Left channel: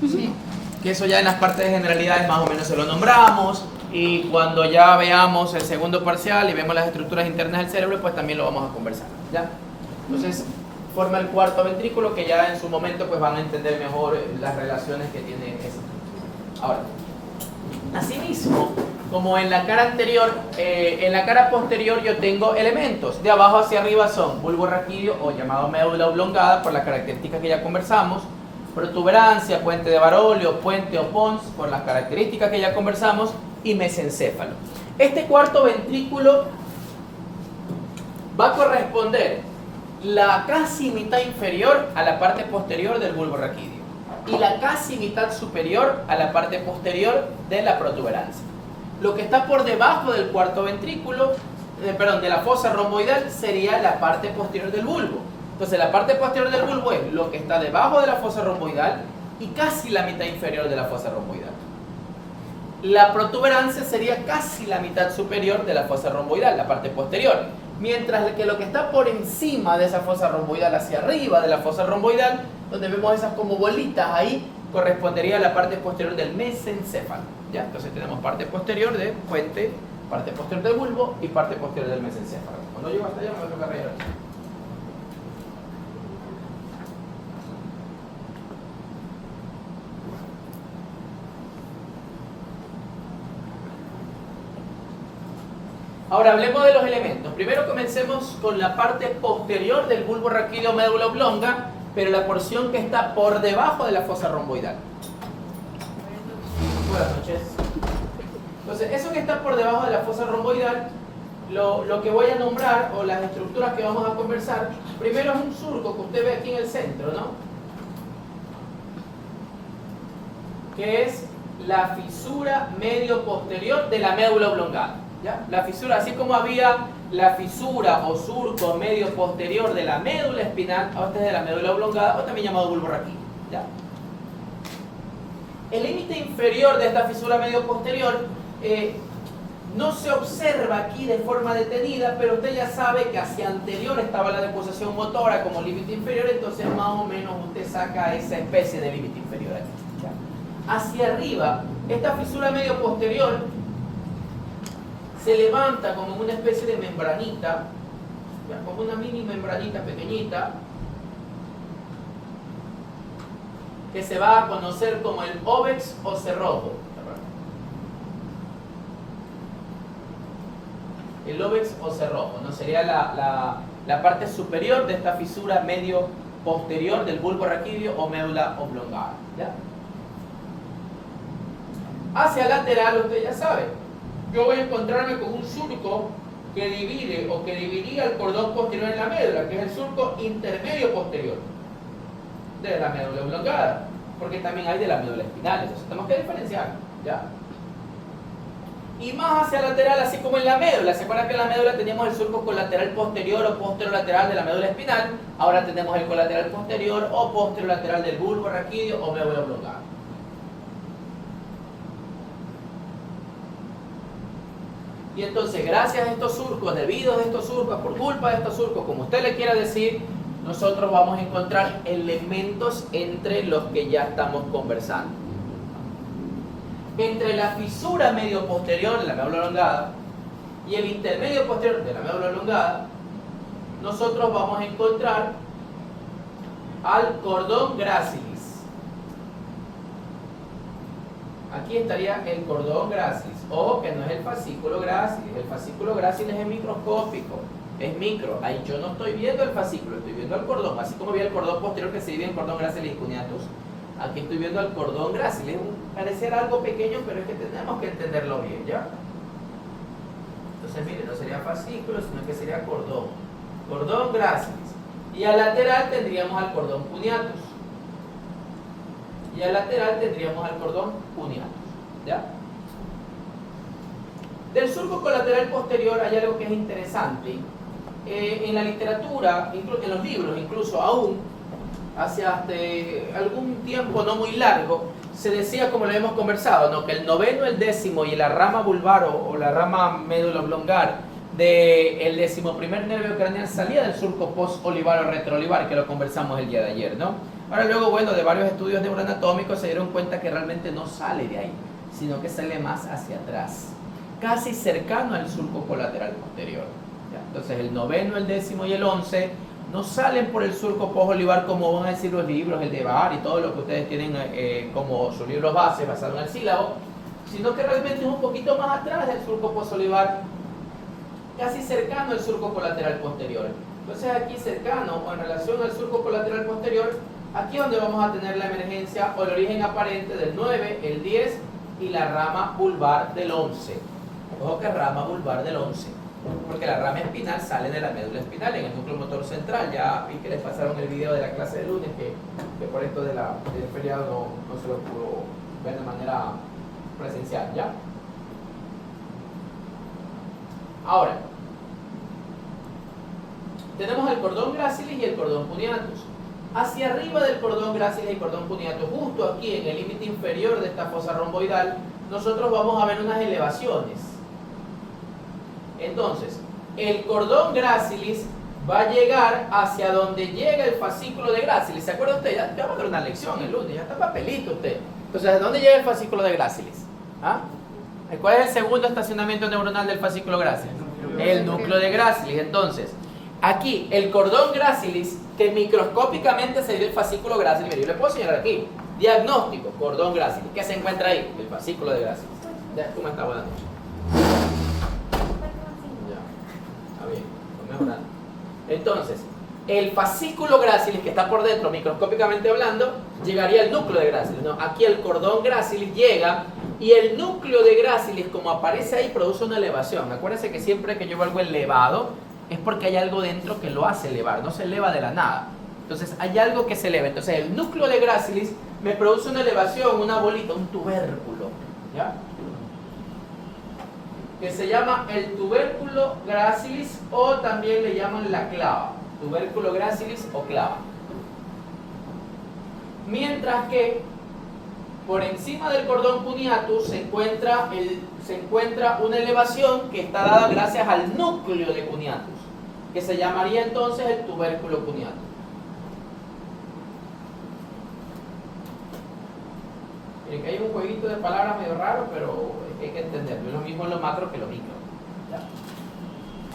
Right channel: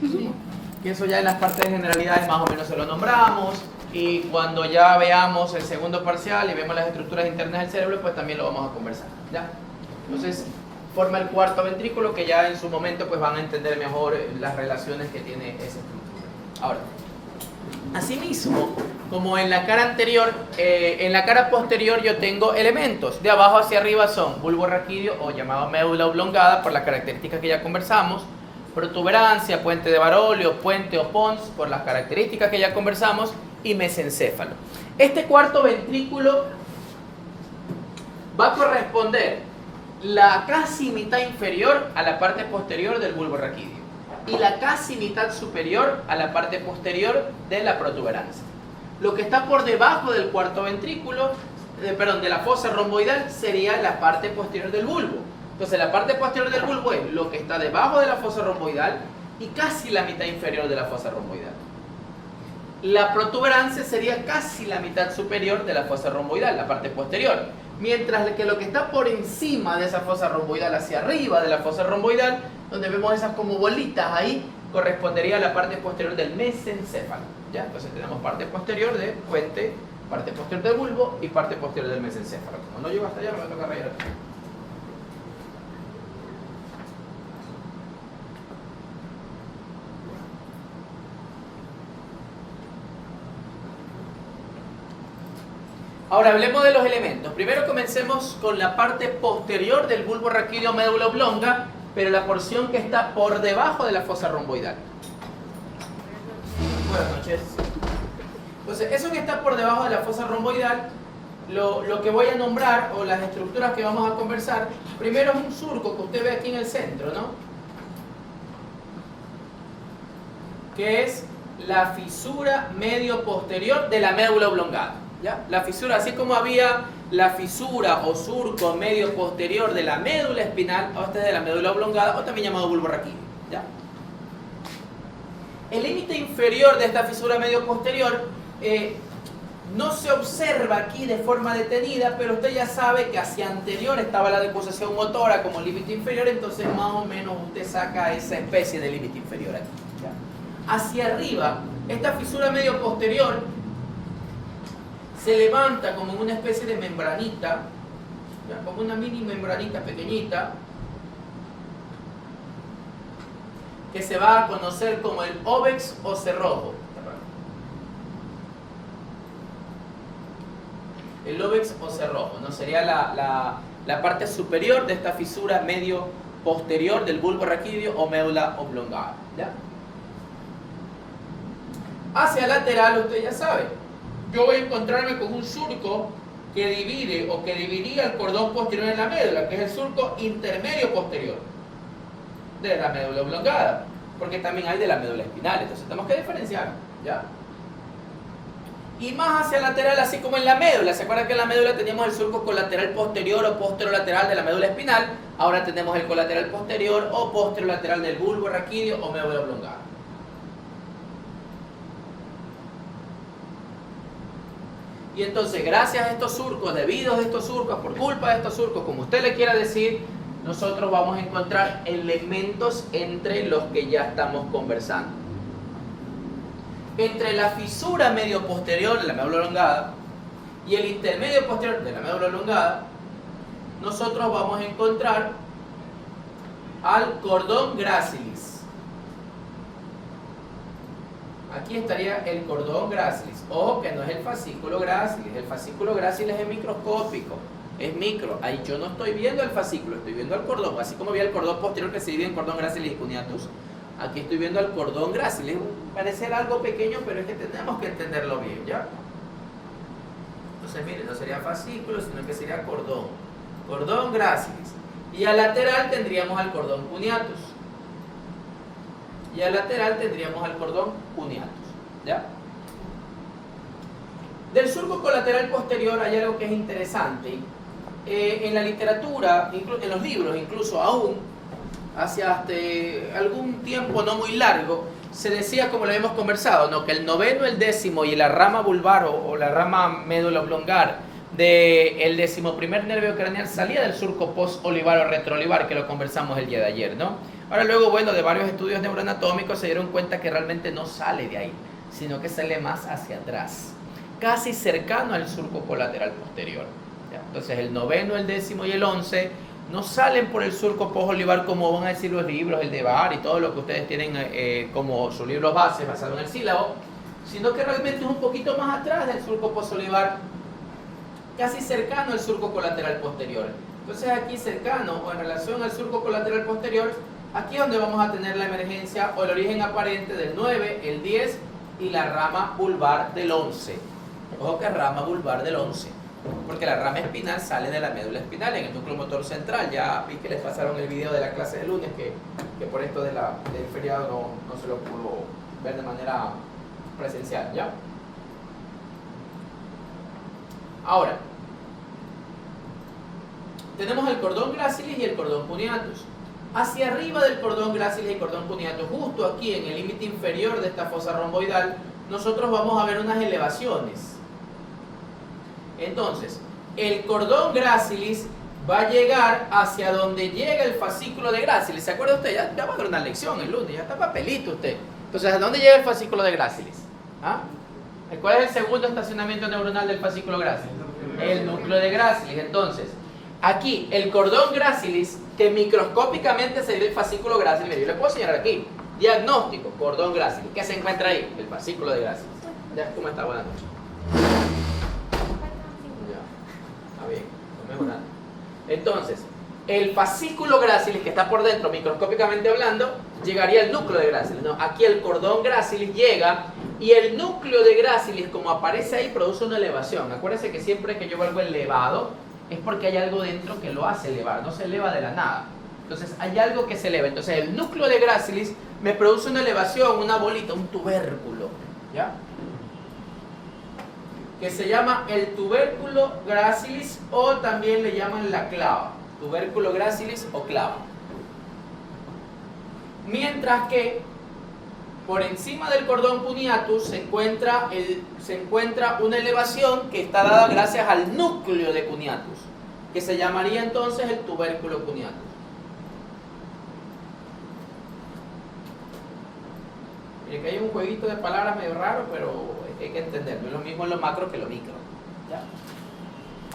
Sí. Que eso ya en las partes de generalidades más o menos se lo nombramos, y cuando ya veamos el segundo parcial y vemos las estructuras internas del cerebro, pues también lo vamos a conversar, ¿ya? Entonces, forma el cuarto ventrículo, que ya en su momento pues van a entender mejor las relaciones que tiene esa estructura. Ahora, asimismo, como en la cara anterior, en la cara posterior yo tengo elementos. De abajo hacia arriba son bulbo raquídeo, o llamado médula oblongada, por las características que ya conversamos. Protuberancia, puente de Barolio, puente o pons, por las características que ya conversamos. Y mesencéfalo. Este cuarto ventrículo va a corresponder la casi mitad inferior a la parte posterior del bulbo raquídeo y la casi mitad superior a la parte posterior de la protuberancia. Lo que está por debajo del cuarto ventrículo, de la fosa romboidal, sería la parte posterior del bulbo. Entonces la parte posterior del bulbo es lo que está debajo de la fosa romboidal y casi la mitad inferior de la fosa romboidal. La protuberancia sería casi la mitad superior de la fosa romboidal, la parte posterior. Mientras que lo que está por encima de esa fosa romboidal, hacia arriba de la fosa romboidal, donde vemos esas como bolitas ahí, correspondería a la parte posterior del mesencéfalo, ¿ya? Entonces tenemos parte posterior de puente, parte posterior del bulbo y parte posterior del mesencéfalo. Cuando llego hasta allá me toca rayar. Ahora hablemos de los elementos. Primero comencemos con la parte posterior del bulbo raquídeo médula oblonga, pero la porción que está por debajo de la fosa romboidal. Buenas noches. Entonces, eso que está por debajo de la fosa romboidal, lo que voy a nombrar, o las estructuras que vamos a conversar, primero es un surco que usted ve aquí en el centro, ¿no? Que es la fisura medio posterior de la médula oblongada. ¿Ya? La fisura, así como había la fisura o surco medio posterior de la médula espinal, o este es de la médula oblongada, o también llamado bulbo raquídeo, ¿ya? El límite inferior de esta fisura medio posterior no se observa aquí de forma detenida, pero usted ya sabe que hacia anterior estaba la deposición motora como límite inferior, entonces más o menos usted saca esa especie de límite inferior aquí, ¿ya? Hacia arriba, esta fisura medio posterior se levanta como una especie de membranita, ¿ya? Como una mini membranita pequeñita, que se va a conocer como el óvex o cerrojo. El óvex o cerrojo, ¿no? Sería la parte superior de esta fisura medio posterior del bulbo raquídeo o médula oblongada, ¿ya? Hacia lateral, usted ya sabe, yo voy a encontrarme con un surco que divide o que dividía el cordón posterior en la médula, que es el surco intermedio posterior de la médula oblongada, porque también hay de la médula espinal, entonces tenemos que diferenciar, ¿ya? Y más hacia lateral, así como en la médula. ¿Se acuerdan que en la médula teníamos el surco colateral posterior o posterolateral de la médula espinal? Ahora tenemos el colateral posterior o posterolateral del bulbo raquídeo o médula oblongada. Y entonces, gracias a estos surcos, debido a estos surcos, por culpa de estos surcos, como usted le quiera decir, nosotros vamos a encontrar elementos entre los que ya estamos conversando. Entre la fisura medio posterior de la médula oblongada y el intermedio posterior de la médula oblongada, nosotros vamos a encontrar al cordón gracilis. Aquí estaría el cordón gracilis. Ojo que no es el fascículo gracilis. El fascículo gracilis es microscópico, es micro. Ahí yo no estoy viendo el fascículo, estoy viendo el cordón. Así como vi el cordón posterior que se divide en cordón gracilis y cuneatus, aquí estoy viendo el cordón gracilis. Parece algo pequeño, pero es que tenemos que entenderlo bien, ¿ya? Entonces, mire, no sería fascículo, sino que sería cordón. Cordón gracilis. Y al lateral tendríamos al cordón cuneatus. Y al lateral tendríamos al cordón cuneatus, ¿ya? Del surco colateral posterior hay algo que es interesante. En la literatura, en los libros, incluso aún, hacia algún tiempo no muy largo, se decía, como lo hemos conversado, ¿no?, que el noveno, el décimo y la rama vulvar o la rama médula oblongar del 11º nervio craneal salía del surco post-olivar o retroolivar, que lo conversamos el día de ayer, ¿no? Ahora luego, bueno, de varios estudios neuroanatómicos se dieron cuenta que realmente no sale de ahí, sino que sale más hacia atrás, casi cercano al surco colateral posterior. ¿Ya? Entonces el noveno, el décimo y el 11 no salen por el surco posolivar como van a decir los libros, el de Bar y todo lo que ustedes tienen como sus libros base basado en el sílabo, sino que realmente es un poquito más atrás del surco posolivar, casi cercano al surco colateral posterior. Entonces aquí cercano o en relación al surco colateral posterior, aquí es donde vamos a tener la emergencia o el origen aparente del 9, el 10 y la rama vulvar del 11. Ojo que rama vulvar del 11, porque la rama espinal sale de la médula espinal en el núcleo motor central. Ya vi que les pasaron el video de la clase del lunes que por esto del feriado no se lo pudo ver de manera presencial, ¿ya? Ahora, tenemos el cordón gracilis y el cordón cuneatus. Hacia arriba del cordón gracilis y cordón cuneatus, justo aquí en el límite inferior de esta fosa romboidal, nosotros vamos a ver unas elevaciones. Entonces, el cordón gracilis va a llegar hacia donde llega el fascículo de gracilis. ¿Se acuerda usted? Ya va a dar una lección el lunes, ya está papelito usted. Entonces, ¿a dónde llega el fascículo de gracilis? ¿Ah? ¿Cuál es el segundo estacionamiento neuronal del fascículo gracilis? El núcleo de gracilis. Entonces, aquí el cordón gracilis, que microscópicamente sería el fascículo gracilis, mire, yo le puedo señalar aquí, diagnóstico, cordón gracilis. ¿Qué se encuentra ahí? El fascículo de gracilis. Ya, ¿cómo está? Buenas noches. Ya, está bien, está mejorando. Entonces, el fascículo gracilis que está por dentro, microscópicamente hablando, llegaría al núcleo de gracilis. No, aquí el cordón gracilis llega y el núcleo de gracilis, como aparece ahí, produce una elevación. Acuérdense que siempre que yo veo algo elevado, es porque hay algo dentro que lo hace elevar, no se eleva de la nada. Entonces hay algo que se eleva. Entonces el núcleo de gracilis me produce una elevación, una bolita, un tubérculo, ¿ya? Que se llama el tubérculo gracilis o también le llaman la clava. Tubérculo gracilis o clava. Mientras que por encima del cordón cuneatus se encuentra una elevación que está dada gracias al núcleo de cuneatus, que se llamaría entonces el tubérculo cuneatus. Miren que hay un jueguito de palabras medio raro, pero hay que entenderlo. Es lo mismo en lo macro que lo micro. ¿Ya?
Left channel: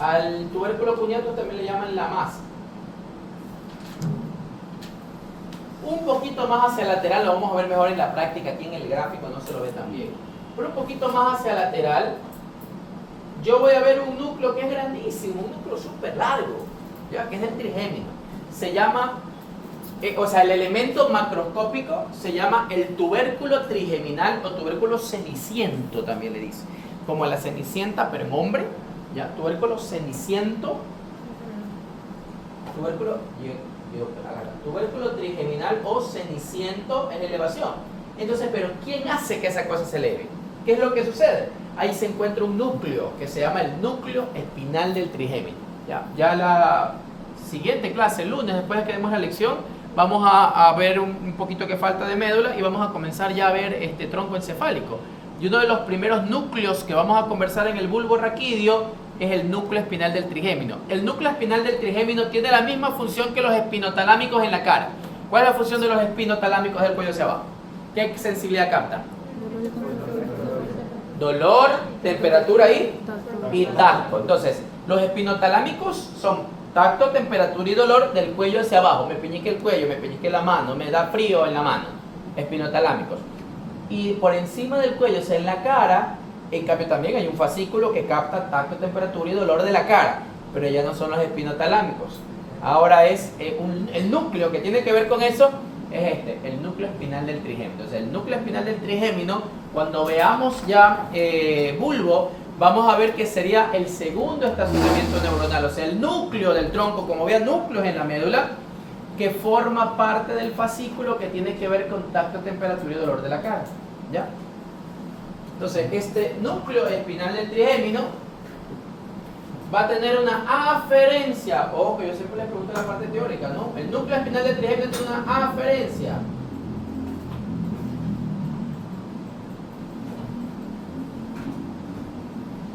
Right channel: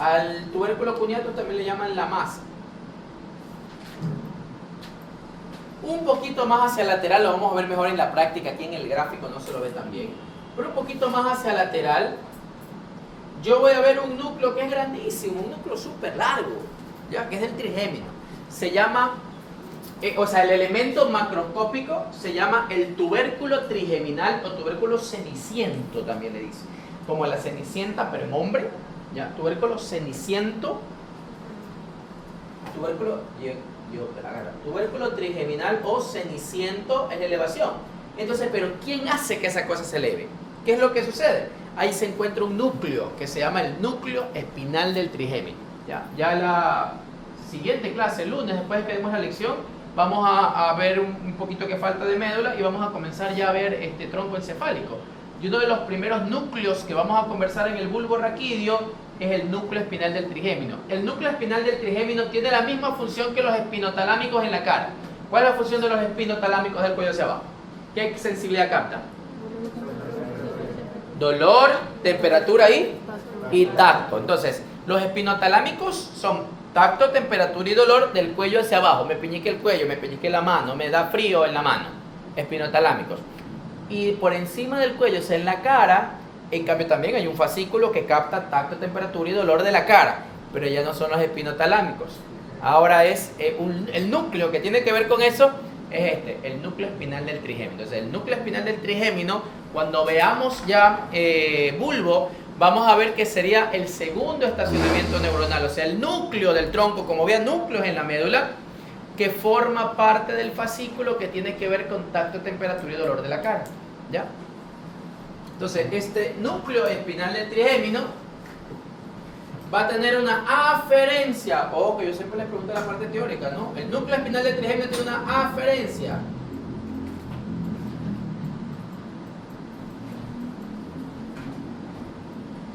Al tubérculo cuneatus también le llaman la masa. Un poquito más hacia lateral, lo vamos a ver mejor en la práctica, aquí en el gráfico no se lo ve tan bien, pero un poquito más hacia lateral, yo voy a ver un núcleo que es grandísimo, un núcleo súper largo, ¿ya? Que es el trigémino. Se llama, el elemento macroscópico se llama el tubérculo trigeminal o tubérculo ceniciento también le dice, como la cenicienta permombre, ¿ya? Tubérculo ceniciento, tubérculo trigeminal o ceniciento es elevación. Entonces, pero ¿quién hace que esa cosa se eleve? ¿Qué es lo que sucede? Ahí se encuentra un núcleo que se llama el núcleo espinal del trigémino. Ya la siguiente clase, el lunes, después de que demos la lección, vamos a ver un poquito que falta de médula y vamos a comenzar ya a ver este tronco encefálico. Y uno de los primeros núcleos que vamos a conversar en el bulbo raquídeo es el núcleo espinal del trigémino. El núcleo espinal del trigémino tiene la misma función que los espinotalámicos en la cara. ¿Cuál es la función de los espinotalámicos del cuello hacia abajo? ¿Qué sensibilidad capta? Dolor, temperatura y tacto. Entonces, los espinotalámicos son tacto, temperatura y dolor del cuello hacia abajo. Me peñique el cuello, me peñique la mano, me da frío en la mano. Espinotalámicos. Y por encima del cuello, o sea, en la cara, en cambio también hay un fascículo que capta tacto, temperatura y dolor de la cara, pero ya no son los espinotalámicos. Ahora es el núcleo que tiene que ver con eso, es el núcleo espinal del trigémino. Entonces el núcleo espinal del trigémino, cuando veamos ya bulbo, vamos a ver que sería el segundo estacionamiento neuronal, o sea, el núcleo del tronco, como vean núcleos en la médula, que forma parte del fascículo que tiene que ver con tacto, temperatura y dolor de la cara, ¿ya? Entonces, este núcleo espinal del trigémino va a tener una aferencia. Ojo, que yo siempre les pregunto en la parte teórica, ¿no? El núcleo espinal del trigémino tiene una aferencia.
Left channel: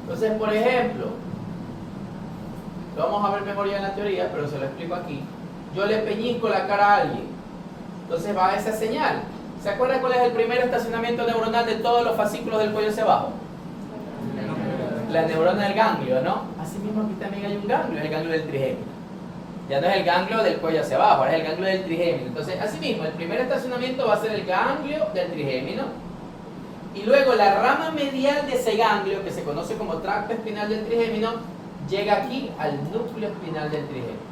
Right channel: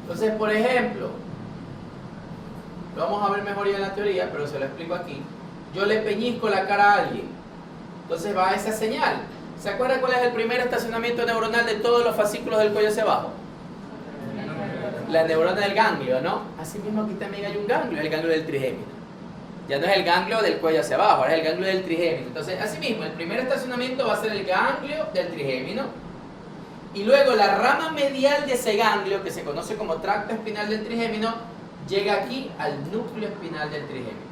Entonces, por ejemplo, lo vamos a ver mejor ya en la teoría, pero se lo explico aquí. Yo le peñizco la cara a alguien. Entonces va esa señal. ¿Se acuerdan cuál es el primer estacionamiento neuronal de todos los fascículos del cuello hacia abajo? La neurona del ganglio, ¿no? Así mismo aquí también hay un ganglio, el ganglio del trigémino. Ya no es el ganglio del cuello hacia abajo, ahora es el ganglio del trigémino. Entonces, así mismo, el primer estacionamiento va a ser el ganglio del trigémino. Y luego la rama medial de ese ganglio, que se conoce como tracto espinal del trigémino, llega aquí al núcleo espinal del trigémino.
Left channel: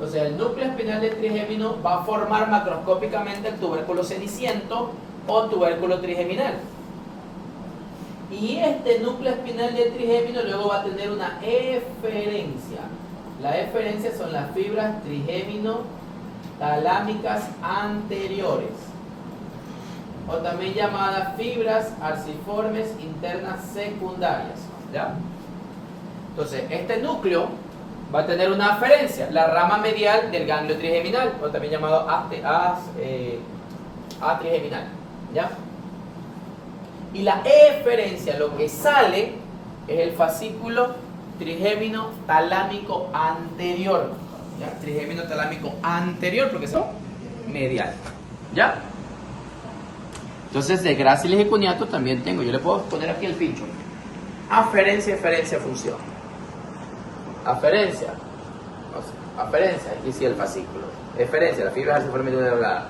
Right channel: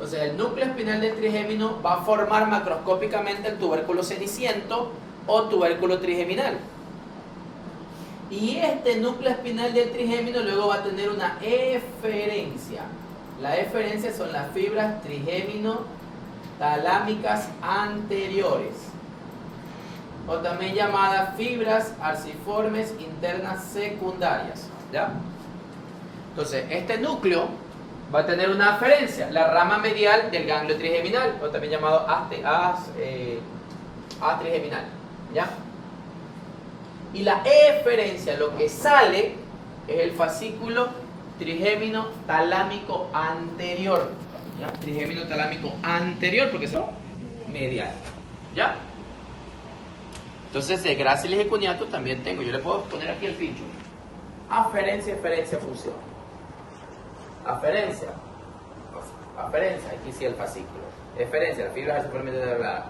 O sea, el núcleo espinal del trigémino va a formar macroscópicamente el tubérculo ceniciento o tubérculo trigeminal. Y este núcleo espinal del trigémino luego va a tener una eferencia. La eferencia son las fibras trigémino-talámicas anteriores, o también llamadas fibras arciformes internas secundarias. ¿Ya? Entonces, este núcleo va a tener una aferencia, la rama medial del ganglio trigeminal, o también llamado atrigeminal. ¿Ya? Y la eferencia, lo que sale, es el fascículo trigémino talámico anterior. ¿Ya? Trigémino talámico anterior, porque son medial. ¿Ya? Entonces, de gráciles y cuniato también tengo. Yo le puedo poner aquí el pincho. Aferencia, eferencia, función. Aferencia. Aferencia, aquí sí el fascículo. Eferencia, la fibra arciforme de la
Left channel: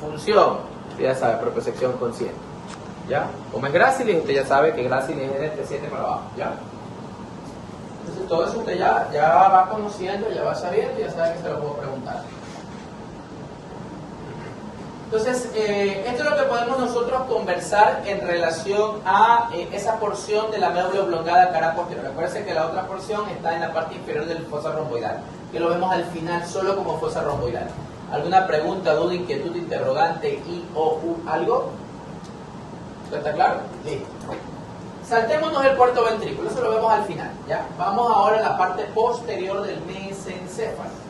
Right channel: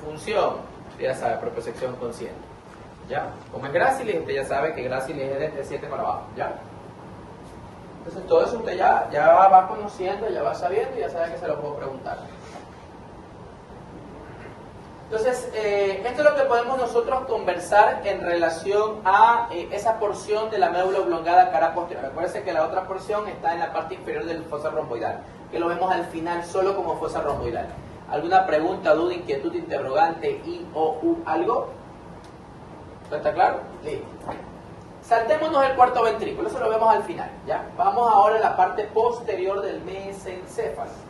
función. Ya sabe, propiocepción consciente. ¿Ya? Como es gráciles, usted ya sabe que gráciles es de 7 para abajo. ¿Ya? Entonces, todo eso usted ya va conociendo, ya va sabiendo, ya sabe que se lo puedo preguntar. Entonces, esto es lo que podemos nosotros conversar en relación a esa porción de la médula oblongada cara posterior. Acuérdense que la otra porción está en la parte inferior del fosa romboidal, que lo vemos al final solo como fosa romboidal. ¿Alguna pregunta, duda, inquietud, interrogante, y o u algo? ¿Está claro? Sí. Saltémonos el cuarto ventrículo, eso lo vemos al final. ¿Ya? Vamos ahora a la parte posterior del mesencéfalo.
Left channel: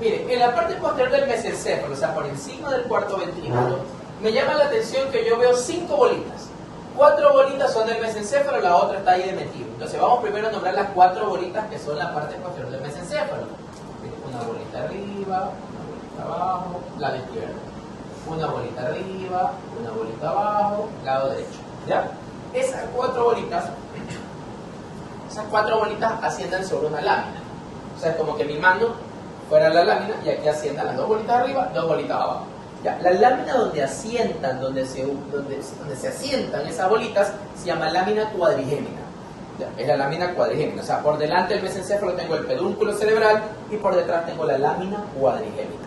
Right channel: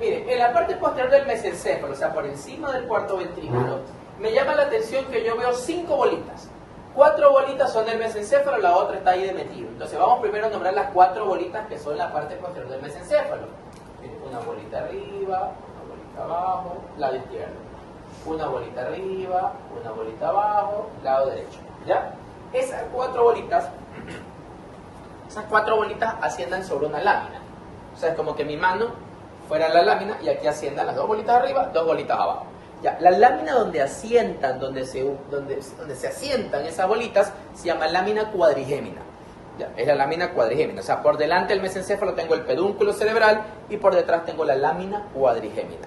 Mire, en la parte posterior del mesencéfalo, o sea, por encima del cuarto ventrículo, me llama la atención que yo veo 5 bolitas. 4 bolitas son del mesencéfalo, la otra está ahí de metido. Entonces vamos primero a nombrar las 4 bolitas que son la parte posterior del mesencéfalo. Una bolita arriba, una bolita abajo, lado izquierdo. Una bolita arriba, una bolita abajo, lado derecho. ¿Ya? Esas 4 bolitas asciendan sobre una lámina. O sea, es como que mi mano fuera la lámina y aquí asciendan las 2 bolitas arriba, 2 bolitas abajo. ¿Ya? La lámina donde asientan, donde se asientan esas bolitas, se llama lámina cuadrigémina. ¿Ya? Es la lámina cuadrigémina. O sea, por delante del mesencéfalo tengo el pedúnculo cerebral y por detrás tengo la lámina cuadrigémina.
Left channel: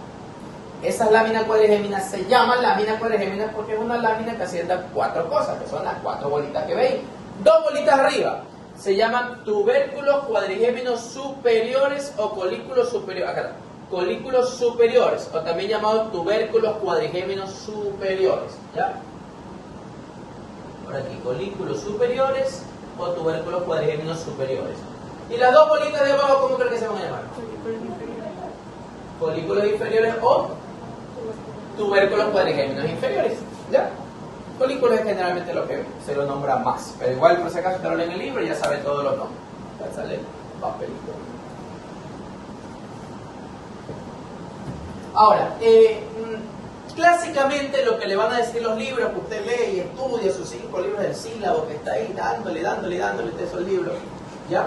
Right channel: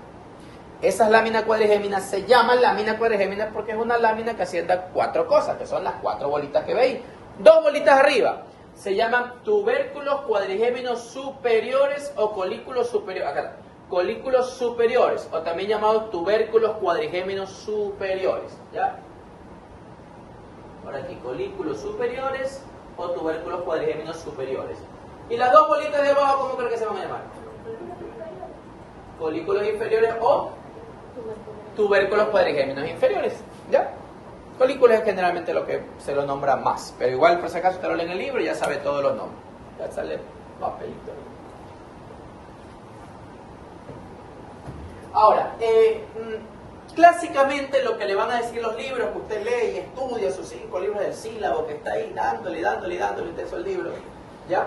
Esas láminas cuadrigéminas se llaman láminas cuadrigéminas porque es una lámina que asienta 4 cosas, que son las 4 bolitas que veis. 2 bolitas arriba se llaman tubérculos cuadrigéminos superiores o colículos superiores. Acá, colículos superiores, o también llamados tubérculos cuadrigéminos superiores. ¿Ya? Ahora aquí, colículos superiores o tubérculos cuadrigéminos superiores. Y las 2 bolitas de abajo, ¿cómo creo que se van a llamar? Colículos inferiores o tubérculos cuadrigéminos inferiores. ¿Ya? Colículos es generalmente lo que se lo nombra más, pero igual por si acaso usted lo lee en el libro y ya sabe todos los nombres. Ya sale papelito. Ahora, clásicamente lo que le van a decir los libros que usted lee y estudia, sus 5 libros del sílabo que está ahí dándole usted esos libros, ¿ya?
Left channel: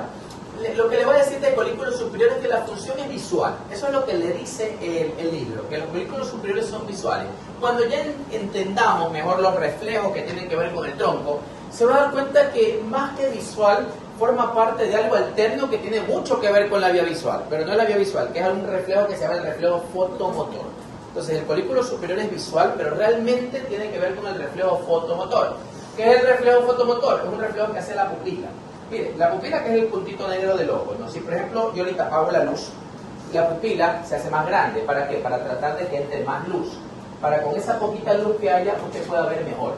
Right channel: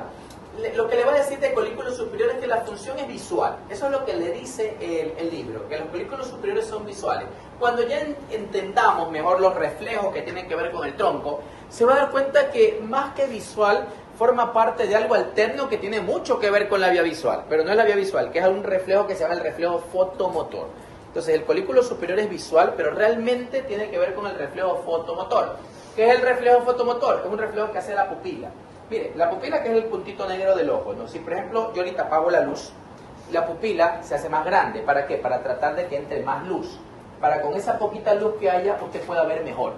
Lo que le va a decir de colículos superiores es que la función es visual. Eso es lo que le dice el libro, que los colículos superiores son visuales. Cuando ya entendamos mejor los reflejos que tienen que ver con el tronco, se va a dar cuenta que más que visual forma parte de algo alterno que tiene mucho que ver con la vía visual, pero no es la vía visual, que es un reflejo que se llama el reflejo fotomotor. Entonces el colículo superior es visual, pero realmente tiene que ver con el reflejo fotomotor. ¿Qué es el reflejo fotomotor? Es un reflejo que hace la pupila. Mire, la pupila, que es el puntito negro del ojo, ¿no? Si por ejemplo yo ahorita apago la luz, la pupila se hace más grande. ¿Para qué? Para tratar de que entre más luz. Para con esa poquita luz que haya, usted pueda ver mejor.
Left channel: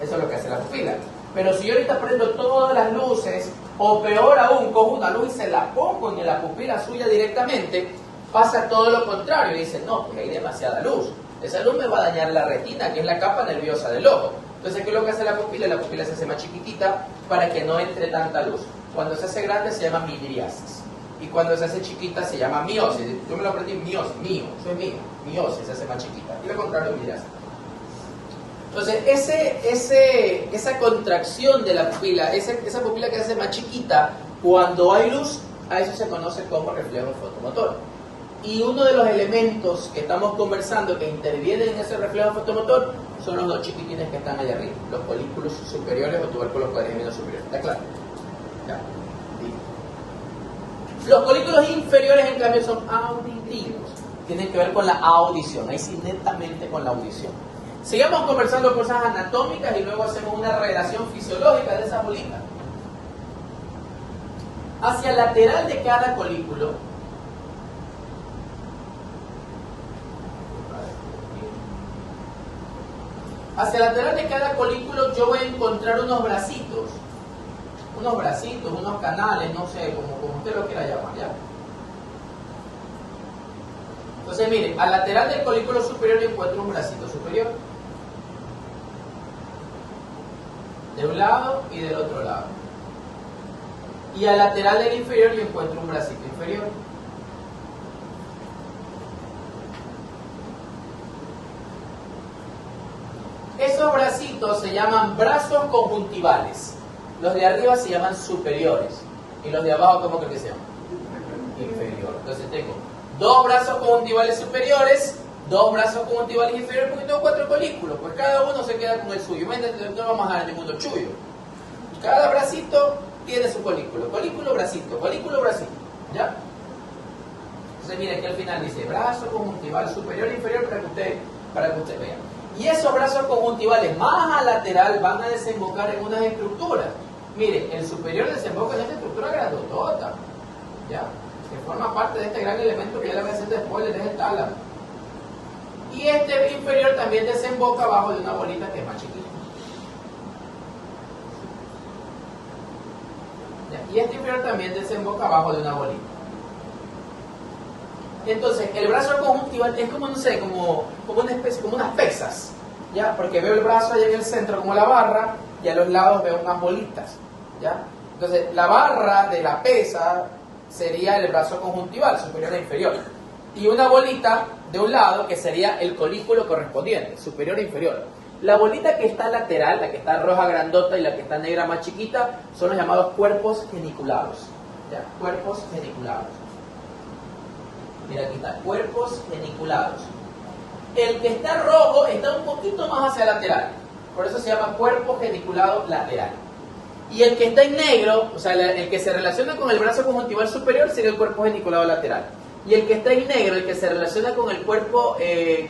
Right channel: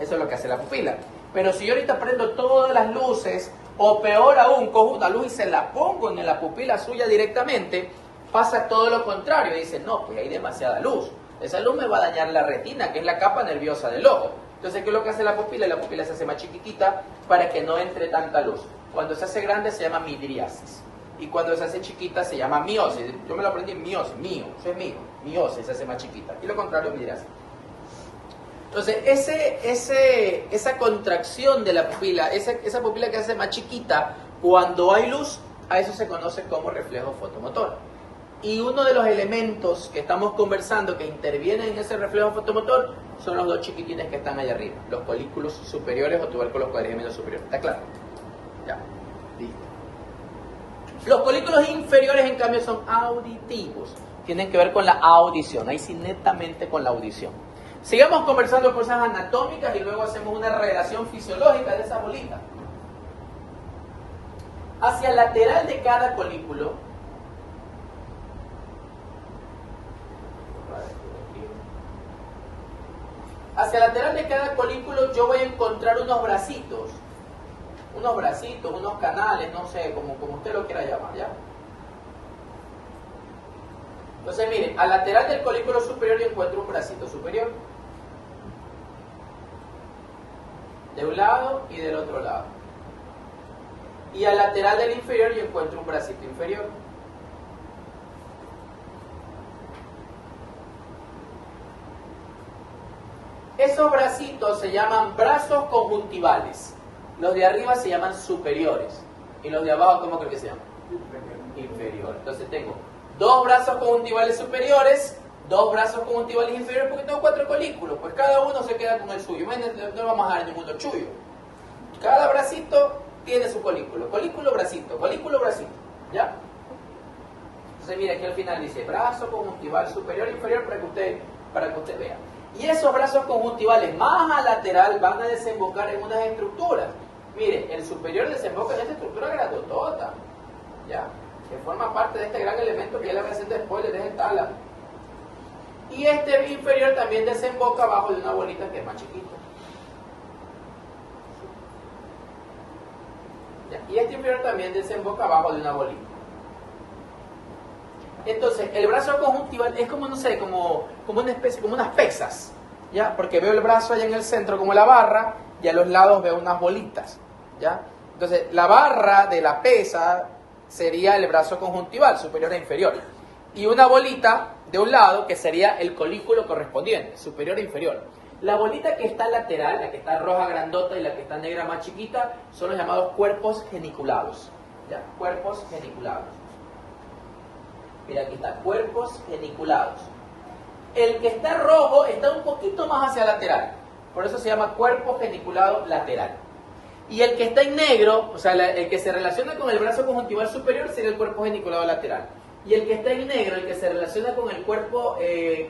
Eso es lo que hace la pupila. Pero si yo ahorita prendo todas las luces, o peor aún, cojo una luz y se la pongo en la pupila suya directamente, pasa todo lo contrario. Y dice, no, pues hay demasiada luz. Esa luz me va a dañar la retina, que es la capa nerviosa del ojo. Entonces, ¿qué es lo que hace la pupila? La pupila se hace más chiquitita para que no entre tanta luz. Cuando se hace grande se llama midriasis. Y cuando se hace chiquita se llama miosis. Yo me lo aprendí, miosis, eso es mío. Miosis se hace más chiquita. Y lo contrario, midriasis. Entonces, esa contracción de la pupila, esa pupila que se hace más chiquita, cuando hay luz, a eso se conoce como reflejo fotomotor. Y uno de los elementos que estamos conversando que intervienen en ese reflejo fotomotor son los dos chiquitines que están ahí arriba, los folículos superiores o tubérculos cuadrigemelos superiores. ¿Está claro? Ya. Los folículos inferiores, en cambio, son auditivos. Tienen que ver con la audición, ahí sí netamente con la audición. Sigamos conversando cosas anatómicas y luego hacemos una relación fisiológica de esa bolita. Hacia el lateral de cada folículo, yo voy a encontrar unos bracitos, unos canales, no sé, como usted lo quiera llamar, ¿ya? Entonces, miren, al lateral del folículo superior yo encuentro un bracito superior, de un lado y del otro lado. Y al lateral del inferior yo encuentro un bracito inferior. Esos bracitos se llaman brazos conjuntivales. Los de arriba se llaman superiores. Y los de abajo, ¿cómo creo que se llaman? Inferior. Entonces tengo dos brazos conjuntivales superiores, dos brazos conjuntivales inferiores, porque tengo 4 folículos. Pues cada uno se queda con el suyo. Imagínate, no vamos a dar ninguno chullo. Cada bracito tiene su folículo. Folículo, bracito. Folículo, bracito. ¿Ya? Entonces, mira, aquí al final dice brazo conjuntival superior e inferior para que usted vea. Y esos brazos conjuntivales más a lateral van a desembocar en unas estructuras. Mire, el superior desemboca en esta estructura grandotota, ¿ya? Que forma parte de este gran elemento que ya le voy a hacer después, de este tálamo. Y este inferior también desemboca abajo de una bolita que es más chiquita. ¿Ya? Y este inferior también desemboca abajo de una bolita. Entonces, el brazo conjuntival es como, no sé, como una especie, como unas pesas, ¿ya? Porque veo el brazo allá en el centro como la barra y a los lados veo unas bolitas, ¿ya? Entonces, la barra de la pesa sería el brazo conjuntival, superior e inferior. Y una bolita de un lado que sería el colículo correspondiente, superior e inferior. La bolita que está lateral, la que está roja grandota y la que está negra más chiquita, son los llamados cuerpos geniculados, ¿ya? Cuerpos geniculados. Mira, aquí está, cuerpos geniculados. El que está rojo está un poquito más hacia lateral, por eso se llama cuerpo geniculado lateral. Y el que está en negro, o sea, el que se relaciona con el brazo conjuntival superior sería el cuerpo geniculado lateral. Y el que está en negro, el que se relaciona con el cuerpo,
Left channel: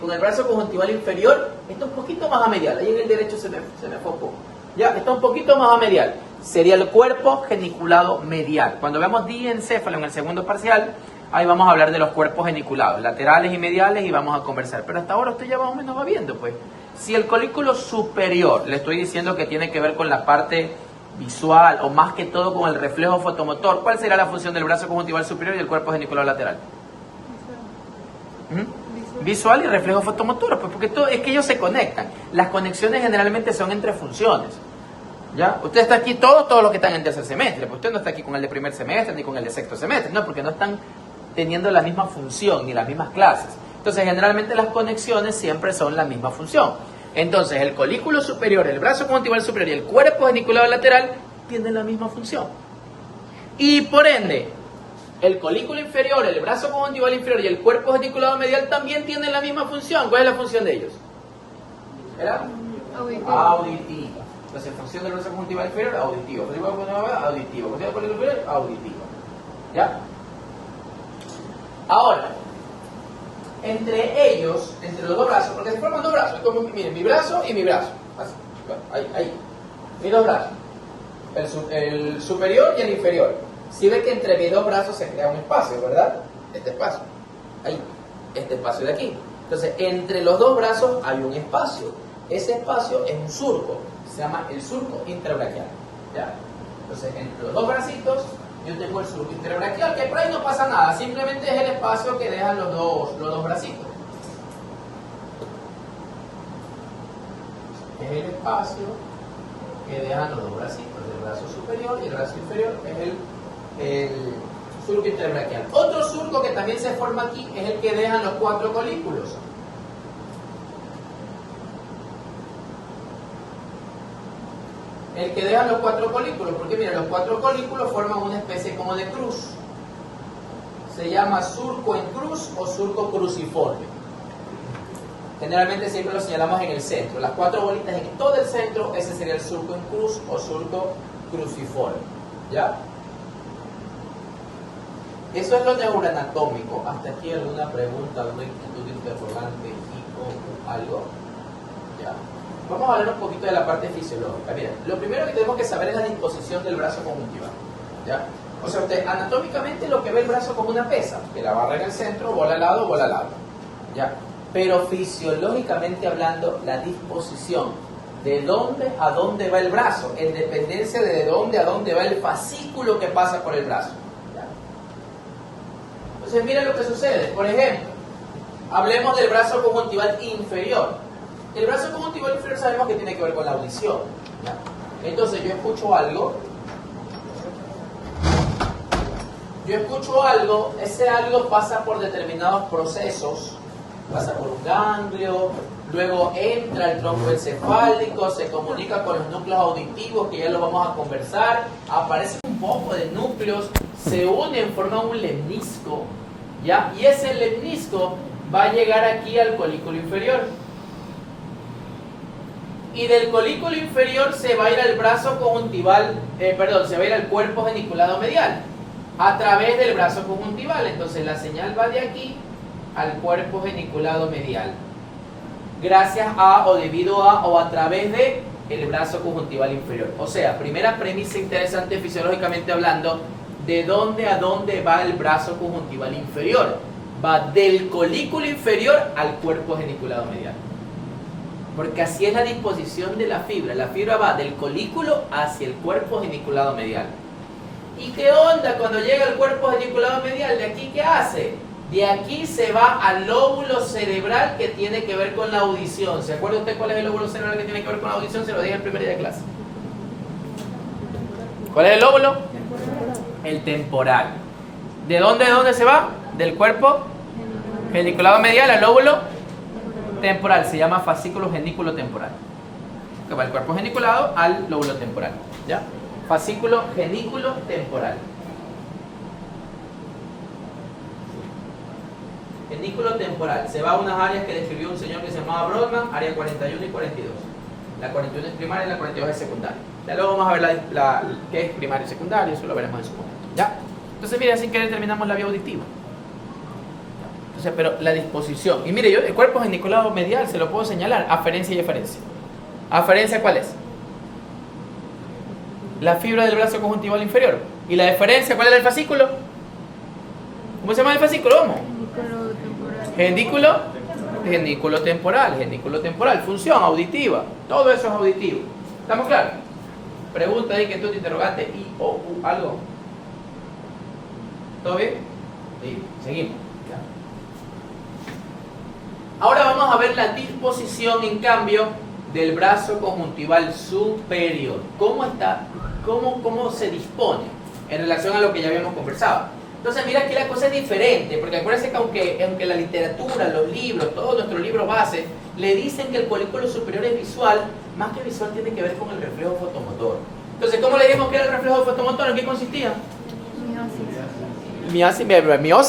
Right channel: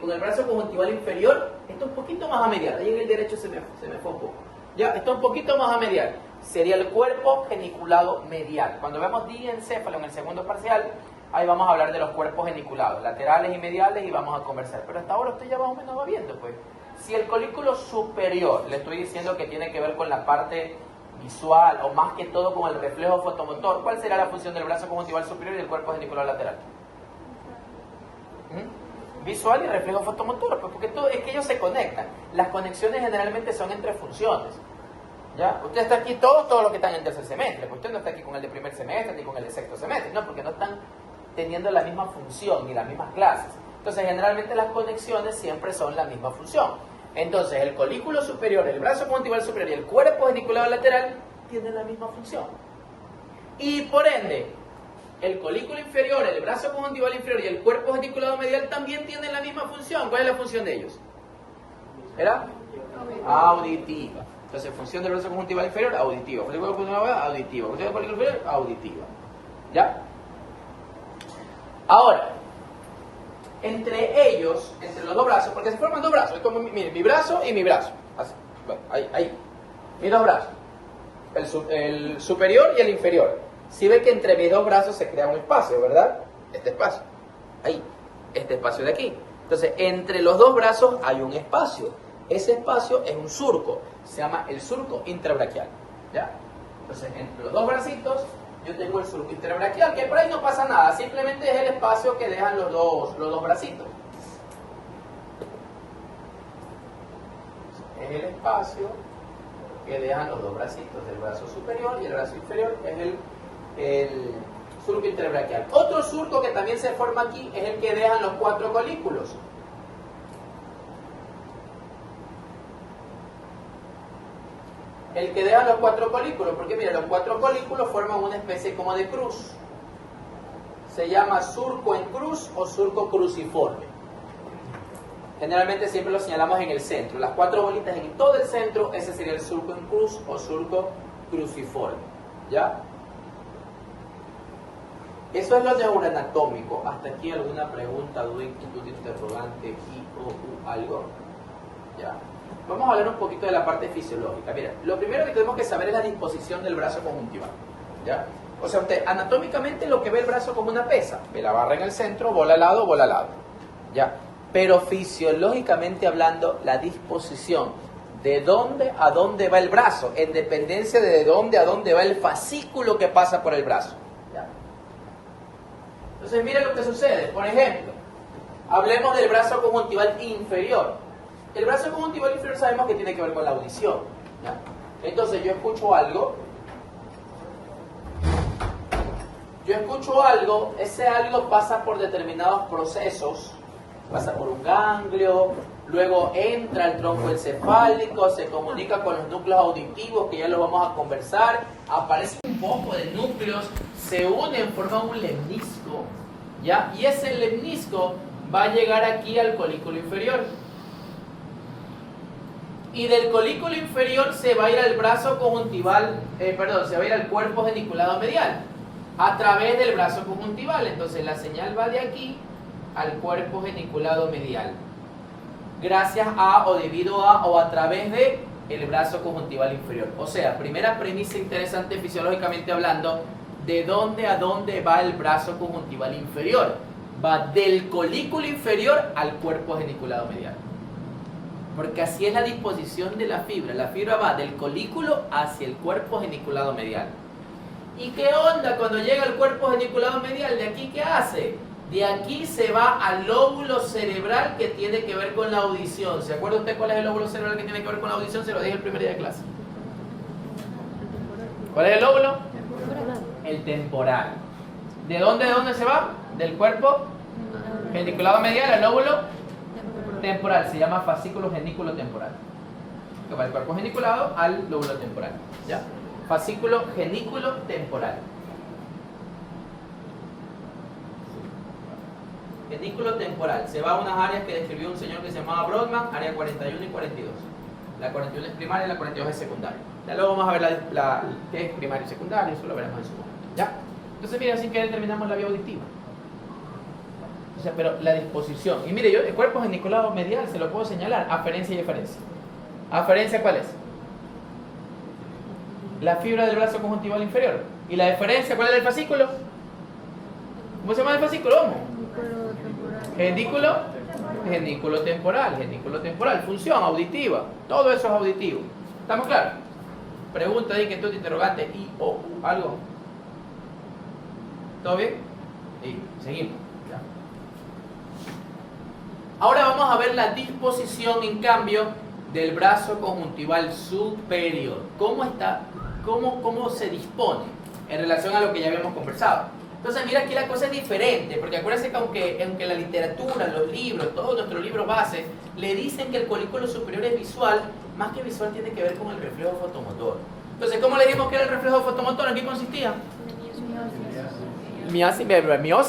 con el brazo conjuntival inferior, está un poquito más a medial. Ahí en el derecho se me fue un poco. Ya, está un poquito más a medial. Sería el cuerpo geniculado medial. Cuando veamos diencéfalo en el segundo parcial, ahí vamos a hablar de los cuerpos geniculados, laterales y mediales, y vamos a conversar. Pero hasta ahora usted ya más o menos va viendo, pues. Si el colículo superior, le estoy diciendo que tiene que ver con la parte visual, o más que todo con el reflejo fotomotor, ¿cuál será la función del brazo conjuntival superior y el cuerpo geniculado lateral? Visual y reflejo fotomotor, pues porque todo, es que ellos se conectan. Las conexiones generalmente son entre funciones. ¿Ya? Usted está aquí, todos los que están en tercer semestre, pues usted no está aquí con el de primer semestre ni con el de sexto semestre, no, porque no están teniendo la misma función ni las mismas clases. Entonces, generalmente las conexiones siempre son la misma función. Entonces, el colículo superior, el brazo conjuntival superior y el cuerpo geniculado lateral tienen la misma función. Y por ende, el colículo inferior, el brazo conjuntival inferior y el cuerpo geniculado medial también tienen la misma función. ¿Cuál es la función de ellos? ¿Era? Auditiva. Entonces, función del brazo conjuntival inferior, auditivo. Auditivo. Auditivo. ¿Ya? Ahora, entre ellos, entre los dos brazos, porque se forman dos brazos, es como, miren, mi brazo y mi brazo. Así. Bueno, ahí. Mis dos brazos. El superior y el inferior. Si ve que entre mis dos brazos se crea un espacio, ¿verdad? Este espacio. Ahí. Este espacio de aquí. Entonces, entre los dos brazos hay un espacio. Ese espacio es un surco. Se llama el surco intrabraquial. ¿Ya? Entonces, entre los dos bracitos, yo tengo el surco intrabraquial, que por ahí no pasa nada. Simplemente es el espacio que dejan los dos bracitos. es el espacio que dejan los dos bracitos, el brazo superior y el brazo inferior, es el surco interbraquial. Otro surco que también se forma aquí es el que dejan los 4 colículos. El que dejan los 4 colículos, porque mira, los 4 colículos forman una especie como de cruz. Se llama surco en cruz o surco cruciforme. Generalmente siempre lo señalamos en el centro. Las 4 bolitas en todo el centro, ese sería el surco en cruz o surco cruciforme. ¿Ya? Eso es lo neuroanatómico. Hasta aquí alguna pregunta, alguna inquietud, interrogante, o algo. ¿Ya? Vamos a hablar un poquito de la parte fisiológica. Mira, lo primero que tenemos que saber es la disposición del brazo conjuntival. ¿Ya? O sea, usted anatómicamente lo que ve el brazo como una pesa, que la barra en el centro, bola al lado, bola al lado. ¿Ya? Pero fisiológicamente hablando, la disposición de dónde a dónde va el brazo, en dependencia de dónde a dónde va el fascículo que pasa por el brazo. ¿Ya? Entonces, mira lo que sucede. Por ejemplo, hablemos del brazo conjuntival inferior. El brazo conjuntival inferior sabemos que tiene que ver con la audición. ¿Ya? Entonces, yo escucho algo, ese algo pasa por determinados procesos. Pasa por un ganglio, luego entra al tronco encefálico, se comunica con los núcleos auditivos, que ya lo vamos a conversar, aparecen un poco de núcleos, se unen, forman un lemnisco, ¿ya? Y ese lemnisco va a llegar aquí al colículo inferior. Y del colículo inferior se va a ir al brazo conjuntival, se va a ir al cuerpo geniculado medial, a través del brazo conjuntival. Entonces la señal va de aquí al cuerpo geniculado medial, gracias a o debido a o a través de el brazo conjuntival inferior. O sea, primera premisa interesante fisiológicamente hablando, ¿de dónde a dónde va el brazo conjuntival inferior? Va del colículo inferior al cuerpo geniculado medial, porque así es la disposición de la fibra va del colículo hacia el cuerpo geniculado medial. ¿Y qué onda cuando llega al cuerpo geniculado medial? ¿De aquí qué hace? De aquí se va al lóbulo cerebral que tiene que ver con la audición. ¿Se acuerda usted cuál es el lóbulo cerebral que tiene que ver con la audición? Se lo dije el primer día de clase. ¿Cuál es el lóbulo? El temporal. ¿De dónde se va? Del cuerpo geniculado medial al lóbulo temporal. Se llama fascículo genículo temporal. Que va del cuerpo geniculado al lóbulo temporal. ¿Ya? Fascículo genículo temporal. Genículo temporal. Se va a unas áreas que describió un señor que se llamaba Brodmann, área 41 y 42. La 41 es primaria y la 42 es secundaria. Ya luego vamos a ver qué es primario y secundario, eso lo veremos en su momento. ¿Ya? Entonces, mire, así que determinamos la vía auditiva. Entonces, pero la disposición. Y mire, yo el cuerpo geniculado medial se lo puedo señalar, aferencia y eferencia. ¿Aferencia cuál es? La fibra del brazo conjuntival inferior. ¿Y la eferencia cuál es el fascículo? ¿Cómo se llama el fascículo? ¿Cómo? Genículo temporal, función auditiva, todo eso es auditivo. ¿Estamos claros? Pregunta ahí, que tú te interrogaste, y o algo. ¿Todo bien? Sí, seguimos. Ahora vamos a ver la disposición, en cambio, del brazo conjuntival superior. ¿Cómo está? ¿Cómo se dispone en relación a lo que ya habíamos conversado? Entonces, mira, aquí la cosa es diferente, porque acuérdense que aunque la literatura, los libros, todos nuestros libros base, le dicen que el colículo superior es visual, más que visual tiene que ver con el reflejo fotomotor. Entonces, ¿cómo le dijimos que era el reflejo fotomotor? ¿En qué consistía? Miosis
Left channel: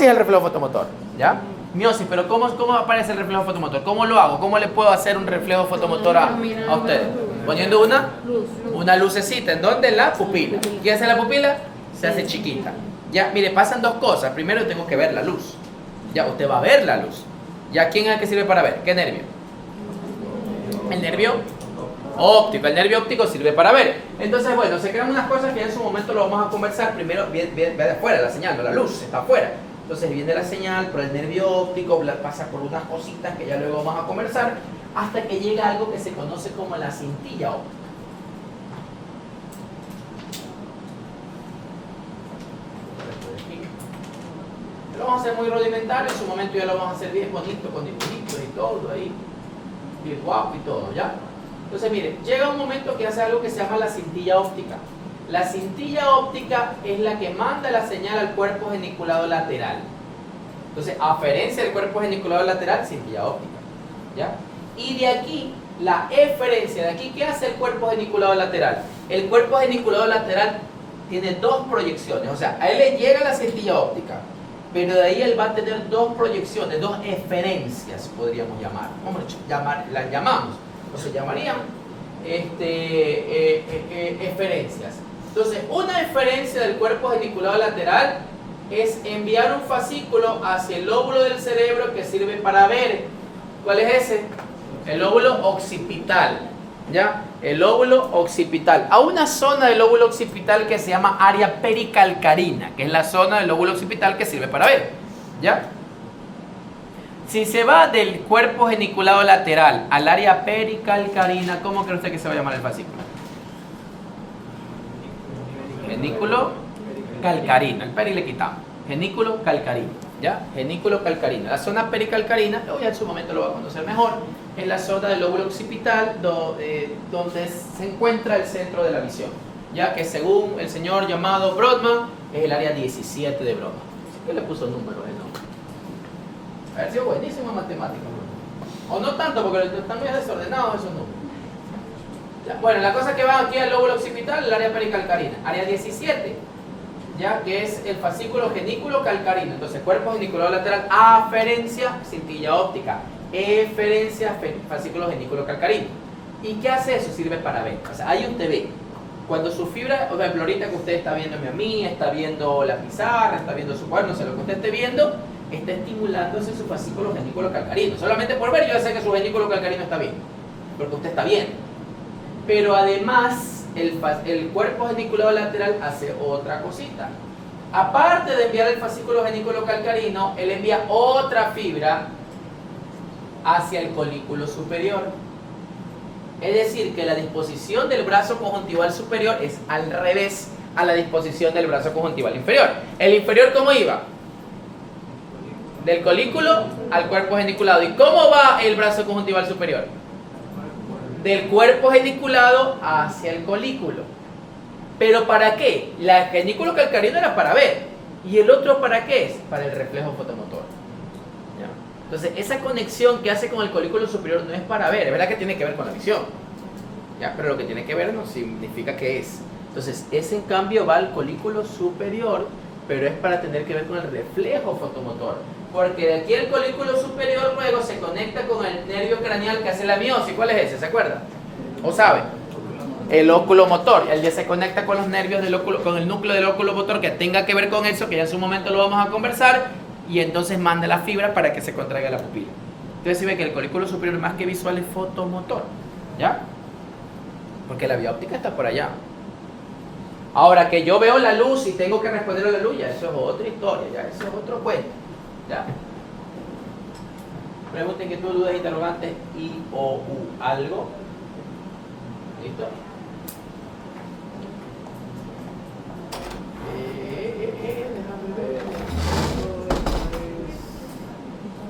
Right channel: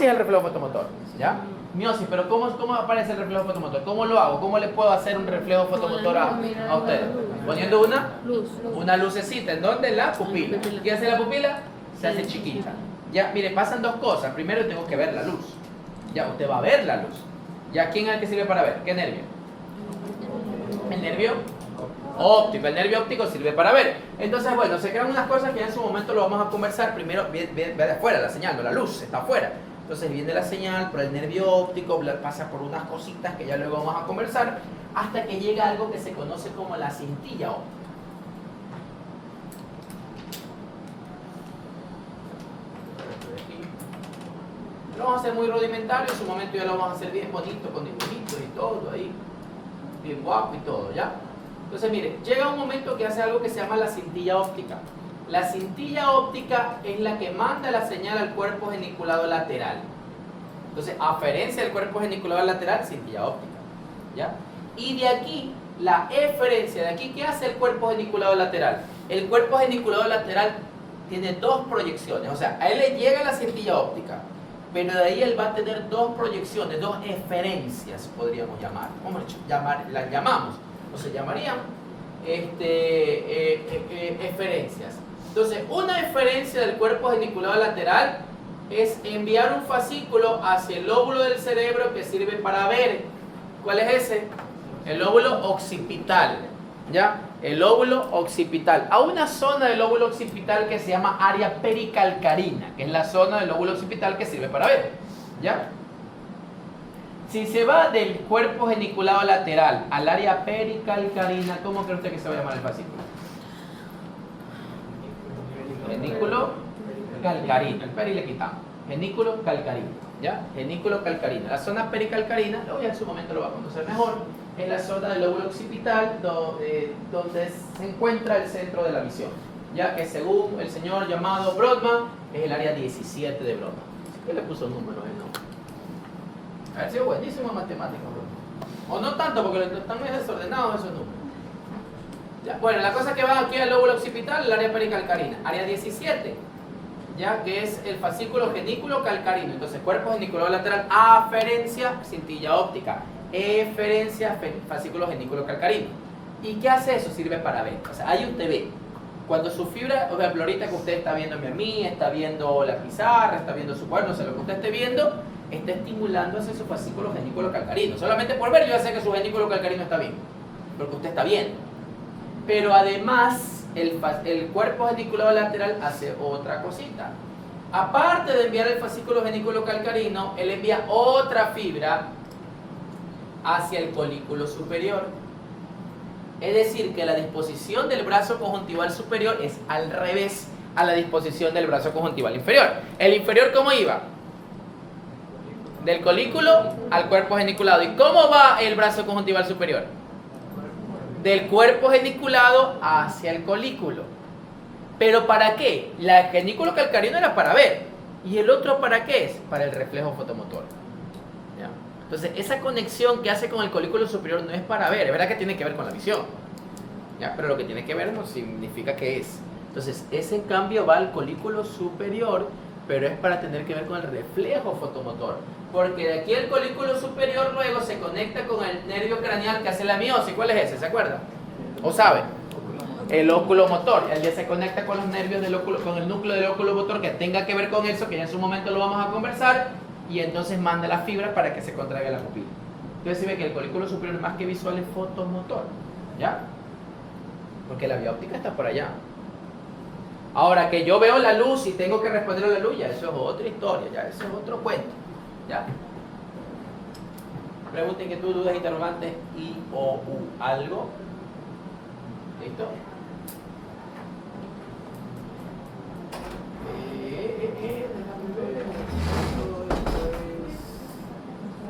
es el reflejo fotomotor, ¿ya? Miosis, pero ¿cómo aparece el reflejo fotomotor? ¿Cómo lo hago? ¿Cómo le puedo hacer un reflejo fotomotor a ustedes? Poniendo una lucecita, ¿en dónde? En la pupila. ¿Qué hace la pupila? Se hace chiquita. Ya, mire, pasan dos cosas. Primero tengo que ver la luz. Ya, usted va a ver la luz. Ya, ¿quién es el que sirve para ver? ¿Qué nervio? El nervio óptico. El nervio óptico sirve para ver. Entonces, bueno, se crean unas cosas que en su momento lo vamos a conversar. Primero, ve de afuera la señal, la luz está afuera. Entonces viene la señal por el nervio óptico, pasa por unas cositas que ya luego vamos a conversar, hasta que llega algo que se conoce como la cintilla óptica. Lo vamos a hacer muy rudimentario, en su momento ya lo vamos a hacer bien bonito, con dibujitos y todo ahí, bien guapo y todo, ¿ya? Entonces, mire, llega un momento que hace algo que se llama la cintilla óptica. La cintilla óptica es la que manda la señal al cuerpo geniculado lateral. Entonces, aferencia del cuerpo geniculado lateral, cintilla óptica. ¿Ya? Y de aquí, la eferencia, de aquí, ¿qué hace el cuerpo geniculado lateral? El cuerpo geniculado lateral tiene dos proyecciones, o sea, a él le llega la cintilla óptica, pero de ahí él va a tener dos proyecciones, dos eferencias, podríamos llamar. ¿Cómo las llamamos? O se llamarían eferencias. Entonces, una eferencia del cuerpo geniculado lateral es enviar un fascículo hacia el lóbulo del cerebro que sirve para ver. ¿Cuál es ese? El lóbulo occipital. ¿Ya? El lóbulo occipital. A una zona del lóbulo occipital que se llama área pericalcarina, que es la zona del lóbulo occipital que sirve para ver. ¿Ya? Si se va del cuerpo geniculado lateral al área pericalcarina, ¿cómo cree usted que se va a llamar el fascículo? Genículo calcarino. El peri le quitamos. Genículo calcarino. ¿Ya? Genículo calcarino. La zona pericalcarina, luego ya en su momento lo va a conocer mejor, es la zona del lóbulo occipital donde se encuentra el centro de la visión. Ya que según el señor llamado Brodmann, es el área 17 de Brodmann. Yo le puso números, ¿no? A ver si es buenísimo en matemáticas. O no tanto, porque están bien desordenados esos números. Ya, bueno, la cosa que va aquí al lóbulo occipital, el área pericalcarina. Área 17, ya que es el fascículo genículo calcarino. Entonces, cuerpo geniculado lateral, aferencia, cintilla óptica. Eferencia, fascículo genículo calcarino. ¿Y qué hace eso? Sirve para ver. O sea, ahí usted ve. Cuando su fibra, por ejemplo, ahorita que usted está viéndome a mí, está viendo la pizarra, está viendo su cuaderno, o sea, lo que usted esté viendo, está estimulándose su fascículo genículo calcarino. Solamente por ver yo ya sé que su genículo calcarino está bien, porque usted está viendo. Pero además, el cuerpo geniculado lateral hace otra cosita. Aparte de enviar el fascículo genículo calcarino, él envía otra fibra hacia el colículo superior. Es decir, que la disposición del brazo conjuntival superior es al revés a la disposición del brazo conjuntival inferior. ¿El inferior cómo iba? Del colículo al cuerpo geniculado. ¿Y cómo va el brazo conjuntival superior? Del cuerpo geniculado hacia el colículo. ¿Pero para qué? La genículo calcarino era para ver. ¿Y el otro para qué es? Para el reflejo fotomotor. ¿Ya? Entonces, esa conexión que hace con el colículo superior no es para ver. Es verdad que tiene que ver con la visión. ¿Ya? Pero lo que tiene que ver no significa que es. Entonces, ese en cambio va al colículo superior, pero es para tener que ver con el reflejo fotomotor. Porque de aquí el colículo superior luego se conecta con el nervio craneal que hace la miosis. ¿Cuál es ese? ¿Se acuerdan? ¿O saben? El óculo motor. Él ya se conecta con los nervios del óculo, con el núcleo del óculo motor que tenga que ver con eso, que ya en su momento lo vamos a conversar, y entonces manda la fibra para que se contraiga la pupila. Entonces se ve que el colículo superior más que visual es fotomotor. ¿Ya? Porque la vía óptica está por allá. Ahora que yo veo la luz y tengo que responder a la luz, ya eso es otra historia, ya eso es otro cuento. ¿Ya? Pregunten, que tú dudas, interrogantes, I o U, algo. ¿Listo?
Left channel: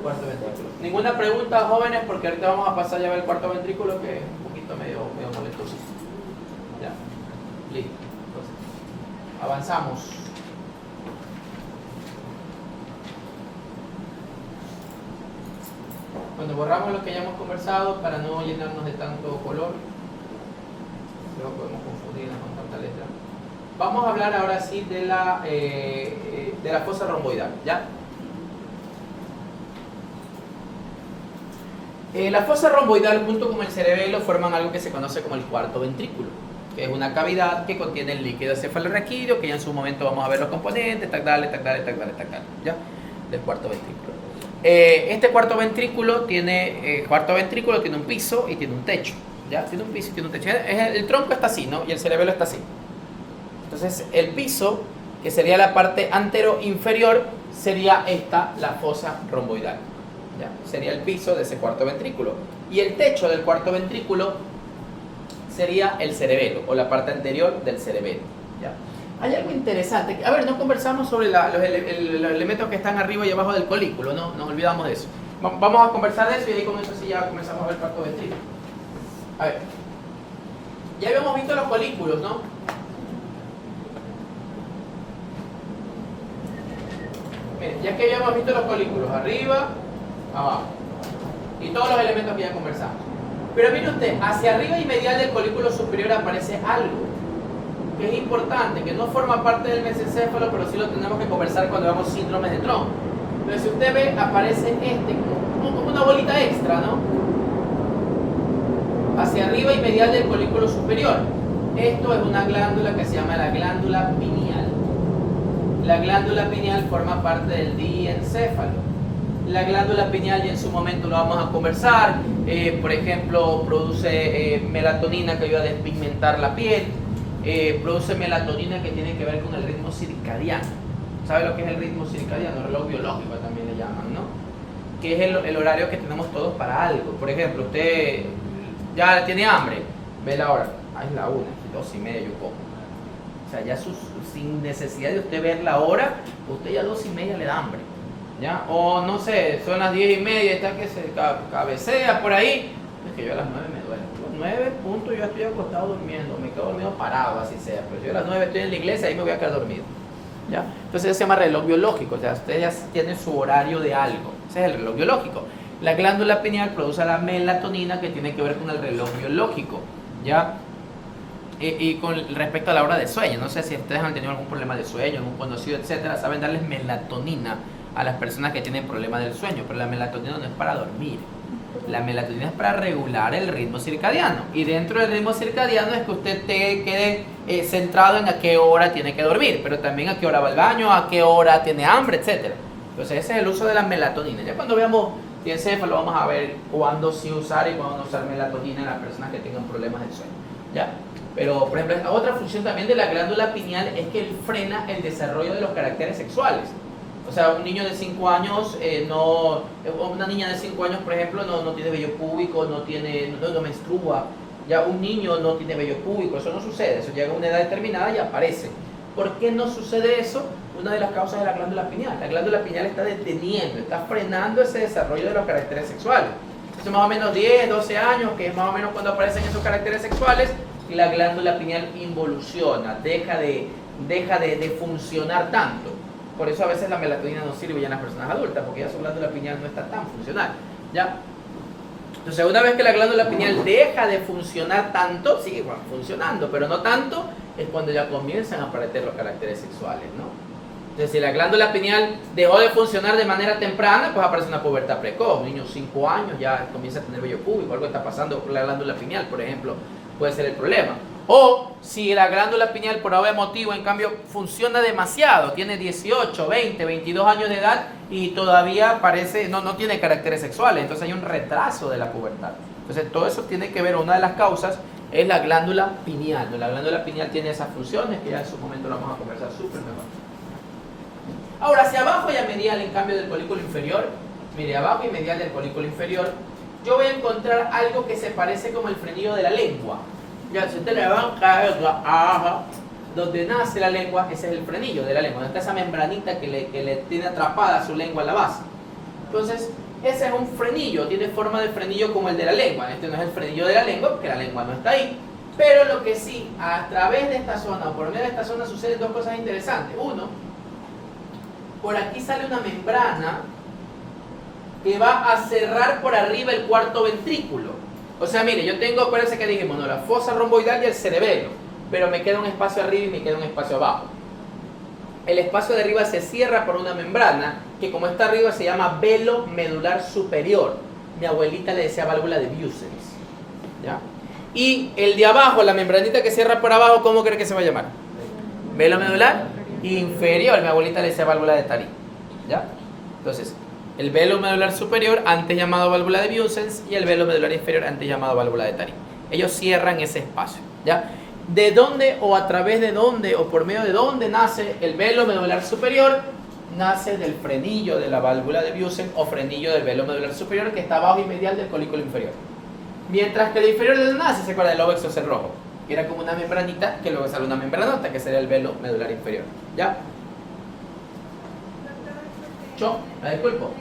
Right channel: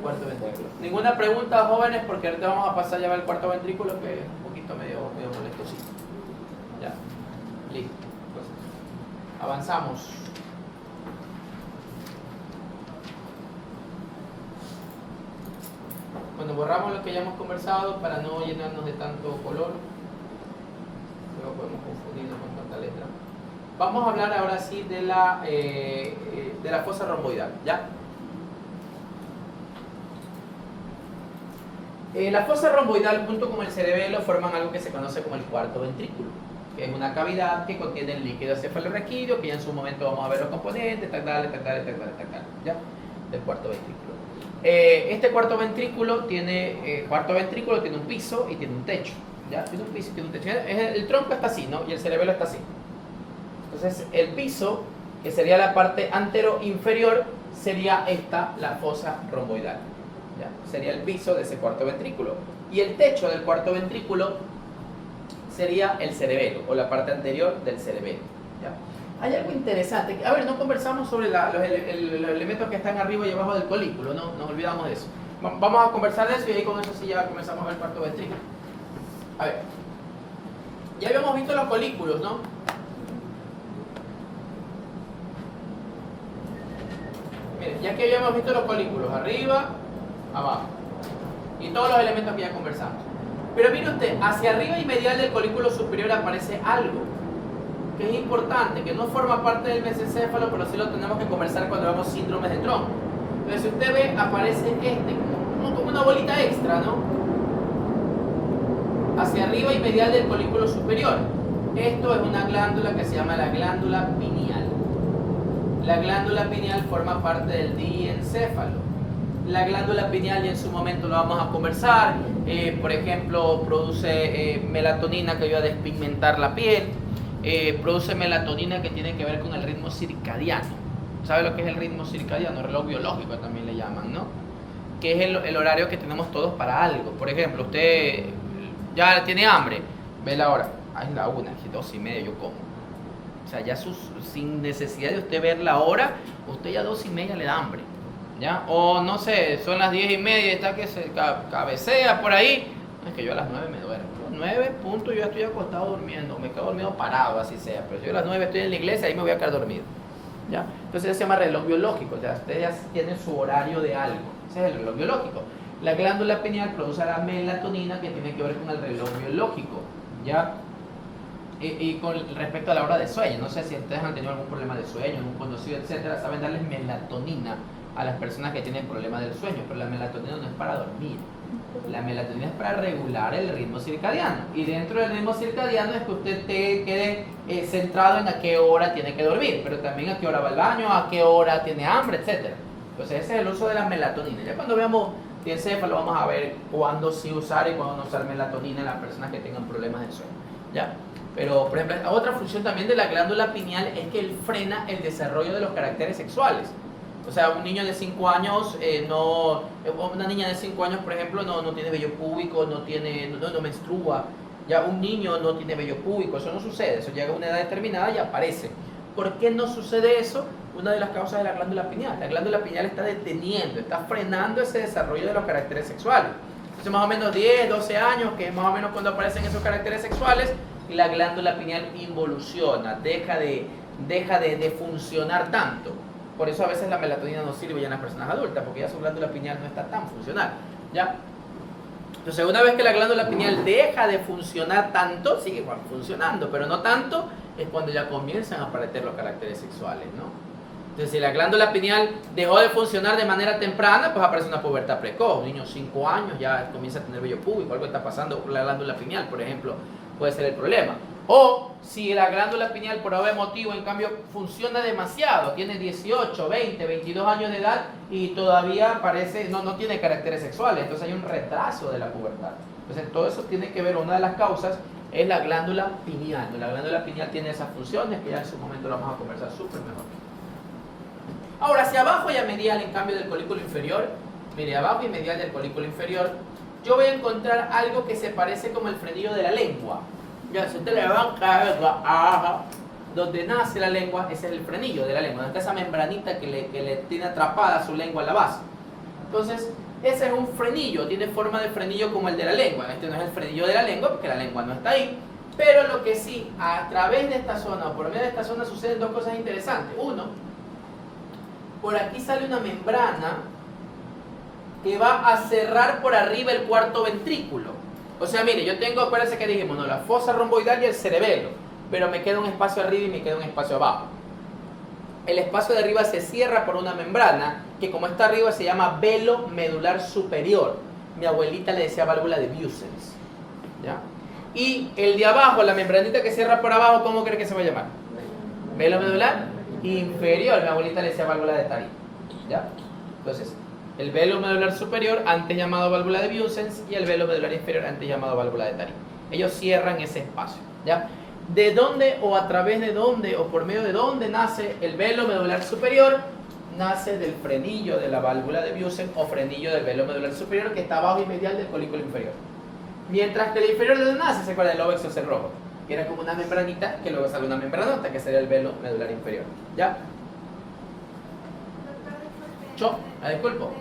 Cuarto ventrículo. Ninguna pregunta, jóvenes, porque ahorita vamos a pasar ya al cuarto ventrículo, que es un poquito medio molestosito. Ya. Listo. Entonces, avanzamos. Cuando borramos lo que ya hemos conversado para no llenarnos de tanto color, luego podemos confundirnos con tanta letra. Vamos a hablar ahora sí de la fosa romboidal, ¿ya? La fosa romboidal junto con el cerebelo forman algo que se conoce como el cuarto ventrículo, que es una cavidad que contiene el líquido cefalorraquídeo, que ya en su momento vamos a ver los componentes, ¿ya? Del cuarto ventrículo. Este cuarto ventrículo tiene un piso y tiene un techo, ¿ya? Tiene un piso y tiene un techo. El tronco está así, ¿no? Y el cerebelo está así. Entonces, el piso, que sería la parte antero-inferior, sería la fosa romboidal, ¿ya? Sería el piso de ese cuarto ventrículo. Y el techo del cuarto ventrículo sería el cerebelo, o la parte anterior del cerebelo, ¿ya? Hay algo interesante. A ver, no conversamos sobre los elementos que están arriba y abajo del colículo, no nos olvidamos de eso. Vamos a conversar de eso y ahí con eso sí ya comenzamos a ver el cuarto ventrículo. A ver, Ya habíamos visto los colículos, ¿no? Miren, ya que habíamos visto los colículos, arriba, abajo, y todos los elementos que ya conversamos. Pero mire usted, hacia arriba y medial del colículo superior aparece algo que es importante, que no forma parte del mesencéfalo, pero sí lo tenemos que conversar cuando vemos síndromes de tronco. Entonces, si usted ve, aparece como una bolita extra, ¿no? Hacia arriba y medial del colículo superior. Esto es una glándula que se llama la glándula pineal. La glándula pineal forma parte del diencéfalo. La glándula pineal, y en su momento lo vamos a conversar, por ejemplo, produce melatonina que ayuda a despigmentar la piel, produce melatonina que tiene que ver con el ritmo circadiano. ¿Sabe lo que es el ritmo circadiano? El reloj biológico también le llaman, ¿no? Que es el horario que tenemos todos para algo. Por ejemplo, usted ya tiene hambre, ve la hora, es la 1, 2:30 yo como. O sea, ya sin necesidad de usted ver la hora, usted ya 2:30 le da hambre, ¿ya? O no sé, son las 10:30, está que se cabecea por ahí, es que yo a las 9 me duermo. A las 9 punto yo ya estoy acostado durmiendo, me quedo dormido parado, así sea, pero yo a las 9 estoy en la iglesia, ahí me voy a quedar dormido, ¿ya? Entonces se llama reloj biológico, o sea, usted ya tiene su horario de algo, ese es el reloj biológico. La glándula pineal produce la melatonina que tiene que ver con el reloj biológico, ¿ya? Y con respecto a la hora de sueño, no sé si ustedes han tenido algún problema de sueño, algún conocido, etcétera, saben darles melatonina a las personas que tienen problemas del sueño, pero la melatonina no es para dormir. La melatonina es para regular el ritmo circadiano, y dentro del ritmo circadiano es que usted quede centrado en a qué hora tiene que dormir, pero también a qué hora va al baño, a qué hora tiene hambre, etcétera. Entonces ese es el uso de la melatonina. Ya cuando veamos diencéfalo vamos a ver cuándo sí usar y cuándo no usar melatonina en las personas que tengan problemas del sueño, ¿ya? Pero, por ejemplo, esta otra función también de la glándula pineal es que él frena el desarrollo de los caracteres sexuales. O sea, un niño de 5 años, una niña de 5 años, por ejemplo, no tiene vello púbico, no menstrua. Ya un niño no tiene vello púbico, eso no sucede, eso llega a una edad determinada y aparece. ¿Por qué no sucede eso? Una de las causas es la glándula pineal. La glándula pineal está deteniendo, está frenando ese desarrollo de los caracteres sexuales. Hace más o menos 10, 12 años, que es más o menos cuando aparecen esos caracteres sexuales, y la glándula pineal involuciona, deja de funcionar tanto. Por eso a veces la melatonina no sirve ya en las personas adultas, porque ya su glándula pineal no está tan funcional, ¿ya? Entonces, una vez que la glándula pineal deja de funcionar tanto, sigue funcionando, pero no tanto, es cuando ya comienzan a aparecer los caracteres sexuales, ¿no? Entonces, si la glándula pineal dejó de funcionar de manera temprana, pues aparece una pubertad precoz. Un niño de 5 años ya comienza a tener vello púbico, algo está pasando con la glándula pineal, por ejemplo, puede ser el problema. O si la glándula pineal por algún motivo, en cambio, funciona demasiado, tiene 18, 20, 22 años de edad y todavía parece, no tiene caracteres sexuales, entonces hay un retraso de la pubertad. Entonces todo eso tiene que ver, una de las causas es la glándula pineal. La glándula pineal tiene esas funciones que ya en su momento lo vamos a conversar súper mejor. Ahora, hacia abajo y a medial, en cambio, del colículo inferior, mire, abajo y medial del colículo inferior, yo voy a encontrar algo que se parece como el frenillo de la lengua. Ya, si usted le va a caer, donde nace la lengua, ese es el frenillo de la lengua, donde está esa membranita que le tiene atrapada su lengua a la base. Entonces, ese es un frenillo, tiene forma de frenillo como el de la lengua. Este no es el frenillo de la lengua porque la lengua no está ahí. Pero lo que sí, a través de esta zona o por medio de esta zona suceden dos cosas interesantes. Uno, por aquí sale una membrana que va a cerrar por arriba el cuarto ventrículo. O sea, mire, yo tengo, acuérdense que dijimos, no, la fosa romboidal y el cerebelo, pero me queda un espacio arriba y me queda un espacio abajo. El espacio de arriba se cierra por una membrana que, como está arriba, se llama velo medular superior. Mi abuelita le decía válvula de Busens, ¿ya? Y el de abajo, la membranita que cierra por abajo, ¿cómo cree que se va a llamar? Velo medular inferior. Mi abuelita le decía válvula de Tarí, ¿ya? Entonces, el velo medular superior, antes llamado válvula de Busens, y el velo medular inferior, antes llamado válvula de Tarí. Ellos cierran ese espacio, ¿ya? ¿De dónde o a través de dónde o por medio de dónde nace el velo medular superior? Nace del frenillo de la válvula de Busens o frenillo del velo medular superior, que está abajo y medial del colículo inferior. Mientras que el inferior, ¿de dónde nace? Se acuerda del lobo exocerrojo, que era como una membranita, que luego sale una membranota, que sería el velo medular inferior, ¿ya? ¿Yo? ¿La disculpo?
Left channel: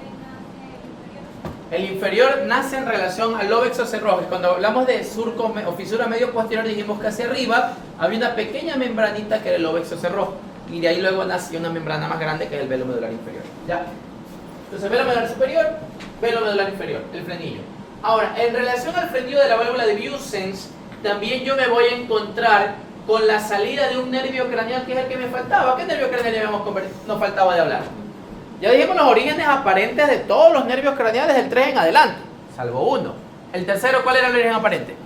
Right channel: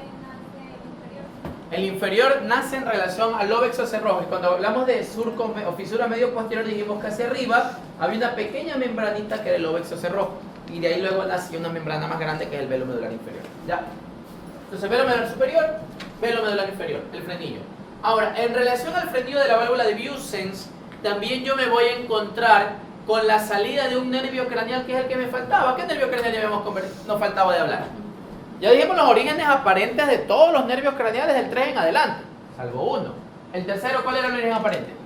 El inferior nace en relación al lobo exocerrojo. Cuando hablamos de surco o fisura medio posterior, dijimos que hacia arriba había una pequeña membranita que era el lobo exocerrojo. Y de ahí luego nació una membrana más grande que es el velo medular inferior. ¿Ya? Entonces, velo medular superior, velo medular inferior, el frenillo. Ahora, en relación al frenillo de la válvula de Vieussens, también yo me voy a encontrar con la salida de un nervio craneal que es el que me faltaba. ¿Qué nervio craneal nos faltaba de hablar? Ya dijimos los orígenes aparentes de todos los nervios craneales del 3 en adelante, salvo uno. El tercero, ¿cuál era el origen aparente?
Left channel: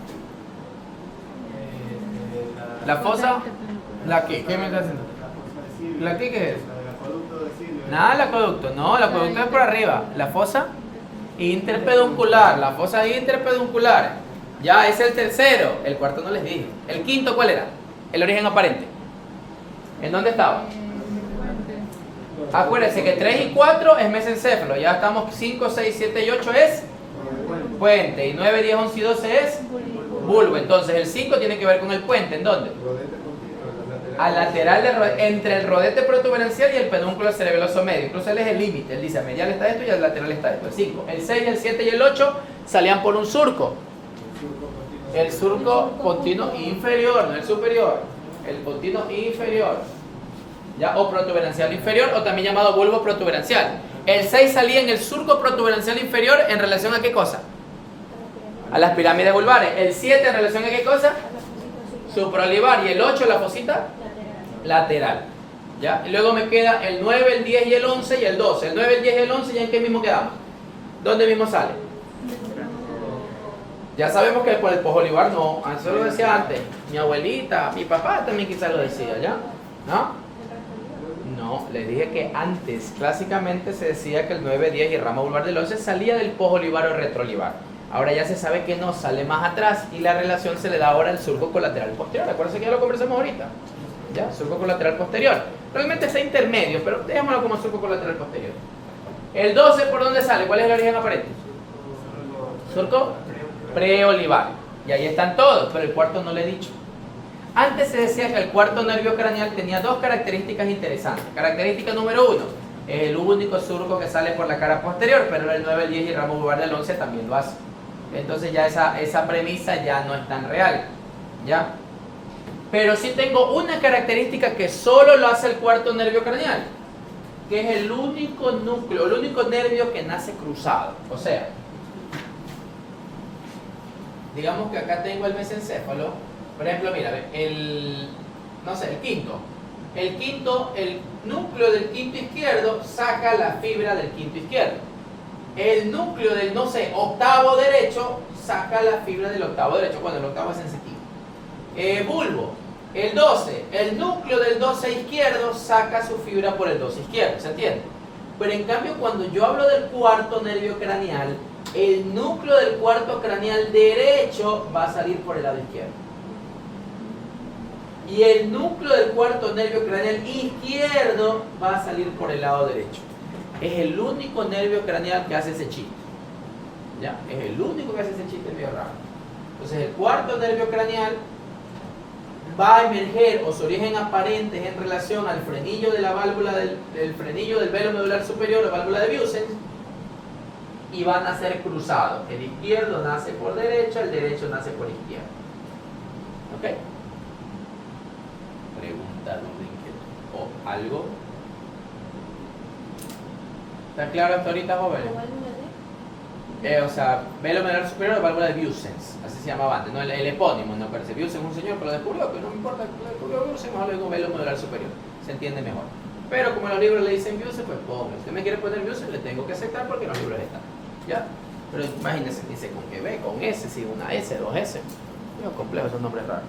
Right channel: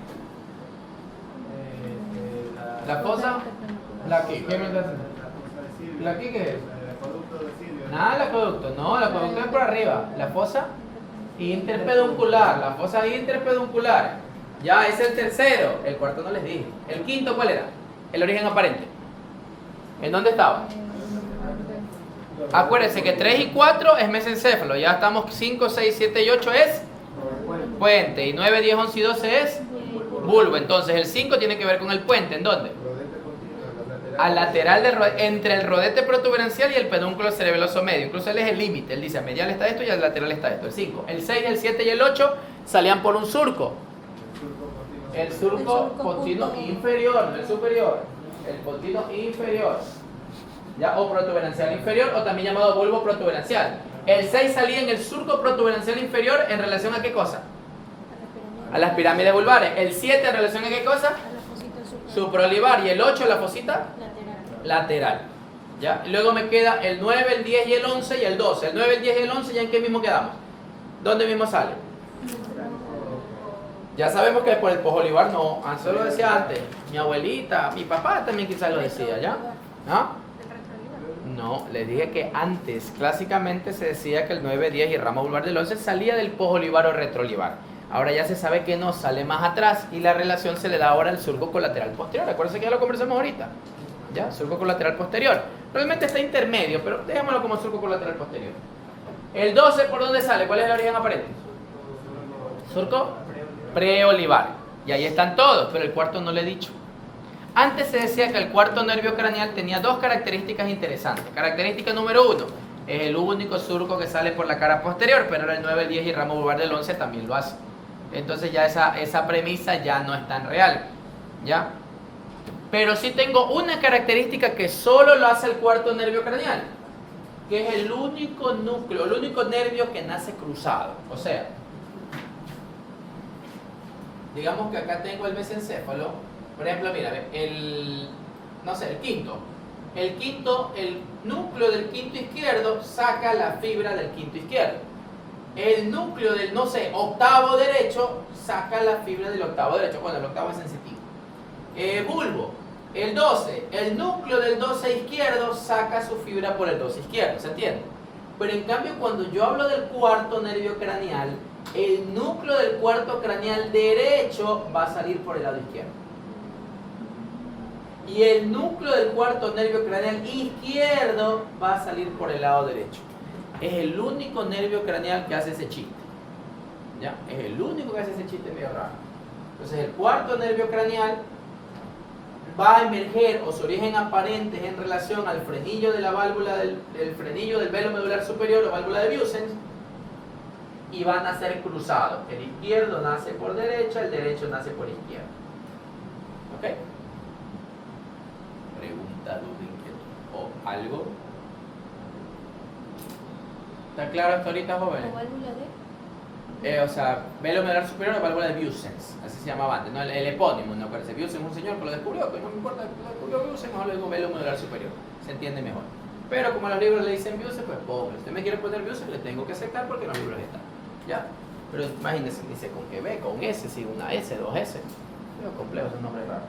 La fosa. ¿La qué? ¿Qué me está haciendo? ¿La qué es? Nada, el acueducto. No, el acueducto es por arriba. La fosa interpeduncular. La fosa interpeduncular. Ya, es el tercero. El cuarto no les dije. El quinto, ¿cuál era? El origen aparente. ¿En dónde estaba? Acuérdense que 3 y 4 es mesencéfalo. Ya estamos 5, 6, 7 y 8 es puente. Y 9, 10, 11 y 12 es bulbo. Entonces el 5 tiene que ver con el puente. ¿En dónde? Al lateral entre el rodete protuberancial y el pedúnculo cerebeloso medio. Incluso él es el límite. Él dice, a medial está esto y al lateral está esto. El 5. El 6, el 7 y el 8 salían por un surco. El surco continuo inferior, no el superior. El continuo inferior. ¿Ya? O protuberancial inferior, o también llamado bulbo protuberancial. El 6 salía en el surco protuberancial inferior en relación a ¿qué cosa? A las pirámides vulvares. El 7 en relación a ¿qué cosa? Supraolivar. Y el 8 la fosita lateral. ¿Ya? Y luego me queda el 9, el 10 y el 11 y el 12. El 9, el 10 y el 11, ¿ya en qué mismo quedamos? ¿Dónde mismo sale? Ya sabemos que por el posolivar no. Eso lo decía antes. Mi abuelita, mi papá también quizás lo decía, ¿ya? ¿No? No, les dije que antes, clásicamente se decía que el 9, 10 y el ramo vulvar del 11 salía del posolivar o retroolivar. Ahora ya se sabe que no, sale más atrás y la relación se le da ahora al surco colateral posterior. Acuérdense que ya lo conversamos ahorita. ¿Ya? Surco colateral posterior. Realmente está intermedio, pero dejémoslo como surco colateral posterior. El 12, ¿por dónde sale? ¿Cuál es el origen aparente? Surco preolivar. Y ahí están todos, pero el cuarto no le he dicho. Antes se decía que el cuarto nervio craneal tenía dos características interesantes. Característica número 1, es el único surco que sale por la cara posterior, pero el 9, el 10 y el ramo vulvar del 11 también lo hace. Entonces ya esa premisa ya no es tan real. ¿Ya? Pero sí tengo una característica que solo lo hace el cuarto nervio craneal, que es el único núcleo, el único nervio que nace cruzado. O sea, digamos que acá tengo el mesencéfalo. Por ejemplo, mira, el quinto. El núcleo del quinto izquierdo saca la fibra del quinto izquierdo. El núcleo del, octavo derecho saca la fibra del octavo derecho. Bueno, el octavo es sensitivo. Bulbo. El 12. El núcleo del 12 izquierdo saca su fibra por el 12 izquierdo. ¿Se entiende? Pero en cambio, cuando yo hablo del cuarto nervio craneal, el núcleo del cuarto craneal derecho va a salir por el lado izquierdo. Y el núcleo del cuarto nervio craneal izquierdo va a salir por el lado derecho. Es el único nervio craneal que hace ese chiste. ¿Ya? Es el único que hace ese chiste medio raro. Entonces el cuarto nervio craneal va a emerger, o su origen aparente es en relación al frenillo de la válvula del frenillo del velo medular superior o válvula de Vieussens, y van a ser cruzados. El izquierdo nace por derecha, el derecho nace por izquierda. ¿Ok? Pregunta, o algo. ¿Está claro hasta ahorita, jóvenes? Velo medular superior o válvula de Vieussens, así se llamaba antes, ¿no? El epónimo, no parece. Vieussens es un señor que lo descubrió, pero no me importa, lo descubrió Vieussens, mejor le digo velo medular superior, se entiende mejor. Pero como los libros le dicen Vieussens, pues ponme. Si usted me quiere poner Vieussens, le tengo que aceptar porque en los libros está. ¿Ya? Pero imagínense, dice con que B, con S, sí, una S, dos S. Es complejo, esos nombres raros.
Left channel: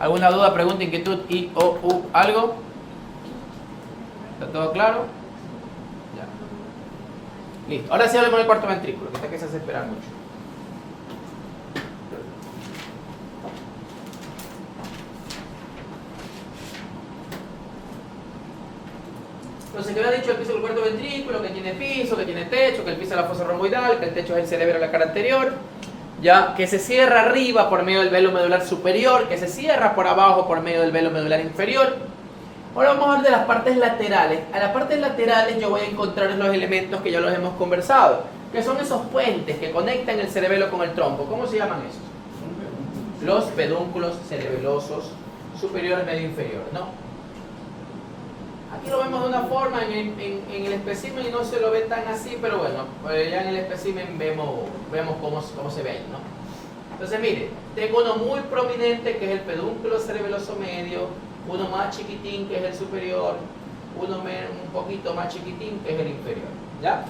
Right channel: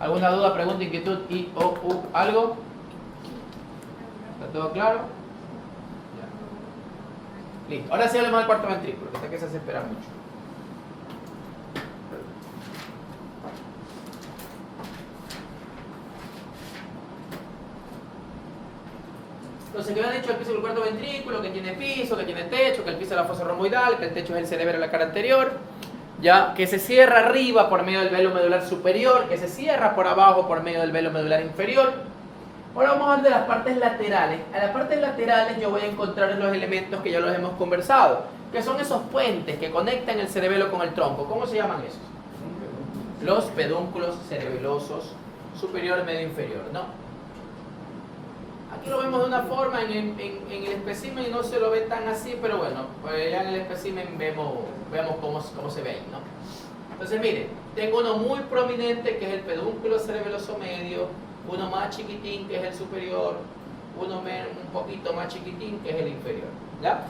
¿Alguna duda, pregunta, inquietud, I, O, U, algo? ¿Está todo claro? Ya. Listo. Ahora sí hablemos del cuarto ventrículo, que está que se hace esperar mucho. Entonces, que había dicho el piso del cuarto ventrículo, que tiene piso, que tiene techo, que el piso es la fosa romboidal, que el techo es el cerebro de la cara anterior, ya, que se cierra arriba por medio del velo medular superior, que se cierra por abajo por medio del velo medular inferior, Ahora vamos a hablar de las partes laterales. A las partes laterales yo voy a encontrar los elementos que ya los hemos conversado, que son esos puentes que conectan el cerebelo con el tronco. ¿Cómo se llaman esos? Los pedúnculos cerebelosos superior, medio, inferior, ¿no? Aquí lo vemos de una forma en el espécimen y no se lo ve tan así, pero bueno, ya en el espécimen vemos cómo se ve ahí, ¿no? Entonces, mire, tengo uno muy prominente que es el pedúnculo cerebeloso medio, uno más chiquitín que es el superior, uno un poquito más chiquitín que es el inferior, ¿ya?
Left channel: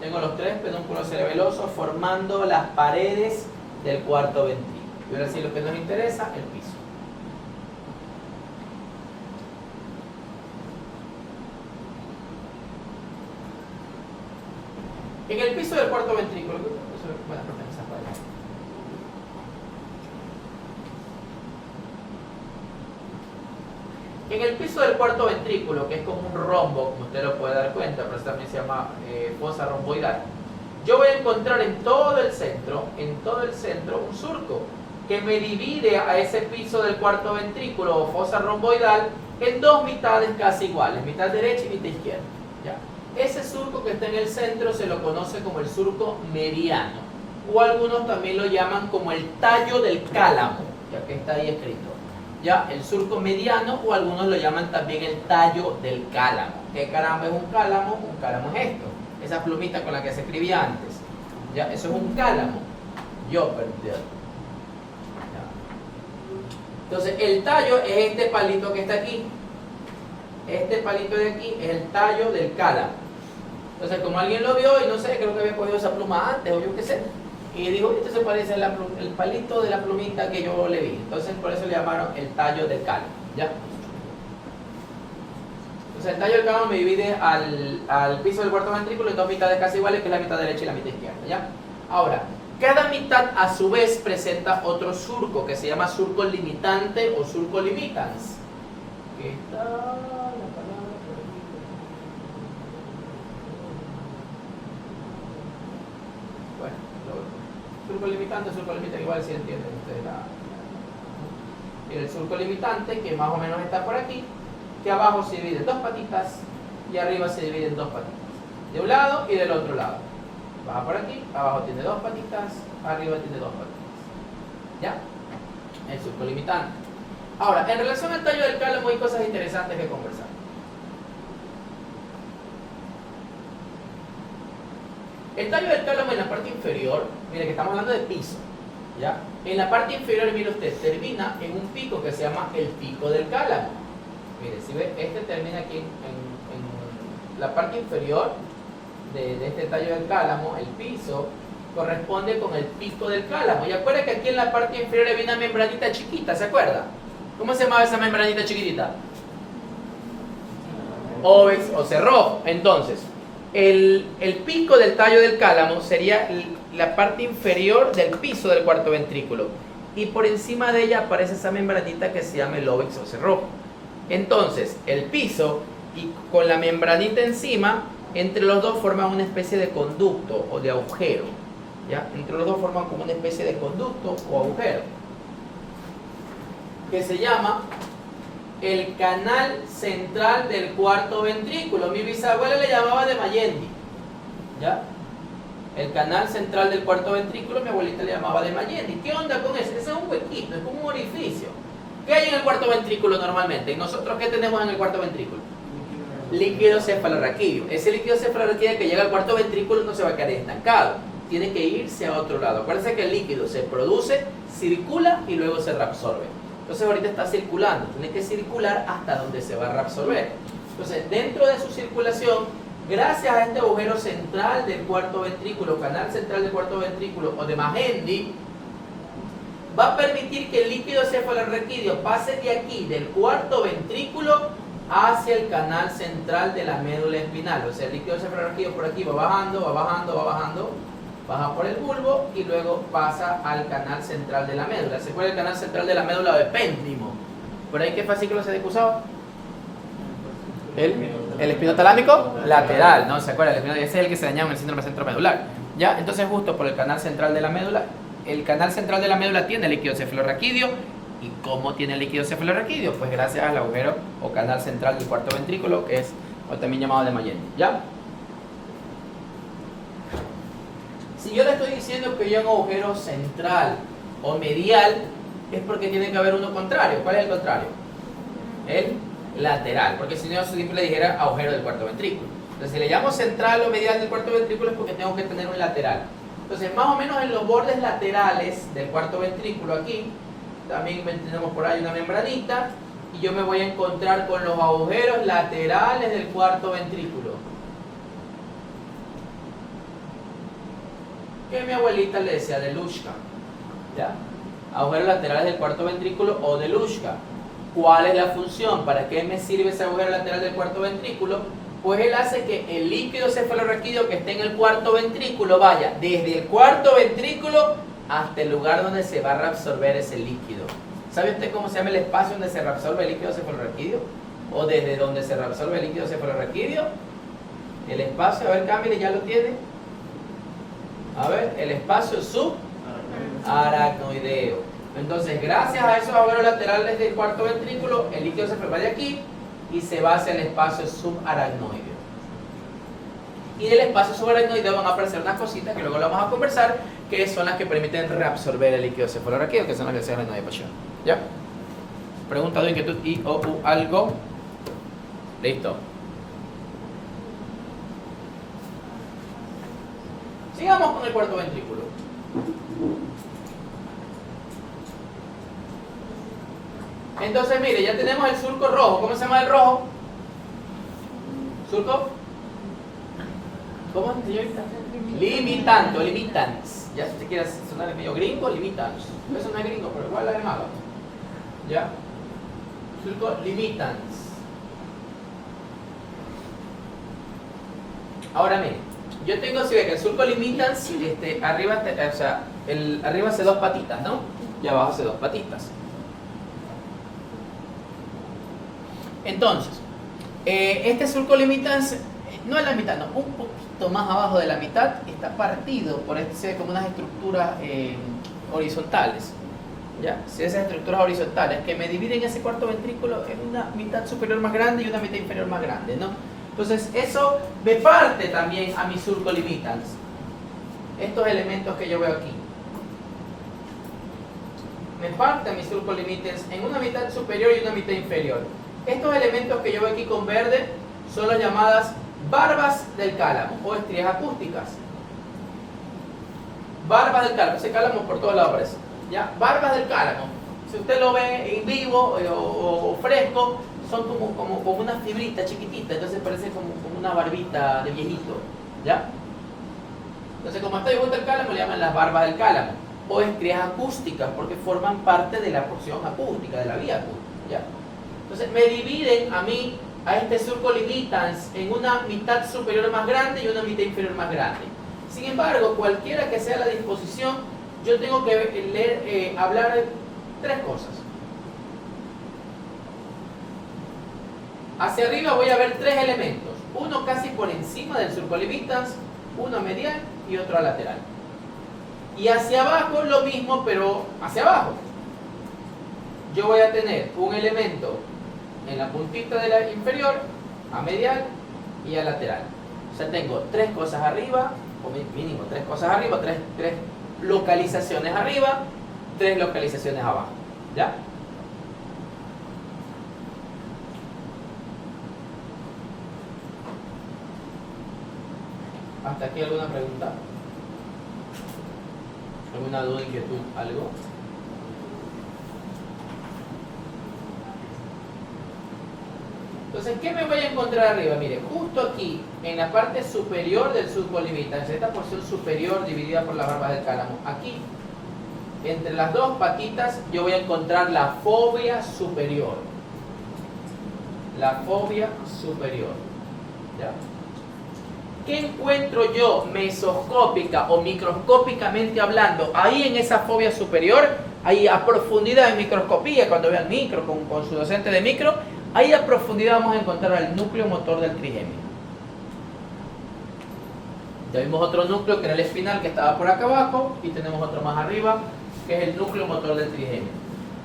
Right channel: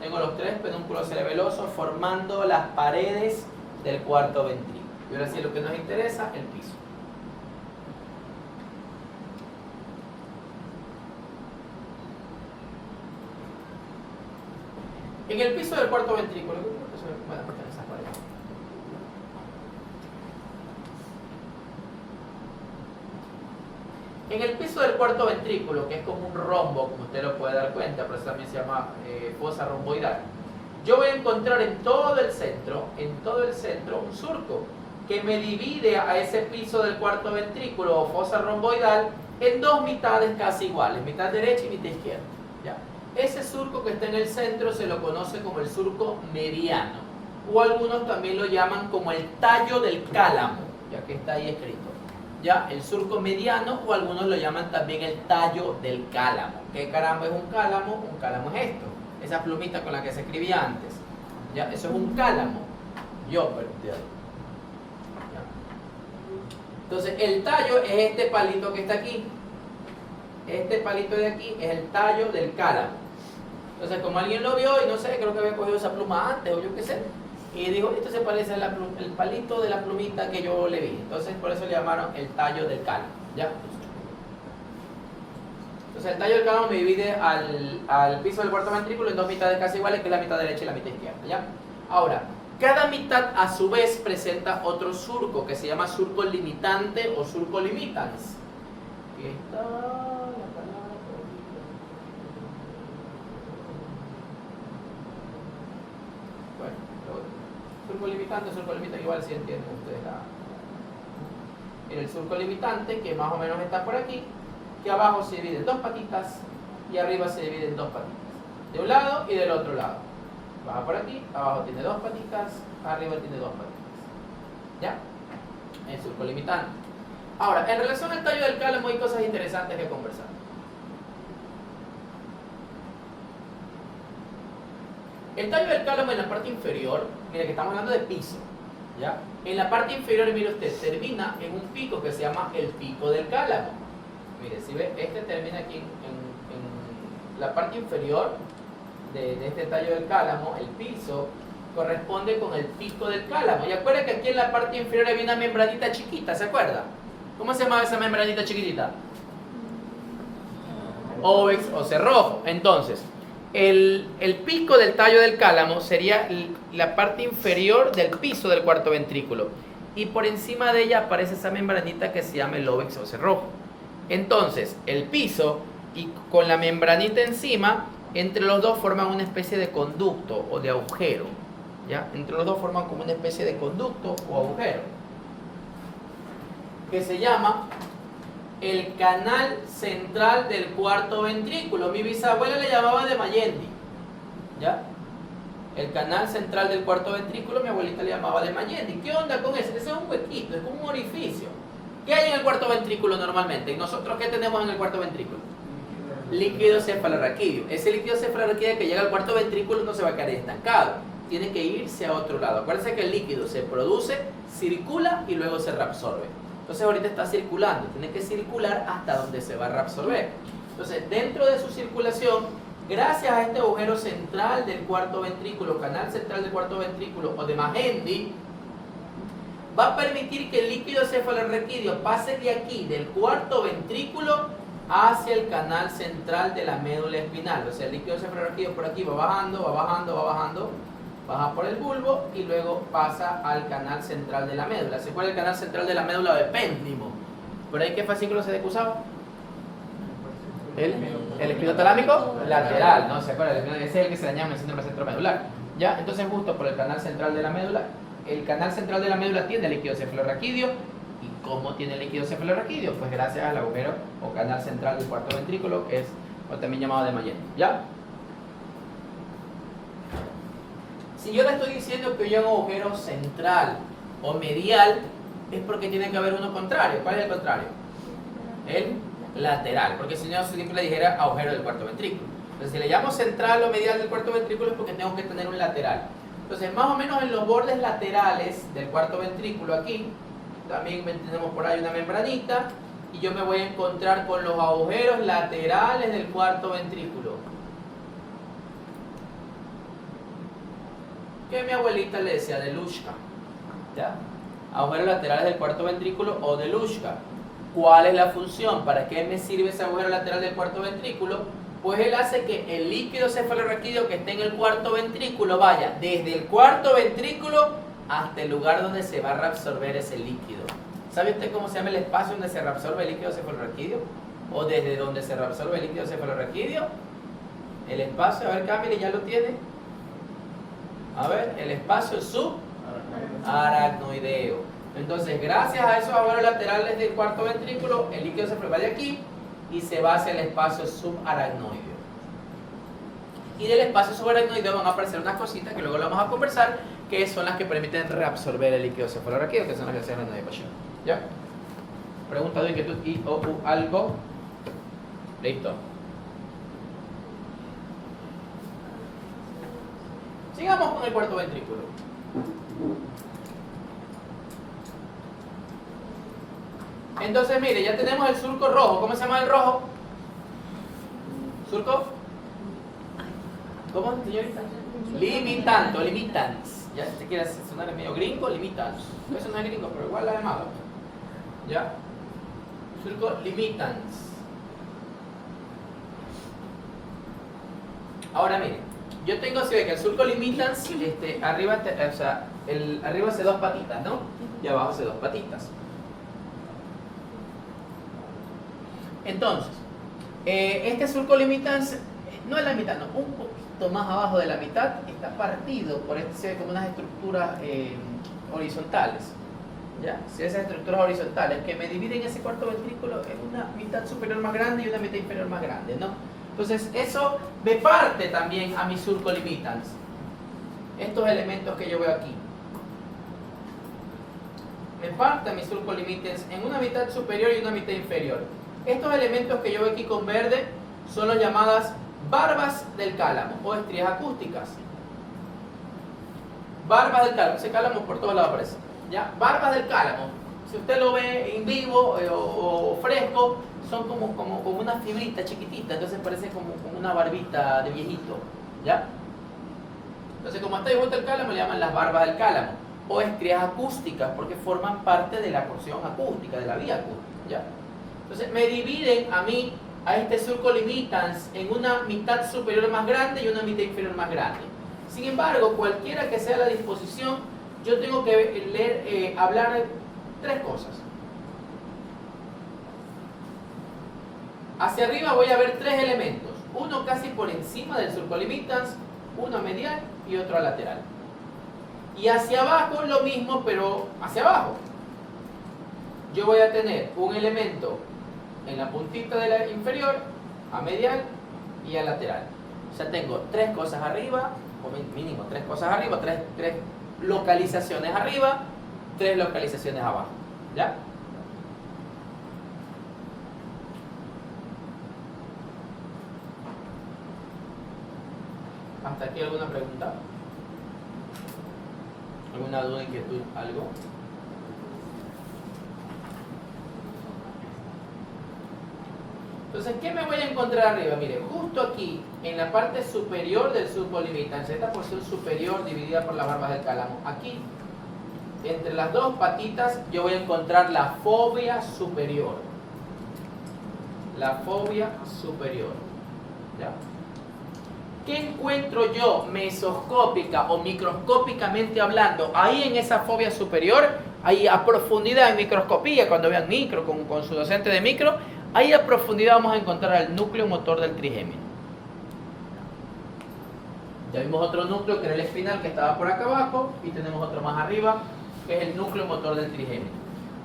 Tengo los tres pedúnculos cerebelosos formando las paredes del cuarto ventrículo. Y ahora sí, lo que nos interesa, el piso. En el piso del cuarto ventrículo, en el piso del cuarto ventrículo, que es como un rombo, como usted lo puede dar cuenta, pero eso también se llama fosa romboidal, yo voy a encontrar en todo el centro, un surco que me divide a ese piso del cuarto ventrículo o fosa romboidal en dos mitades casi iguales, mitad derecha y mitad izquierda. ¿Ya? Ese surco que está en el centro se lo conoce como el surco mediano, o algunos también lo llaman como el tallo del cálamo, ya que está ahí escrito. Ya, el surco mediano, o algunos lo llaman también el tallo del cálamo. ¿Qué caramba es un cálamo? Un cálamo es esto, esa plumita con la que se escribía antes. Ya, eso es un cálamo. Yo perdí. Entonces, el tallo es este palito que está aquí. Este palito de aquí es el tallo del cálamo. Entonces, como alguien lo vio y no sé, creo que había cogido esa pluma antes o yo qué sé, y digo, esto se parece al palito de la plumita que yo le vi. Entonces, por eso le llamaron el tallo del cálamo. ¿Ya? Entonces, el tallo del cálamo me divide al piso del cuarto ventrículo en dos mitades casi iguales, que es la mitad derecha y la mitad izquierda. ¿Ya? Ahora, cada mitad a su vez presenta otro surco que se llama surco limitante o surco limitans. Aquí está la palabra. Bueno, surco limitante igual si entienden ustedes el surco limitante, que más o menos está por aquí, que abajo se divide en dos patitas y arriba se divide en dos patitas, de un lado y del otro lado. Baja por aquí, abajo tiene dos patitas, arriba tiene dos patitas. ¿Ya? El surco limitante. Ahora, en relación al tallo del cálamo hay cosas interesantes que conversar. El tallo del cálamo en la parte inferior, mire que estamos hablando de piso, ¿ya? En la parte inferior, mire usted, termina en un pico que se llama el pico del cálamo. Mire, si ve, este termina aquí en la parte inferior de este tallo del cálamo, el piso corresponde con el pico del cálamo. Y acuerda que aquí en la parte inferior había una membranita chiquita, ¿se acuerda? ¿Cómo se llamaba esa membranita chiquitita? Ovex o cerrojo. Entonces, el pico del tallo del cálamo sería la parte inferior del piso del cuarto ventrículo. Y por encima de ella aparece esa membranita que se llama el ovex o cerrojo. Entonces, el piso y con la membranita encima, entre los dos forman una especie de conducto o de agujero. ¿Ya? Entre los dos forman como una especie de conducto o agujero, que se llama el canal central del cuarto ventrículo. Mi bisabuela le llamaba de Mayendi. ¿Ya? El canal central del cuarto ventrículo, mi abuelita le llamaba de Mayendi. ¿Qué onda con eso? Ese es un huequito, es como un orificio. ¿Qué hay en el cuarto ventrículo normalmente? ¿Y nosotros qué tenemos en el cuarto ventrículo? Líquido cefalorraquídeo. Ese líquido cefalorraquídeo que llega al cuarto ventrículo no se va a quedar estancado, tiene que irse a otro lado. Acuérdense que el líquido se produce, circula y luego se reabsorbe. Entonces ahorita está circulando, tiene que circular hasta donde se va a reabsorber. Entonces, dentro de su circulación, gracias a este agujero central del cuarto ventrículo, canal central del cuarto ventrículo o de Magendie, va a permitir que el líquido cefalorraquídeo pase de aquí, del cuarto ventrículo, hacia el canal central de la médula espinal. O sea, el líquido cefalorraquídeo por aquí va bajando, baja por el bulbo y luego pasa al canal central de la médula. ¿Se acuerda el canal central de la médula de Péntrimo? ¿Por ahí qué fascículo se decusaba? El espinotalámico lateral, ¿no? ¿Se acuerda? Ese es el que se dañaba en el síndrome centromedular. ¿Ya? Entonces, justo por el canal central de la médula, el canal central de la médula tiene líquido cefalorraquídeo ¿Y cómo tiene el líquido cefalorraquídeo? Pues gracias al agujero o canal central del cuarto ventrículo, que es o también llamado de Mayen. ¿Ya? Si yo le estoy diciendo que hay un agujero central o medial, es porque tiene que haber uno contrario. ¿Cuál es el contrario? El lateral, porque si no yo siempre le dijera agujero del cuarto ventrículo. Entonces si le llamo central o medial del cuarto ventrículo es porque tengo que tener un lateral. Entonces más o menos en los bordes laterales del cuarto ventrículo aquí, también tenemos por ahí una membranita, y yo me voy a encontrar con los agujeros laterales del cuarto ventrículo. Que mi abuelita le decía de Lushka. ¿Ya? Agujeros laterales del cuarto ventrículo o de Lushka. ¿Cuál es la función? ¿Para qué me sirve ese agujero lateral del cuarto ventrículo? Pues él hace que el líquido cefalorraquídeo que esté en el cuarto ventrículo vaya desde el cuarto ventrículo hasta el lugar donde se va a reabsorber ese líquido. ¿Sabe usted cómo se llama el espacio donde se reabsorbe el líquido cefalorraquídeo? ¿O desde donde se reabsorbe el líquido cefalorraquídeo? El espacio, a ver, cámbiale, ya lo tiene. A ver, el espacio subaracnoideo. Entonces, gracias a esos agujeros laterales del cuarto ventrículo, el líquido se va de aquí y se va hacia el espacio subaracnoideo. Y del espacio subaracnoideo van a aparecer unas cositas que luego lo vamos a conversar, que son las que permiten reabsorber el líquido cefalorraquídeo, que son las que se llaman de pasión. ¿Ya? Pregunta de inquietud y o algo. Listo. Sigamos con el cuarto ventrículo. Entonces, mire, ya tenemos el surco rojo. ¿Cómo se llama el rojo? ¿Surco? ¿Cómo, señorita? Limitante o limitans. Ya si usted quiere sonar medio gringo, limitans. Eso no es gringo, pero igual la llamada. ¿Ya? Surco limitans. Ahora mire, yo tengo así de que el surco limitans, arriba, o sea, arriba hace dos patitas, ¿no? Y abajo hace dos patitas. Entonces, este surco limitans, no es la mitad, no, un poquito más abajo de la mitad, está partido por como unas estructuras horizontales. ¿Ya? Si esas estructuras horizontales que me dividen ese cuarto ventrículo en una mitad superior más grande y una mitad inferior más grande, ¿no? Entonces, eso me parte también a mi surco limitans. Estos elementos que yo veo aquí. Me parte a mi surco limitans en una mitad superior y una mitad inferior. Estos elementos que yo veo aquí con verde son las llamadas barbas del cálamo o estrías acústicas. Barbas del cálamo, ese cálamo por todos lados aparece. ¿Ya? Barbas del cálamo. Si usted lo ve en vivo o fresco, son como una fibrita chiquitita, entonces parece como una barbita de viejito. ¿Ya? Entonces, como está igual del cálamo, le llaman las barbas del cálamo o estrías acústicas porque forman parte de la porción acústica, de la vía acústica. ¿Ya? Entonces me dividen a mí, a este surco limitans, en una mitad superior más grande y una mitad inferior más grande. Sin embargo, cualquiera que sea la disposición, yo tengo que hablar de tres cosas. Hacia arriba voy a ver tres elementos. Uno casi por encima del surco limitans, uno medial y otro lateral. Y hacia abajo lo mismo, pero hacia abajo. Yo voy a tener un elemento en la puntita de la inferior, a medial y a lateral. O sea, tengo tres cosas arriba, o mínimo tres cosas arriba, tres localizaciones arriba, tres localizaciones abajo. ¿Ya? ¿Hasta aquí alguna pregunta? ¿Alguna duda, inquietud, algo? Entonces, ¿qué me voy a encontrar arriba? Mire, justo aquí, en la parte superior del surco limitans, esta porción superior dividida por las barbas del cálamo, aquí, entre las dos patitas, yo voy a encontrar la fobia superior. La fobia superior. ¿Ya? ¿Qué encuentro yo mesoscópica o microscópicamente hablando ahí en esa fobia superior? Ahí a profundidad de microscopía, cuando vean micro con su docente de micro, ahí a profundidad vamos a encontrar el núcleo motor del trigémino. Ya vimos otro núcleo que era el espinal que estaba por acá abajo y tenemos otro más arriba que es el núcleo motor del trigémino.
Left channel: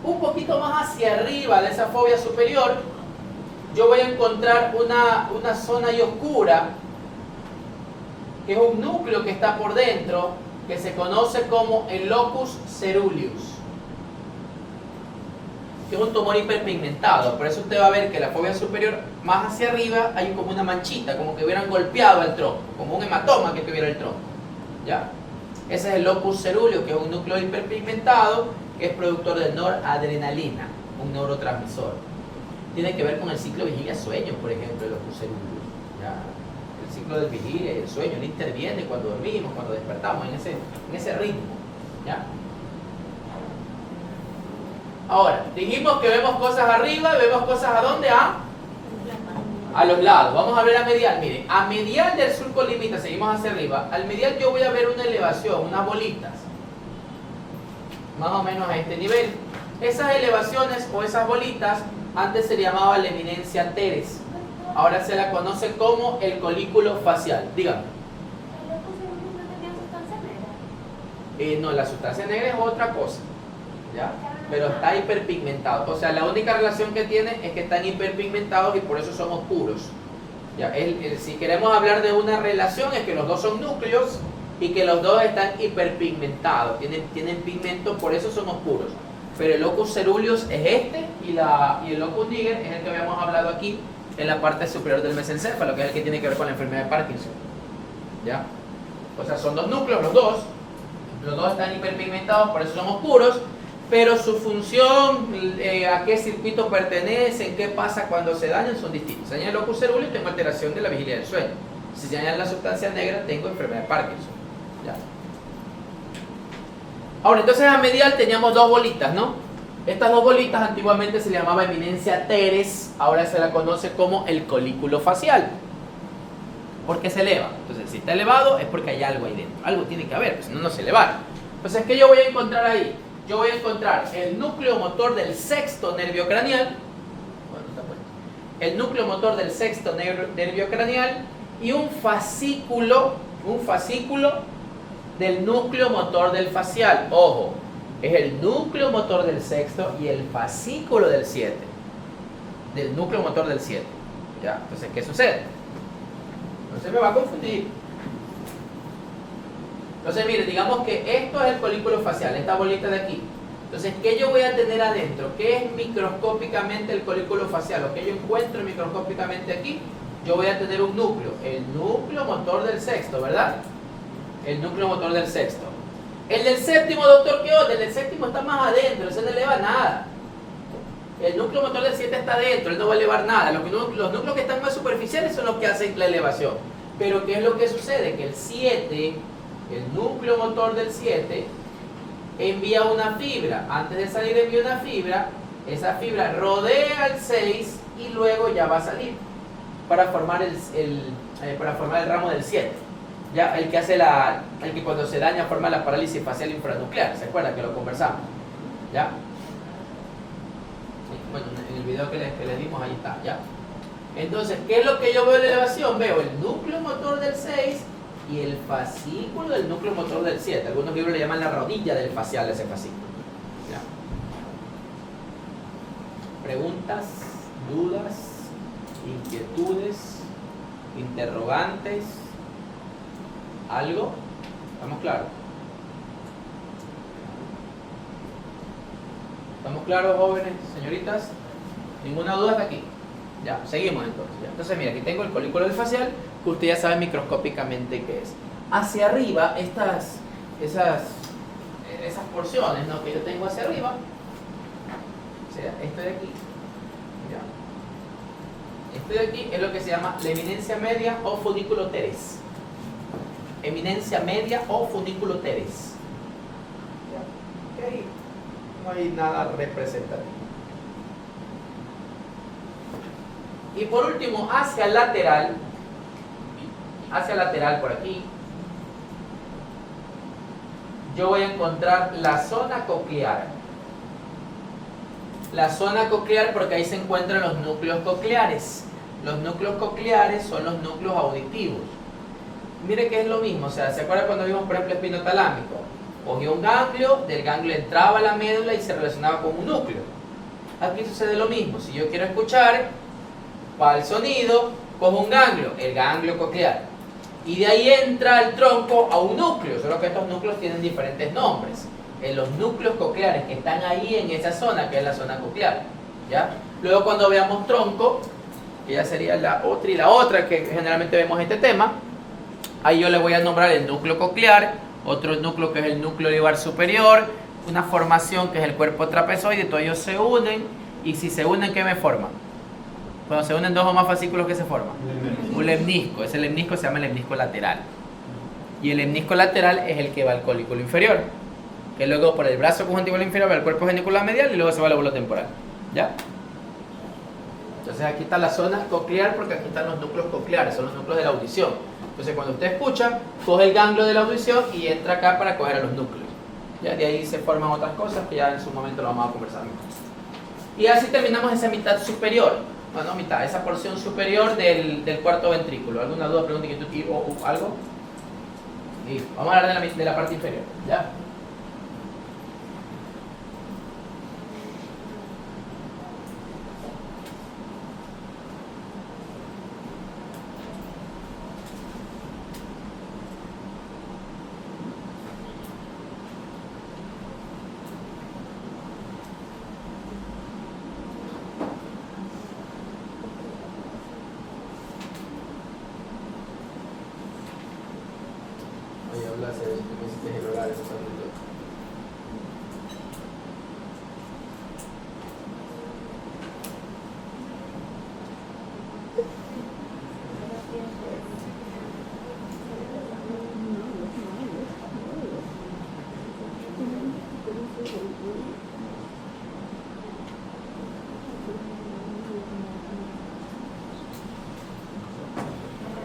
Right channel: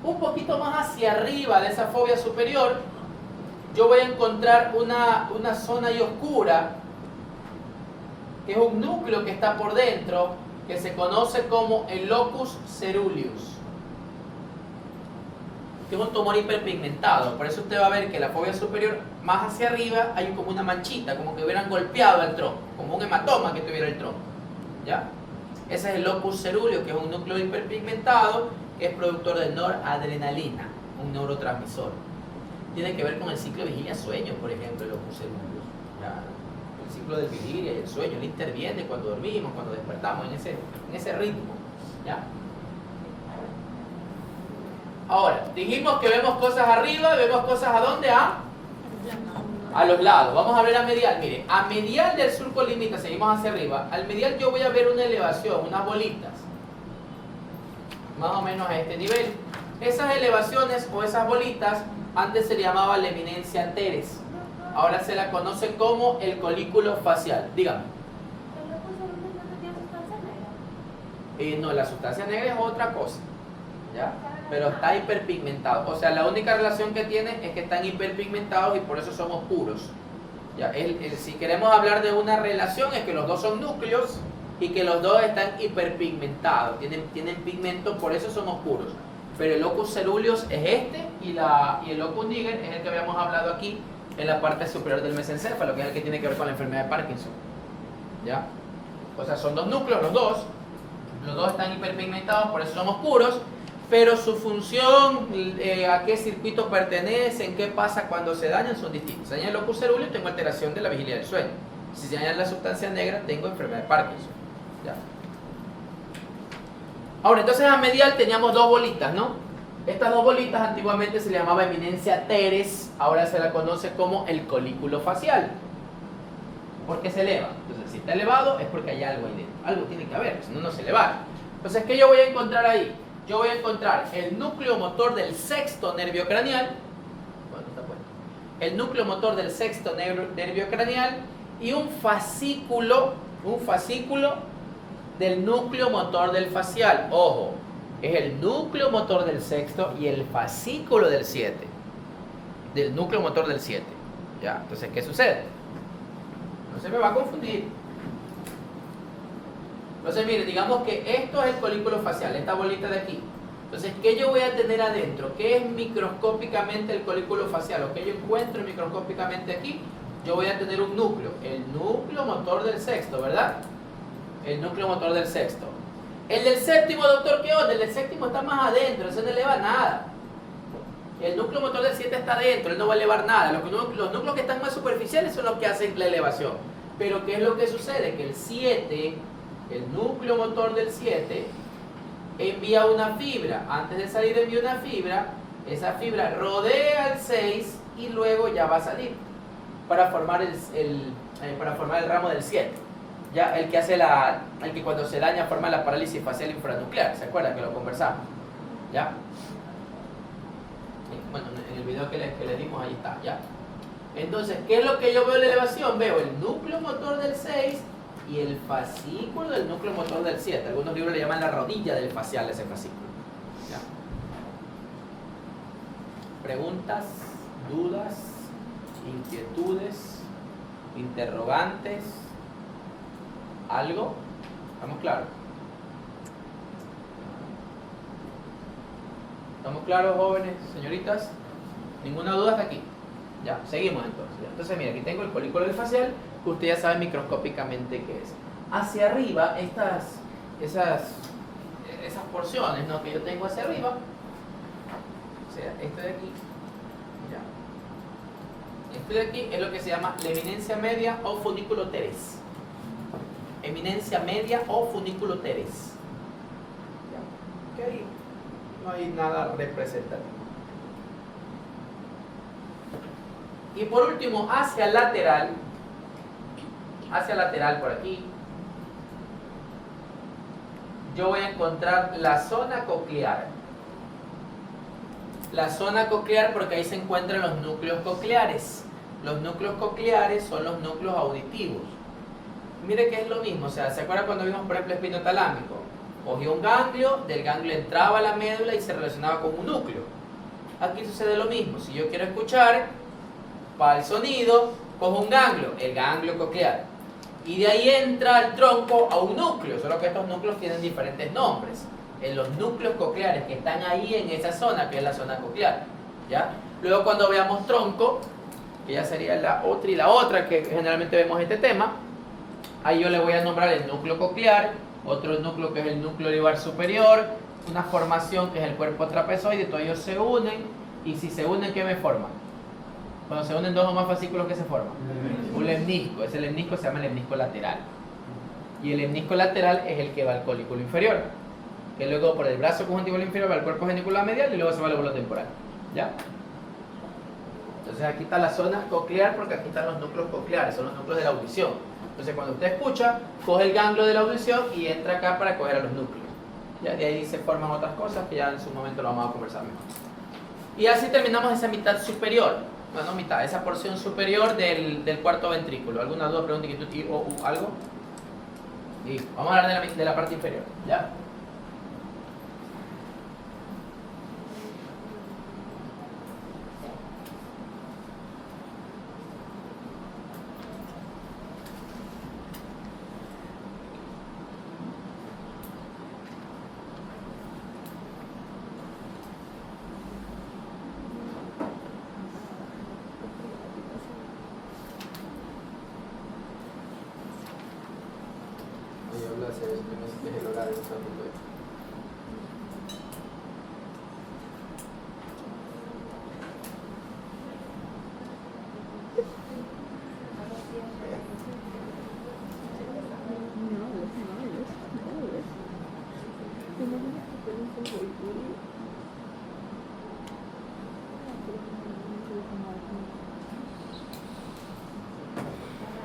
un poquito más hacia arriba de esa fobia superior, yo voy a encontrar una zona ahí oscura, que es un núcleo que está por dentro, que se conoce como el locus ceruleus, que es un tumor hiperpigmentado. Por eso usted va a ver que la fobia superior, más hacia arriba, hay como una manchita, como que hubieran golpeado al tronco, como un hematoma que tuviera el tronco. ¿Ya? Ese es el locus ceruleus, que es un núcleo hiperpigmentado, que es productor de noradrenalina, un neurotransmisor. Tiene que ver con el ciclo vigilia-sueño, por ejemplo, el locus ceruleus. ¿Ya? El ciclo del vigilia y el sueño, él interviene cuando dormimos, cuando despertamos, en ese ritmo. ¿Ya? Ahora, dijimos que vemos cosas arriba y vemos cosas ¿a dónde? A los lados. Vamos a ver a medial. Mire, a medial del surco limita, seguimos hacia arriba. Al medial yo voy a ver una elevación, unas bolitas. Más o menos a este nivel. Esas elevaciones o esas bolitas antes se llamaba la eminencia teres. Ahora se la conoce como el colículo facial. Dígame. ¿El locus ceruleus no tenía sustancia negra? No, la sustancia negra es otra cosa. ¿Ya? Pero está hiperpigmentado. O sea, la única relación que tiene es que están hiperpigmentados y por eso son oscuros. ¿Ya? Si queremos hablar de una relación es que los dos son núcleos y que los dos están hiperpigmentados. Tienen pigmento, por eso son oscuros. Pero el locus ceruleus es este y el locus niger es el que habíamos hablado aquí en la parte superior del mesencéfalo, que es el que tiene que ver con la enfermedad de Parkinson. ¿Ya? O sea, son dos núcleos, los dos. Los dos están hiperpigmentados, por eso son oscuros. Pero su función, a qué circuito pertenecen, qué pasa cuando se dañan, son distintos. Si daña el locus ceruleus, tengo alteración de la vigilia del sueño. Si se daña la sustancia negra, tengo enfermedad de Parkinson. ¿Ya? Ahora, entonces a medial teníamos dos bolitas, ¿no? Estas dos bolitas antiguamente se le llamaba eminencia teres, ahora se la conoce como el colículo facial. ¿Por qué se eleva? Entonces, si está elevado es porque hay algo ahí dentro. Algo tiene que haber, si no, no se eleva. Entonces, ¿qué yo voy a encontrar ahí? Yo voy a encontrar el núcleo motor del sexto nervio craneal, el núcleo motor del sexto nervio craneal y un fascículo del núcleo motor del facial. Ojo, es el núcleo motor del sexto y el fascículo del 7, del núcleo motor del 7. ¿Ya? Entonces, ¿qué sucede? No se me va a confundir. Entonces, mire, digamos que esto es el colículo facial, esta bolita de aquí. Entonces, ¿qué yo voy a tener adentro? ¿Qué es microscópicamente el colículo facial? Lo que yo encuentro microscópicamente aquí, yo voy a tener un núcleo, el núcleo motor del sexto, ¿verdad? El núcleo motor del sexto. El del séptimo, doctor, ¿qué onda? El del séptimo está más adentro, ese no eleva nada. El núcleo motor del 7 está adentro, él no va a elevar nada. Los núcleos que están más superficiales son los que hacen la elevación. Pero, ¿qué es lo que sucede? Que el 7... el núcleo motor del 7 envía una fibra. Antes de salir envía una fibra. Esa fibra rodea al 6 y luego ya va a salir para formar el ramo del 7. Ya el que hace el que cuando se daña forma la parálisis facial infranuclear. ¿Se acuerdan que lo conversamos? ¿Ya? Bueno, en el video que les dimos ahí está, ¿ya? Entonces, ¿qué es lo que yo veo en la elevación? Veo el núcleo motor del 6 y el fascículo del núcleo motor del 7. Algunos libros le llaman la rodilla del facial a ese fascículo. ¿Ya? ¿Preguntas, dudas, inquietudes, interrogantes? ¿Algo? ¿Estamos claros? ¿Estamos claros, jóvenes, señoritas? ¿Ninguna duda hasta aquí? Ya, seguimos entonces. ¿Ya? Entonces, mira, aquí tengo el colículo del facial, que usted ya sabe microscópicamente qué es. Hacia arriba, esas porciones, ¿no?, que yo tengo hacia arriba, o sea, esto de aquí, ¿ya? Esto de aquí es lo que se llama la eminencia media o funículo teres. Eminencia media o funículo teres. ¿Ya? Que ahí no hay nada representativo. Y por último, hacia lateral por aquí, yo voy a encontrar la zona coclear. La zona coclear porque ahí se encuentran los núcleos cocleares. Los núcleos cocleares son los núcleos auditivos. Mire que es lo mismo, o sea, ¿se acuerdan cuando vimos por ejemplo espinotalámico? Cogía un ganglio, del ganglio entraba a la médula y se relacionaba con un núcleo. Aquí sucede lo mismo. Si yo quiero escuchar para el sonido, cojo un ganglio, el ganglio coclear. Y de ahí entra el tronco a un núcleo, solo que estos núcleos tienen diferentes nombres. En los núcleos cocleares que están ahí en esa zona, que es la zona coclear. ¿Ya? Luego cuando veamos tronco, que ya sería la otra y la otra que generalmente vemos este tema, ahí yo le voy a nombrar el núcleo coclear, otro núcleo que es el núcleo olivar superior, una formación que es el cuerpo trapezoide, todos ellos se unen, y si se unen, ¿qué me forman? Cuando se unen dos o más fascículos, ¿qué se forma? Un lemnisco. Ese lemnisco se llama lemnisco lateral. Y el lemnisco lateral es el que va al colículo inferior, que luego por el brazo conjuntival inferior va al cuerpo genicular medial y luego se va al lóbulo temporal. ¿Ya? Entonces aquí está la zona coclear porque aquí están los núcleos cocleares, son los núcleos de la audición. Entonces cuando usted escucha, coge el ganglio de la audición y entra acá para coger a los núcleos. Ya de ahí se forman otras cosas que ya en su momento lo vamos a conversar mejor. Y así terminamos esa mitad superior. Bueno, mitad, esa porción superior del cuarto ventrículo. ¿Alguna duda, pregunta, inquietud o algo? Listo. Vamos a hablar de la parte inferior. ¿Ya?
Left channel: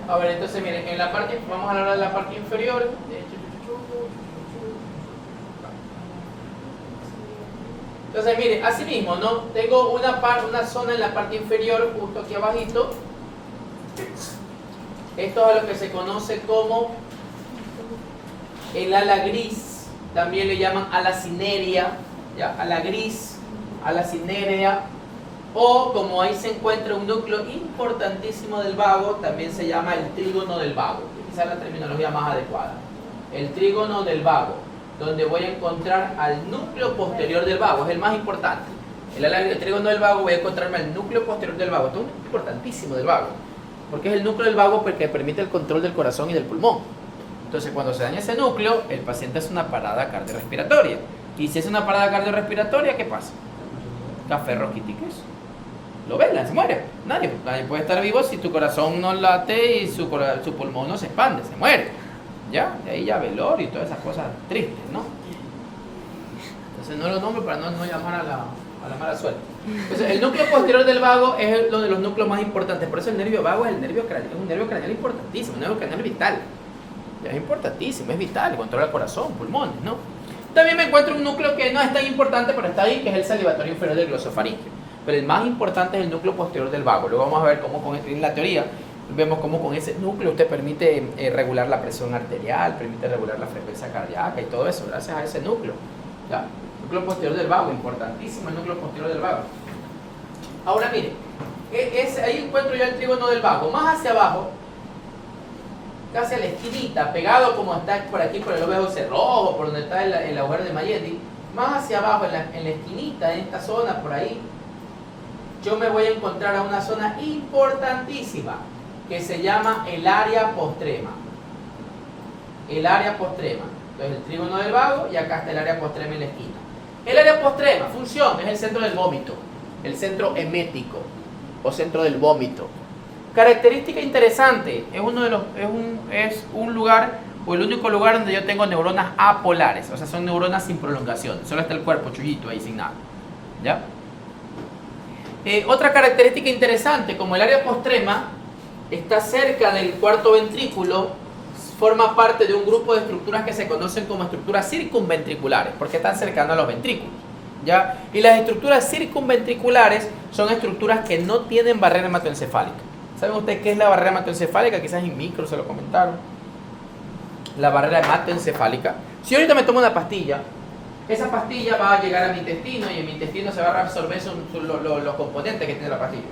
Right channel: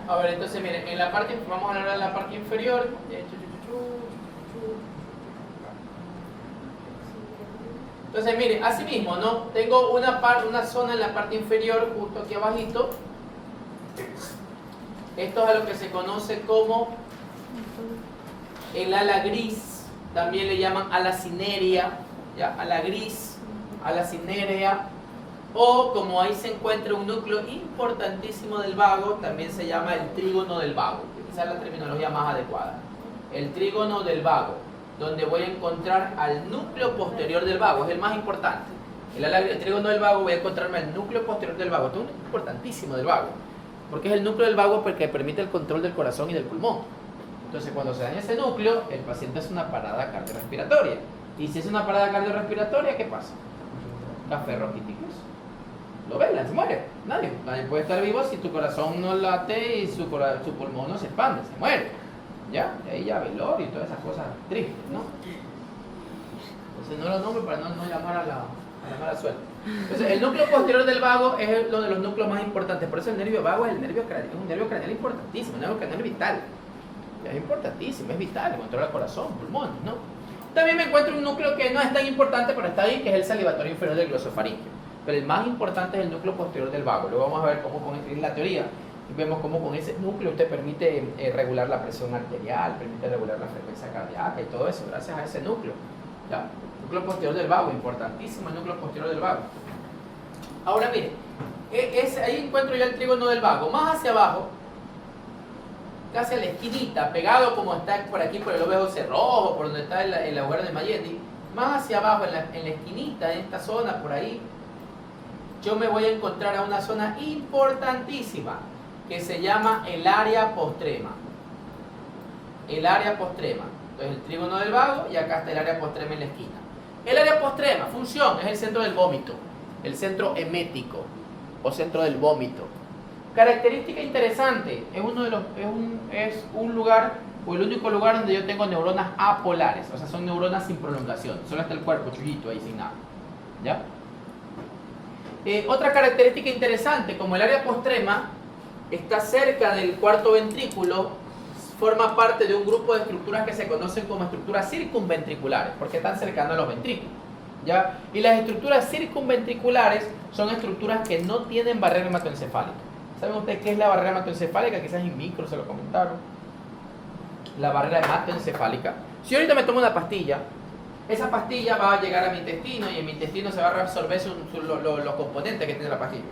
A ver, entonces miren, en la parte, vamos a hablar de la parte inferior. Entonces miren, así mismo, ¿no? Tengo una zona en la parte inferior, justo aquí abajito. Esto es a lo que se conoce como el ala gris, también le llaman ala cinerea, ¿ya? Ala gris, ala cinerea, o como ahí se encuentra un núcleo importantísimo del vago, también se llama el trígono del vago, que quizás es la terminología más adecuada. El trígono del vago, donde voy a encontrar al núcleo posterior del vago, es el más importante. El trígono del vago voy a encontrarme al núcleo posterior del vago, esto es importantísimo del vago, porque es el núcleo del vago que permite el control del corazón y del pulmón. Entonces cuando se daña ese núcleo, el paciente hace una parada cardiorrespiratoria. Y si es una parada cardiorrespiratoria, ¿qué pasa? Café roquitiques. Lo vela, se muere. Nadie puede estar vivo si tu corazón no late y su pulmón no se expande, se muere. ¿Ya? De ahí ya velorio y todas esas cosas tristes, ¿no? Entonces no lo nombro para no llamar a la mala suerte. Entonces el núcleo posterior del vago es uno de los núcleos más importantes. Por eso el nervio vago es un nervio craneal importantísimo, un nervio craneal vital. Es importantísimo, es vital, controla el corazón, pulmones, ¿no? También me encuentro un núcleo que no es tan importante, pero está ahí, que es el salivatorio inferior del glosofaringeo. Pero el más importante es el núcleo posterior del vago. Luego vamos a ver cómo en la teoría vemos cómo con ese núcleo usted permite regular la presión arterial, permite regular la frecuencia cardíaca y todo eso, gracias a ese núcleo. ¿Ya? Núcleo posterior del vago, importantísimo el núcleo posterior del vago. Ahora mire, ahí encuentro ya el trígono del vago. Más hacia abajo, casi a la esquinita, pegado como está por aquí por el lóbulo cerrojo, por donde está el agujero de Mayetti, más hacia abajo, en la esquinita, en esta zona, por ahí, yo me voy a encontrar a una zona importantísima que se llama el área postrema. El área postrema. Entonces el trígono del vago y acá está el área postrema en la esquina. El área postrema, función, es el centro del vómito, el centro emético o centro del vómito. Característica interesante, es un lugar o el único lugar donde yo tengo neuronas apolares, o sea, son neuronas sin prolongación, solo está el cuerpo chullito ahí sin nada. ¿Ya? Otra característica interesante, como el área postrema está cerca del cuarto ventrículo, forma parte de un grupo de estructuras que se conocen como estructuras circunventriculares, porque están cercanas a los ventrículos. ¿Ya? Y las estructuras circunventriculares son estructuras que no tienen barrera hematoencefálica. ¿Saben ustedes qué es la barrera hematoencefálica? Quizás en micro se lo comentaron. la barrera hematoencefálica. Si yo ahorita me tomo una pastilla, esa pastilla va a llegar a mi intestino y en mi intestino se va a reabsorber los componentes que tiene la pastilla.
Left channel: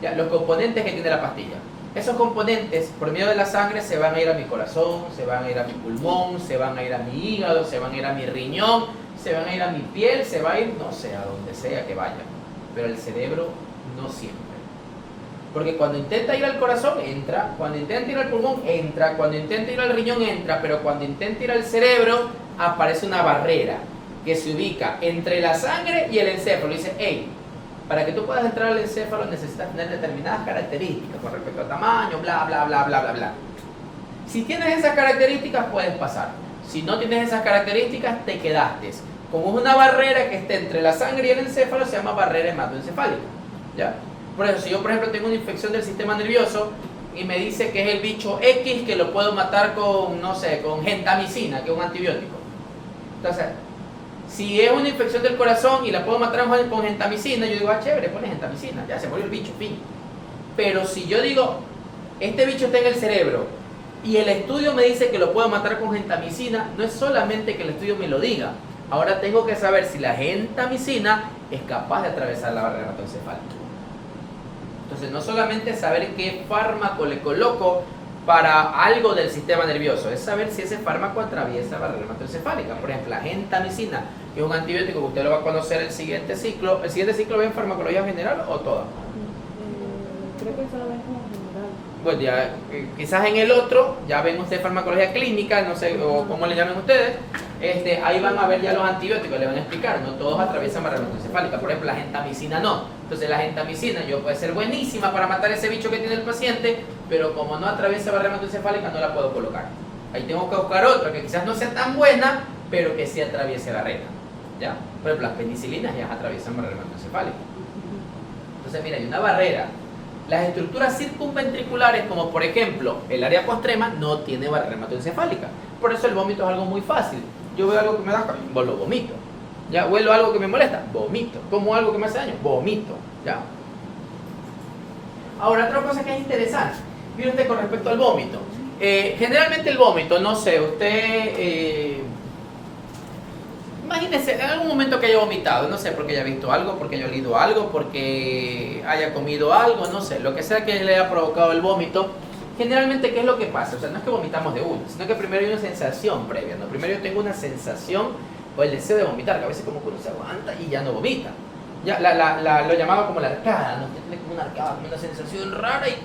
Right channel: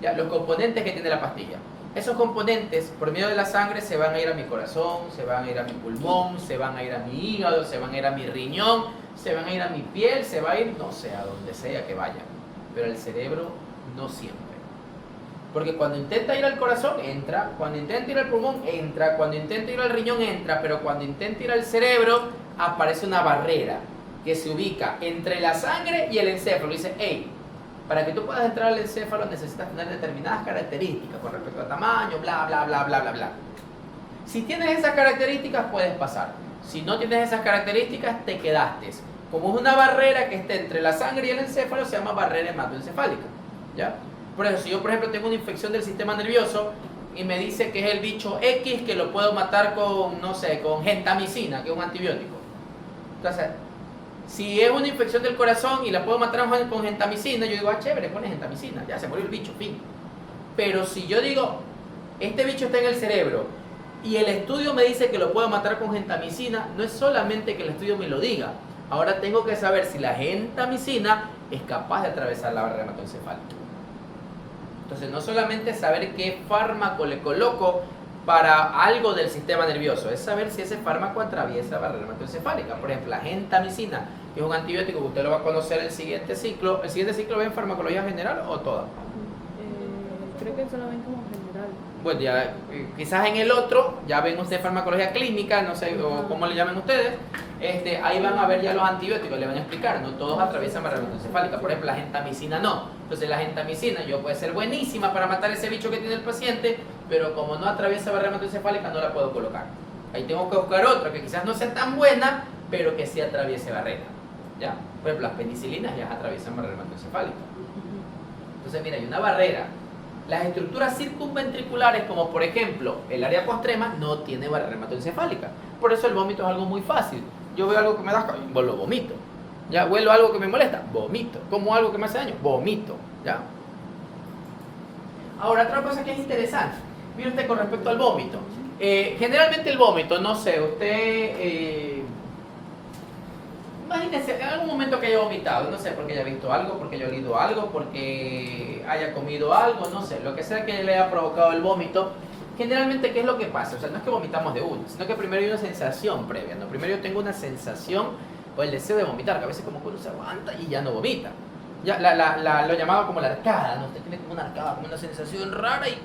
Ya, los componentes que tiene la pastilla. Esos componentes, por medio de la sangre, se van a ir a mi corazón, se van a ir a mi pulmón, se van a ir a mi hígado, se van a ir a mi riñón, se van a ir a mi piel, se va a ir, no sé, a donde sea que vaya. Pero el cerebro no siempre. Porque cuando intenta ir al corazón, entra. Cuando intenta ir al pulmón, entra. Cuando intenta ir al riñón, entra. Pero cuando intenta ir al cerebro, aparece una barrera que se ubica entre la sangre y el encéfalo. Dice, hey, para que tú puedas entrar al encéfalo necesitas tener determinadas características con respecto al tamaño, bla, bla, bla, bla, bla, bla. Si tienes esas características, puedes pasar. Si no tienes esas características, te quedaste. Como es una barrera que esté entre la sangre y el encéfalo, se llama barrera hematoencefálica. ¿Ya? Por eso, si yo, por ejemplo, tengo una infección del sistema nervioso y me dice que es el bicho X que lo puedo matar con, no sé, con gentamicina, que es un antibiótico. Entonces, si es una infección del corazón y la puedo matar con gentamicina, yo digo, ah, chévere, pone gentamicina, ya se murió el bicho, fin. Pero si yo digo, este bicho está en el cerebro y el estudio me dice que lo puedo matar con gentamicina, no es solamente que el estudio me lo diga. Ahora tengo que saber si la gentamicina es capaz de atravesar la barrera hematoencefálica. Entonces, no solamente saber qué fármaco le coloco para algo del sistema nervioso, es saber si ese fármaco atraviesa la barrera hematoencefálica. Por ejemplo, la gentamicina, que es un antibiótico que usted lo va a conocer el siguiente ciclo. ¿El siguiente ciclo ve en farmacología general o toda? Creo que solamente como general. Pues ya, quizás en el otro, ya ven ustedes farmacología clínica, no sé, o cómo le llaman ustedes, ahí van a ver ya los antibióticos, le van a explicar, no todos atraviesan barrera hematoencefálica. Por ejemplo, la gentamicina no. Entonces la gentamicina puede ser buenísima para matar ese bicho que tiene el paciente, pero como no atraviesa barrera hematoencefálica no la puedo colocar. Ahí tengo que buscar otra que quizás no sea tan buena, pero que sí atraviese barrera. ¿Ya? Por ejemplo, las penicilinas ya atraviesan barrera hematoencefálica. Entonces mira, hay una barrera. Las estructuras circunventriculares, como por ejemplo el área postrema, no tiene barrera hematoencefálica. Por eso el vómito es algo muy fácil. Yo veo algo que me da calor, lo vomito. Ya, huelo algo que me molesta, vomito. Como algo que me hace daño, vomito. Ya. Ahora, otra cosa que es interesante, mire usted con respecto al vómito. Generalmente el vómito, no sé, usted imagínese en algún momento que haya vomitado, no sé, porque haya visto algo, porque haya olido algo, porque haya comido algo, no sé, lo que sea que le haya provocado el vómito. Generalmente, ¿qué es lo que pasa? O sea, no es que vomitamos de uno, sino que primero hay una sensación previa, ¿no? Primero yo tengo una sensación o el deseo de vomitar, que a veces como que uno se aguanta y ya no vomita. Ya lo llamaba como la arcada, ¿no? Usted tiene como una arcada, como una sensación rara y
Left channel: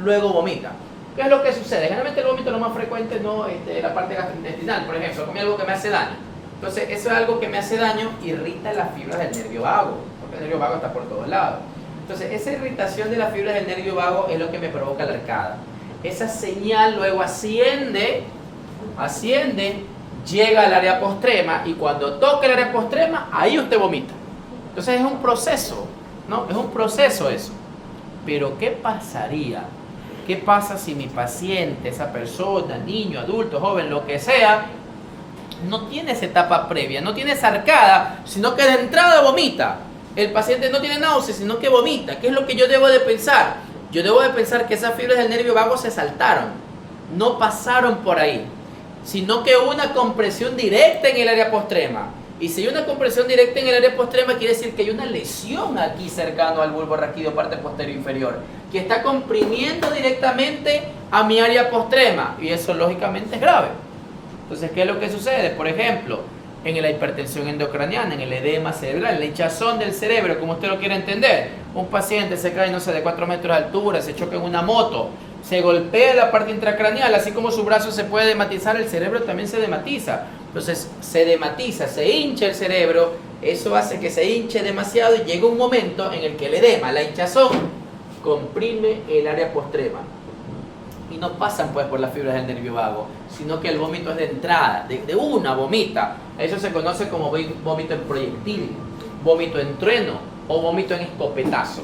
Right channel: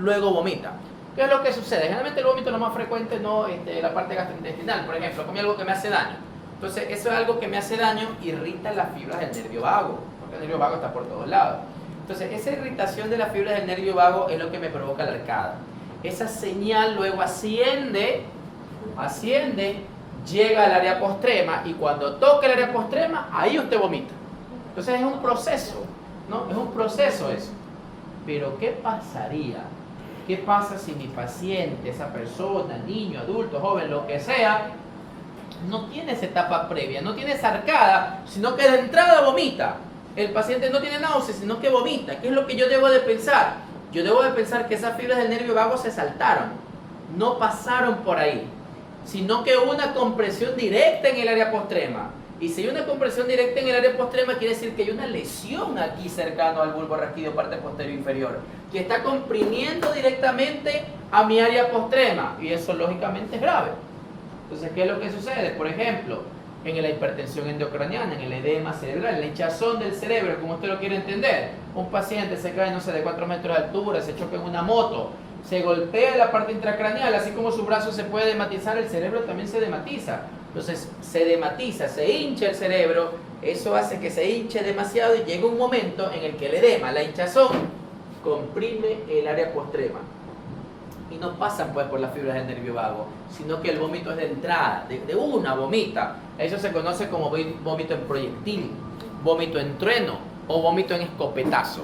luego vomita. ¿Qué es lo que sucede? Generalmente el vómito es lo más frecuente, ¿no? La parte gastrointestinal, por ejemplo, comí algo que me hace daño. Entonces, eso es algo que me hace daño, irrita las fibras del nervio vago, porque el nervio vago está por todos lados. Entonces, esa irritación de las fibras del nervio vago es lo que me provoca la arcada. Esa señal luego asciende, llega al área postrema y cuando toca el área postrema, ahí usted vomita. Entonces es un proceso, ¿no? Es un proceso eso. Pero ¿qué pasaría? ¿Qué pasa si mi paciente, esa persona, niño, adulto, joven, lo que sea, no tiene esa etapa previa, no tiene esa arcada, sino que de entrada vomita? El paciente no tiene náuseas, sino que vomita. ¿Qué es lo que yo debo de pensar? Yo debo de pensar que esas fibras del nervio vago se saltaron, no pasaron por ahí, sino que hubo una compresión directa en el área postrema. Y si hay una compresión directa en el área postrema, quiere decir que hay una lesión aquí cercano al bulbo raquídeo, parte posterior inferior, que está comprimiendo directamente a mi área postrema, y eso lógicamente es grave. Entonces, ¿qué es lo que sucede? Por ejemplo, en la hipertensión endocraniana, en el edema cerebral, en la hinchazón del cerebro, como usted lo quiere entender. Un paciente se cae, no sé, de 4 metros de altura, se choca en una moto, se golpea la parte intracraneal, así como su brazo se puede dematizar, el cerebro también se dematiza. Entonces se dematiza, se hincha el cerebro, eso hace que se hinche demasiado y llega un momento en el que el edema, la hinchazón, comprime el área postrema. Y no pasan pues por las fibras del nervio vago, sino que el vómito es de entrada, de una vomita. Eso se conoce como vómito en proyectil, vómito en trueno o vómito en escopetazo.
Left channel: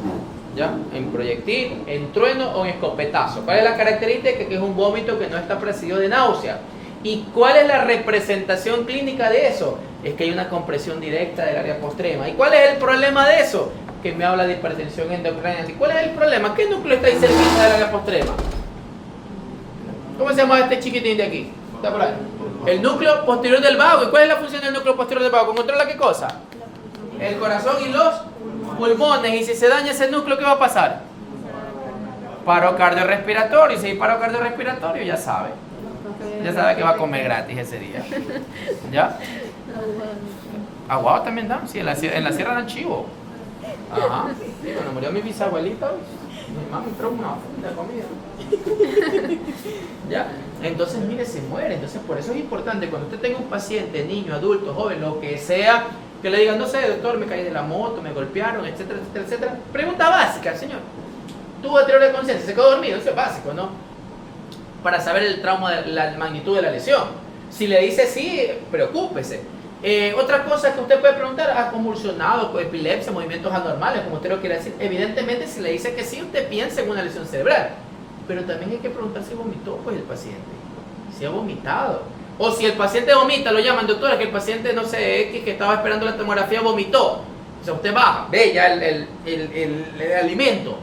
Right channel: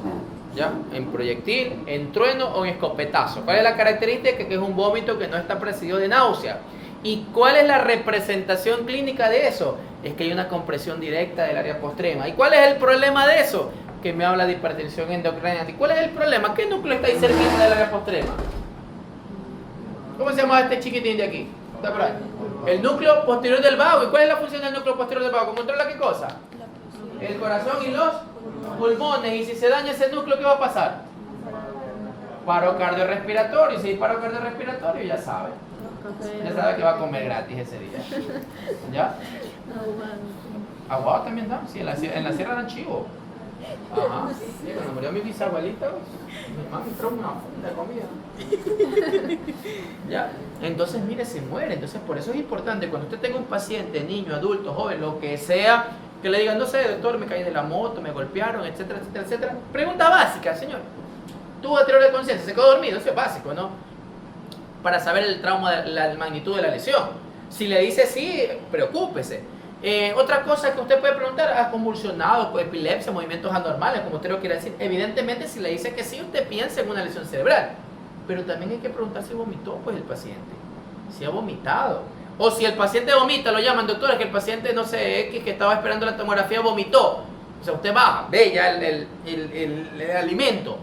¿Ya? En proyectil, en trueno o en escopetazo. ¿Cuál es la característica? Que es un vómito que no está precedido de náusea. ¿Y cuál es la representación clínica de eso? Es que hay una compresión directa del área postrema. ¿Y cuál es el problema de eso? Que me habla de hipertensión endocraniana. ¿Y cuál es el problema? ¿Qué núcleo está ahí cerquita del área postrema? ¿Cómo se llama este chiquitín de aquí? Está por ahí. El núcleo posterior del vago. ¿Y cuál es la función del núcleo posterior del vago? ¿Controla qué cosa? El corazón y los pulmones. Y si se daña ese núcleo, ¿qué va a pasar? Paro cardiorrespiratorio. Y si hay paro cardiorrespiratorio, ya sabe. Ya sabe que va a comer gratis ese día. ¿Ya? Aguado también dan. Sí, en la sierra dan chivo. Ajá. Sí, cuando murió mi bisabuelita, mi mami trajo una funda de comida. ¿Ya? Entonces, mire, se muere. Entonces, por eso es importante, cuando usted tenga un paciente, niño, adulto, joven, lo que sea, que le digan, no sé, doctor, me caí de la moto, me golpearon, etcétera, etcétera, etcétera. Pregunta básica, señor. ¿Tuvo deterioro de conciencia? ¿Se quedó dormido? Eso es básico, ¿no? Para saber el trauma, la magnitud de la lesión. Si le dice sí, preocúpese. Otra cosa que usted puede preguntar, ¿ha convulsionado, epilepsia, movimientos anormales, como usted lo quiere decir? Evidentemente, si le dice que sí, usted piensa en una lesión cerebral. Pero también hay que preguntar si vomitó, pues, el paciente. Si ha vomitado. O si el paciente vomita, lo llaman, doctora, que el paciente, no sé, X, que estaba esperando la tomografía, vomitó. O sea, usted va, ve ya el alimento.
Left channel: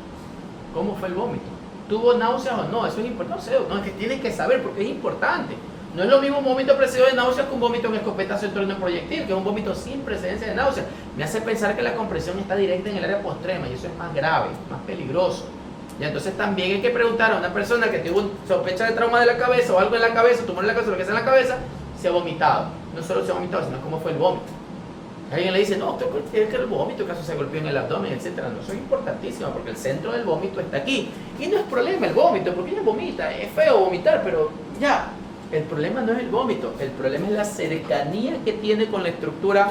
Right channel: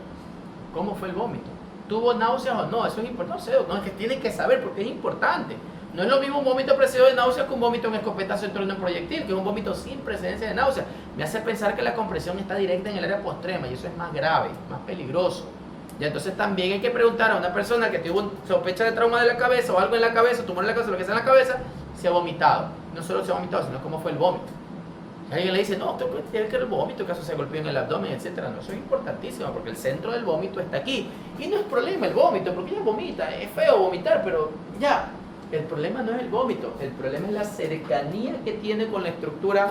¿Cómo fue el vómito? ¿Tuvo náuseas o no? Eso es importante. No, es que tienen que saber porque es importante. No es lo mismo un vómito precedido de náuseas que un vómito en escopetazo en torno a un proyectil, que es un vómito sin precedencia de náuseas. Me hace pensar que la compresión está directa en el área postrema y eso es más grave, más peligroso. Y entonces también hay que preguntar a una persona que tuvo sospecha de trauma de la cabeza o algo en la cabeza, tumor en la cabeza, lo que sea en la cabeza, si ha vomitado. No solo si ha vomitado, sino cómo fue el vómito. Alguien le dice, no, doctor, tiene que el vómito, que se golpeó en el abdomen, etc. No, eso es importantísimo porque el centro del vómito está aquí. Y no es problema el vómito, porque ella vomita, es feo vomitar, pero ya. El problema no es el vómito, el problema es la cercanía que tiene con la estructura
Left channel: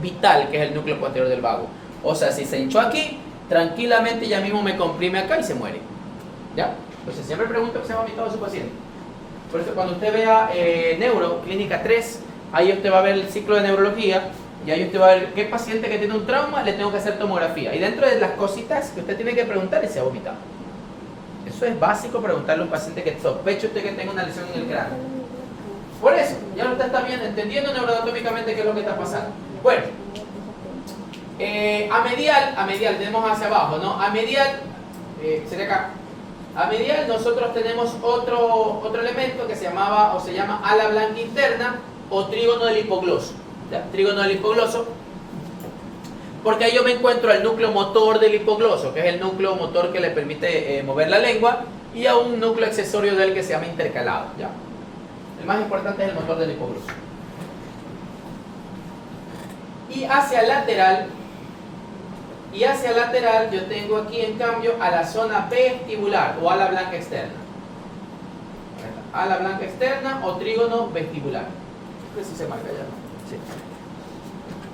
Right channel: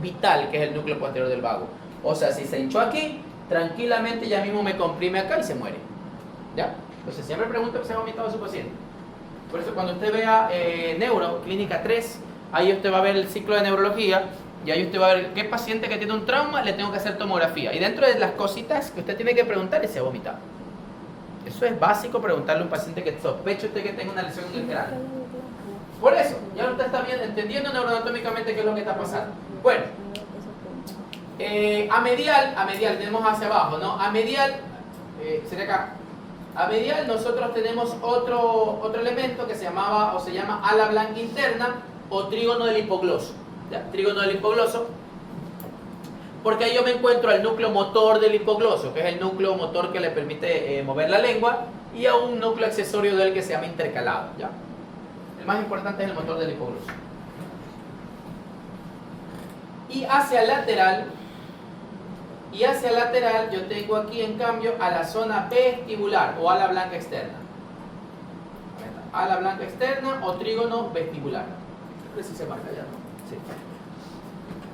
vital, que es el núcleo posterior del vago. O sea, si se hinchó aquí, tranquilamente ya mismo me comprime acá y se muere. ¿Ya? Entonces siempre pregunta si ha vomitado a su paciente. Por eso cuando usted vea Neuro, Clínica 3, ahí usted va a ver el ciclo de neurología y ahí usted va a ver qué paciente que tiene un trauma le tengo que hacer tomografía. Y dentro de las cositas que usted tiene que preguntar es si ha vomitado. Eso es básico preguntarle a un paciente que sospeche usted que tenga una lesión en el cráneo. Por eso, ya usted está bien entendiendo neuroanatómicamente qué es lo que está pasando. Bueno, a medial tenemos hacia abajo, ¿no? A medial, sería acá. A medial nosotros tenemos otro elemento que se llamaba o se llama ala blanca interna o trígono del hipogloso. ¿Ya? Trígono del hipogloso. Porque ahí yo me encuentro al núcleo motor del hipogloso, que es el núcleo motor que le permite mover la lengua, y a un núcleo accesorio de él que se llama intercalado. ¿Ya? El más importante es el motor del hipogloso. Y hacia lateral yo tengo aquí en cambio a la zona vestibular o ala blanca externa. Ala blanca externa o trígono vestibular. Creo que sí se marca ya, ¿no? Sí.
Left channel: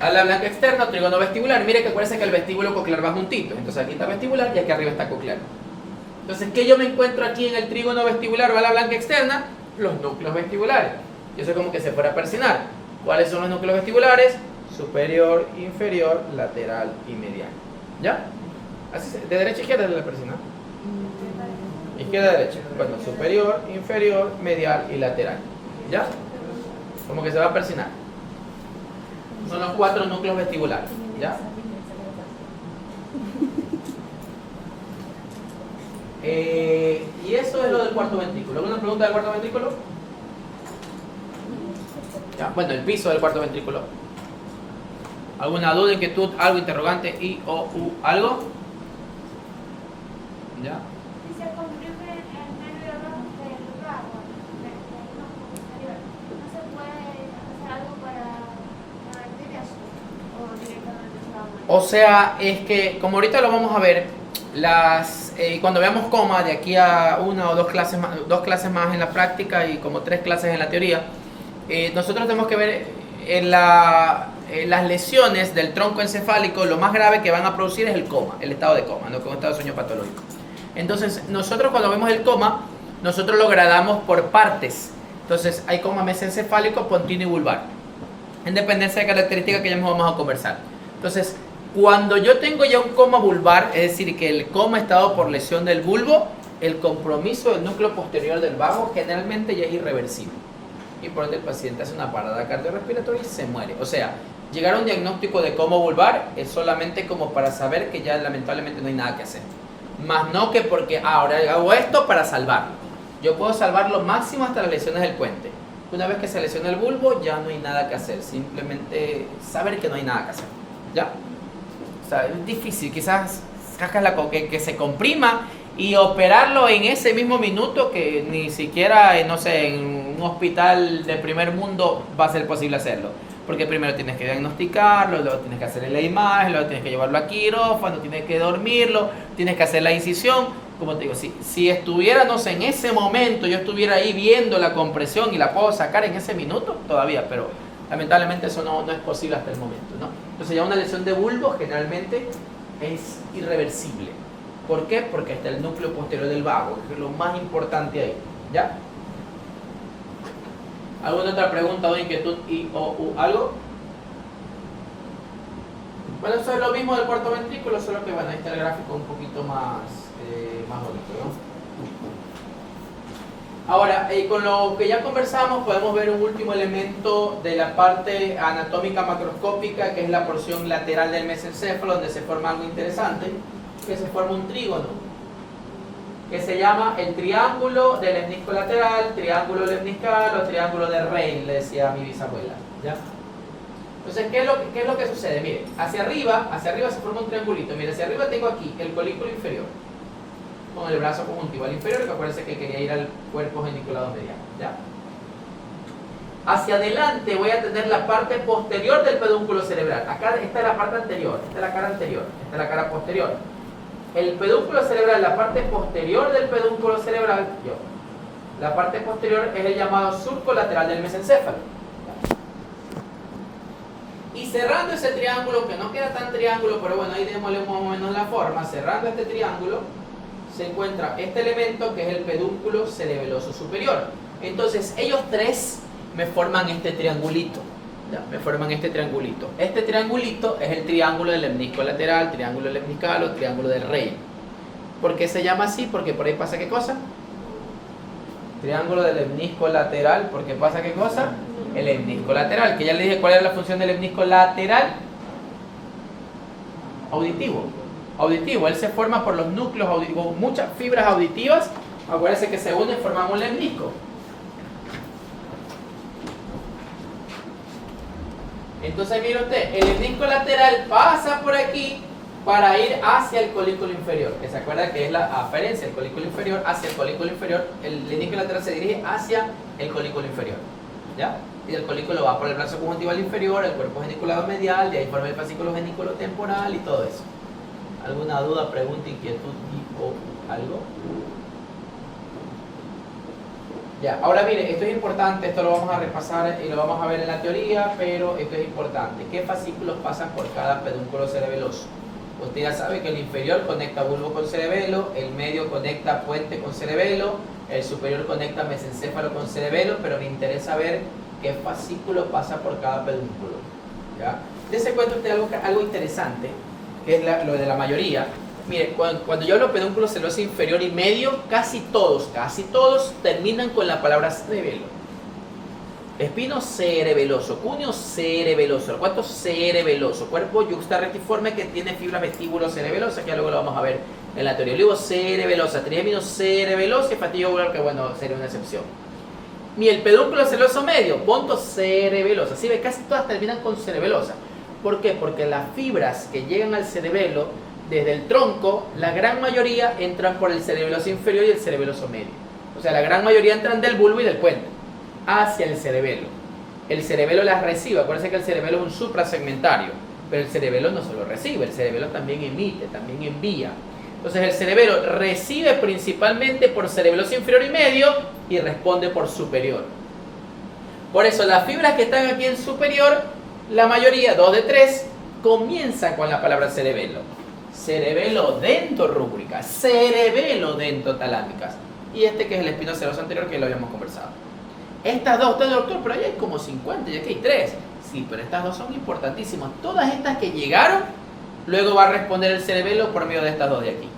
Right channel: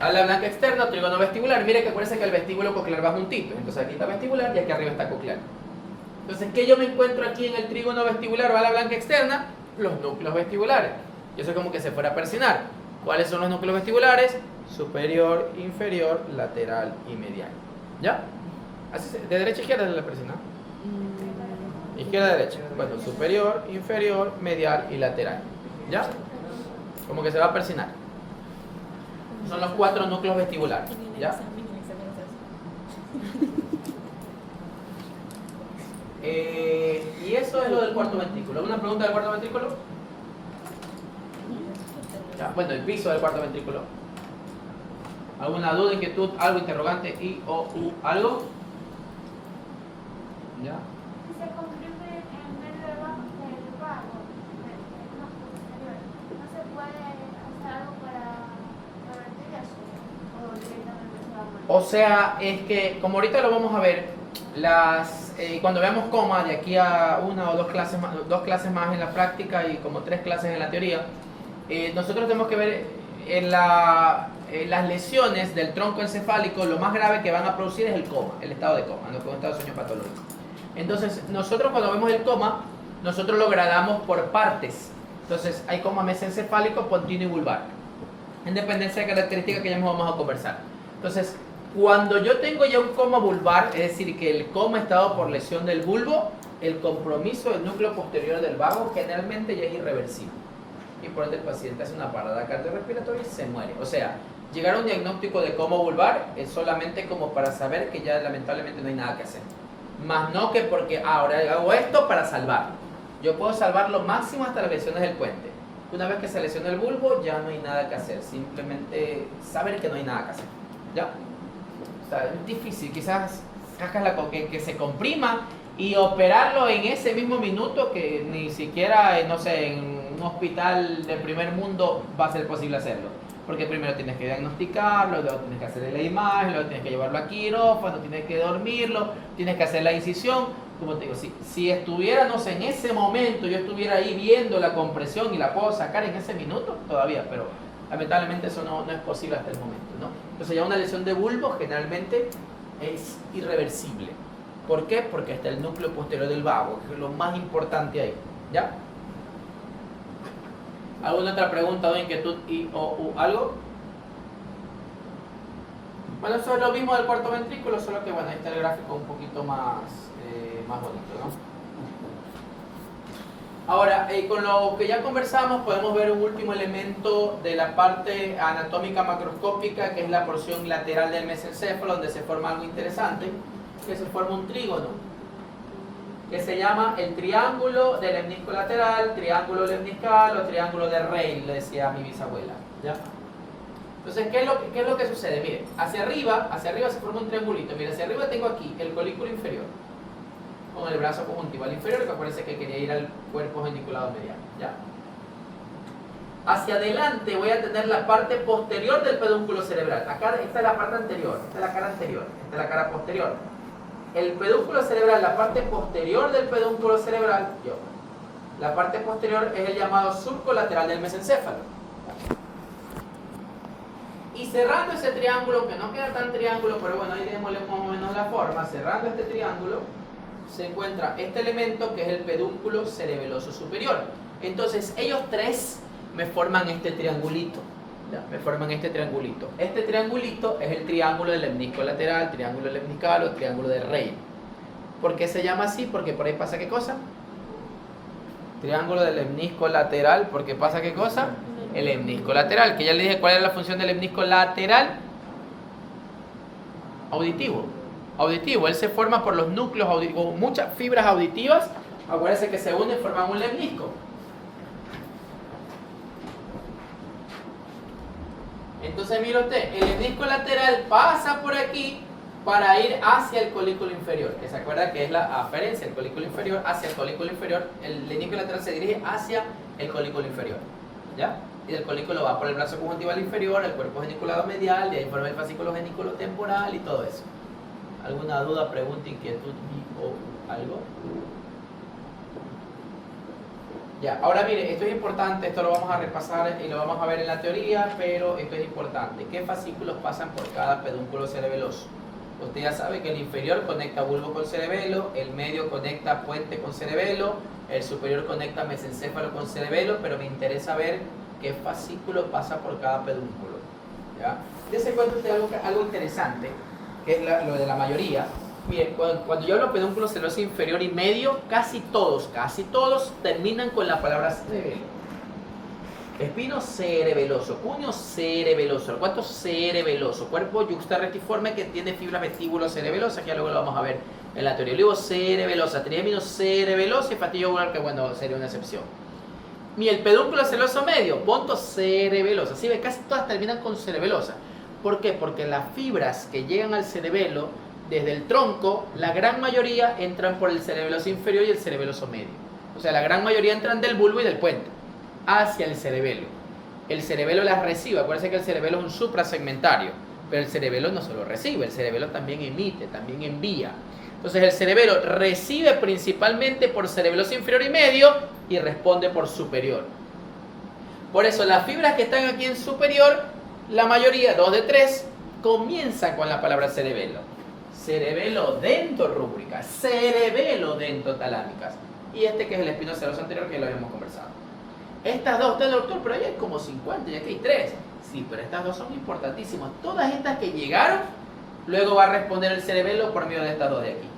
Ala blanca externa, trígono vestibular. Mire que acuérdense que el vestíbulo coclear va juntito. Entonces aquí está vestibular y aquí arriba está coclear. Entonces, ¿qué yo me encuentro aquí en el trígono vestibular o ala blanca externa? Los núcleos vestibulares. Yo sé como que se fuera a persinar. ¿Cuáles son los núcleos vestibulares? Superior, inferior, lateral y mediano. ¿Ya? Así, de derecha a izquierda es la persina. Izquierda a derecha. Bueno, superior, inferior, medial y lateral. ¿Ya? Como que se va a persinar. Son los 4 núcleos vestibulares. ¿Ya? Y eso es lo del cuarto ventrículo. ¿Alguna pregunta del cuarto ventrículo? Ya, bueno, el piso del cuarto ventrículo. ¿Alguna duda, inquietud, algo, interrogante, y o u, algo? ¿Ya? Si se comprime el nervio del vago, no posterior, ¿no se puede hacer algo para revertir eso? ¿O directamente se va a morir? O sea, es que, como ahorita lo vamos a ver, cuando veamos coma, de aquí a una o dos clases más en la práctica y como 3 clases en la teoría, nosotros tenemos que ver en las lesiones del tronco encefálico, lo más grave que van a producir es el coma, el estado de coma, no como estado de sueño patológico. Entonces, nosotros cuando vemos el coma, nosotros lo gradamos por partes. Entonces, hay coma mesencefálico, pontino y vulvar, en dependencia de características que ya mismo vamos a conversar. Entonces, cuando yo tengo ya un coma vulvar, es decir, que el coma está dado por lesión del bulbo, el compromiso del núcleo posterior del vago generalmente ya es irreversible. Y por ende el paciente hace una parada cardiorrespiratoria y se muere. O sea, llegar a un diagnóstico de coma vulvar es solamente como para saber que ya lamentablemente no hay nada que hacer. Más no que porque ahora hago esto para salvarlo. Yo puedo salvar lo máximo hasta las lesiones del puente. Una vez que se lesiona el bulbo, ya no hay nada que hacer. Simplemente saber que no hay nada que hacer. ¿Ya? O sea, es difícil. Quizás que se comprima y operarlo en ese mismo minuto, que ni siquiera, no sé, en un hospital de primer mundo va a ser posible hacerlo. Porque primero tienes que diagnosticarlo, luego tienes que hacerle la imagen, luego tienes que llevarlo a quirófano, tienes que dormirlo, tienes que hacer la incisión. Como te digo, si estuviera, no sé, en ese momento, yo estuviera ahí viendo la compresión y la puedo sacar en ese minuto, todavía, pero lamentablemente eso no es posible hasta el momento, ¿no? Entonces ya una lesión de bulbo generalmente es irreversible. ¿Por qué? Porque está el núcleo posterior del vago, que es lo más importante ahí, ¿ya? ¿Alguna otra pregunta o inquietud o algo? Bueno, eso es lo mismo del puerto ventrículo, solo que bueno, ahí está el gráfico un poquito más bonito, ¿no? Ahora, con lo que ya conversamos, podemos ver un último elemento de la parte anatómica macroscópica, que es la porción lateral del mesencéfalo, donde se forma algo interesante, que se forma un trígono, que se llama el triángulo del lemnisco lateral, triángulo lemniscal o triángulo de Reil, le decía a mi bisabuela, ¿ya? Entonces, ¿qué es lo que sucede? Mire, hacia arriba se forma un triangulito. Mire, hacia arriba tengo aquí el colículo inferior, con el brazo conjuntival inferior, que acuérdense que quería ir al cuerpo geniculado mediano, ¿ya? Hacia adelante voy a tener la parte posterior del pedúnculo cerebral. Acá, esta es la parte anterior, esta es la cara anterior, esta es la cara posterior. El pedúnculo cerebral, la parte posterior del pedúnculo cerebral, la parte posterior es el llamado surco lateral del mesencéfalo. Y cerrando ese triángulo, que no queda tan triángulo, pero bueno, ahí démosle más o menos la forma, cerrando este triángulo, se encuentra este elemento que es el pedúnculo cerebeloso superior. Entonces, ellos tres me forman este triangulito. ¿Ya? Me forman este triangulito. Este triangulito es el triángulo del lemnisco lateral, triángulo lemniscal o triángulo del Reil. ¿Por qué se llama así? Porque por ahí pasa ¿qué cosa? Triángulo del lemnisco lateral, porque pasa ¿qué cosa? El lemnisco lateral, que ya le dije cuál es la función del lemnisco lateral. Auditivo. Auditivo, él se forma por los núcleos auditivos, muchas fibras auditivas, acuérdense que se unen y forman un lemnisco. Entonces mire usted, el lemnisco lateral pasa por aquí para ir hacia el colículo inferior. ¿Se acuerda que es la aferencia? El colículo inferior hacia el colículo inferior. El lemnisco lateral se dirige hacia el colículo inferior, ¿ya? Y del colículo va por el brazo conjuntival inferior, el cuerpo geniculado medial, de ahí forma el fascículo geniculotemporal y todo eso. ¿Alguna duda, pregunta, inquietud o algo? Ya, ahora mire, esto es importante, esto lo vamos a repasar y lo vamos a ver en la teoría, pero esto es importante. ¿Qué fascículos pasan por cada pedúnculo cerebeloso? Usted ya sabe que el inferior conecta bulbo con cerebelo, el medio conecta puente con cerebelo, el superior conecta mesencéfalo con cerebelo, pero me interesa ver qué fascículo pasa por cada pedúnculo. ¿Ya? Dése cuenta usted algo interesante, que es lo de la mayoría. Mire, cuando yo hablo de pedúnculo cerebeloso inferior y medio, casi todos terminan con la palabra cerebelo. Espino cerebeloso, cuneo cerebeloso, arcuato cerebeloso, cuerpo yuxtarretiforme que tiene fibras vestíbulo-cerebelosas, que ya luego lo vamos a ver en la teoría. Luego cerebelosa, triémino cerebeloso y fastidio ovular, que bueno, sería una excepción. Ni el pedúnculo cerebeloso medio, ponto cerebelosa, ¿sí? Casi todas terminan con cerebelosa. ¿Por qué? Porque las fibras que llegan al cerebelo desde el tronco, la gran mayoría entran por el cerebeloso inferior y el cerebeloso medio. O sea, la gran mayoría entran del bulbo y del puente hacia el cerebelo. El cerebelo las recibe. Acuérdense que el cerebelo es un suprasegmentario, pero el cerebelo no solo recibe, el cerebelo también emite, también envía. Entonces el cerebelo recibe principalmente por cerebeloso inferior y medio y responde por superior. Por eso las fibras que están aquí en superior, la mayoría, 2 de 3, comienzan con la palabra cerebelo. Cerebelo dentorrúbricas, cerebelo dentotalámicas. Y este que es el espino cerebeloso anterior, que lo habíamos conversado. Estas dos, usted doctor, pero ya hay como 50, ya que hay 3. Sí, pero estas dos son importantísimas. Todas estas que llegaron, luego va a responder el cerebelo por medio de estas dos de aquí.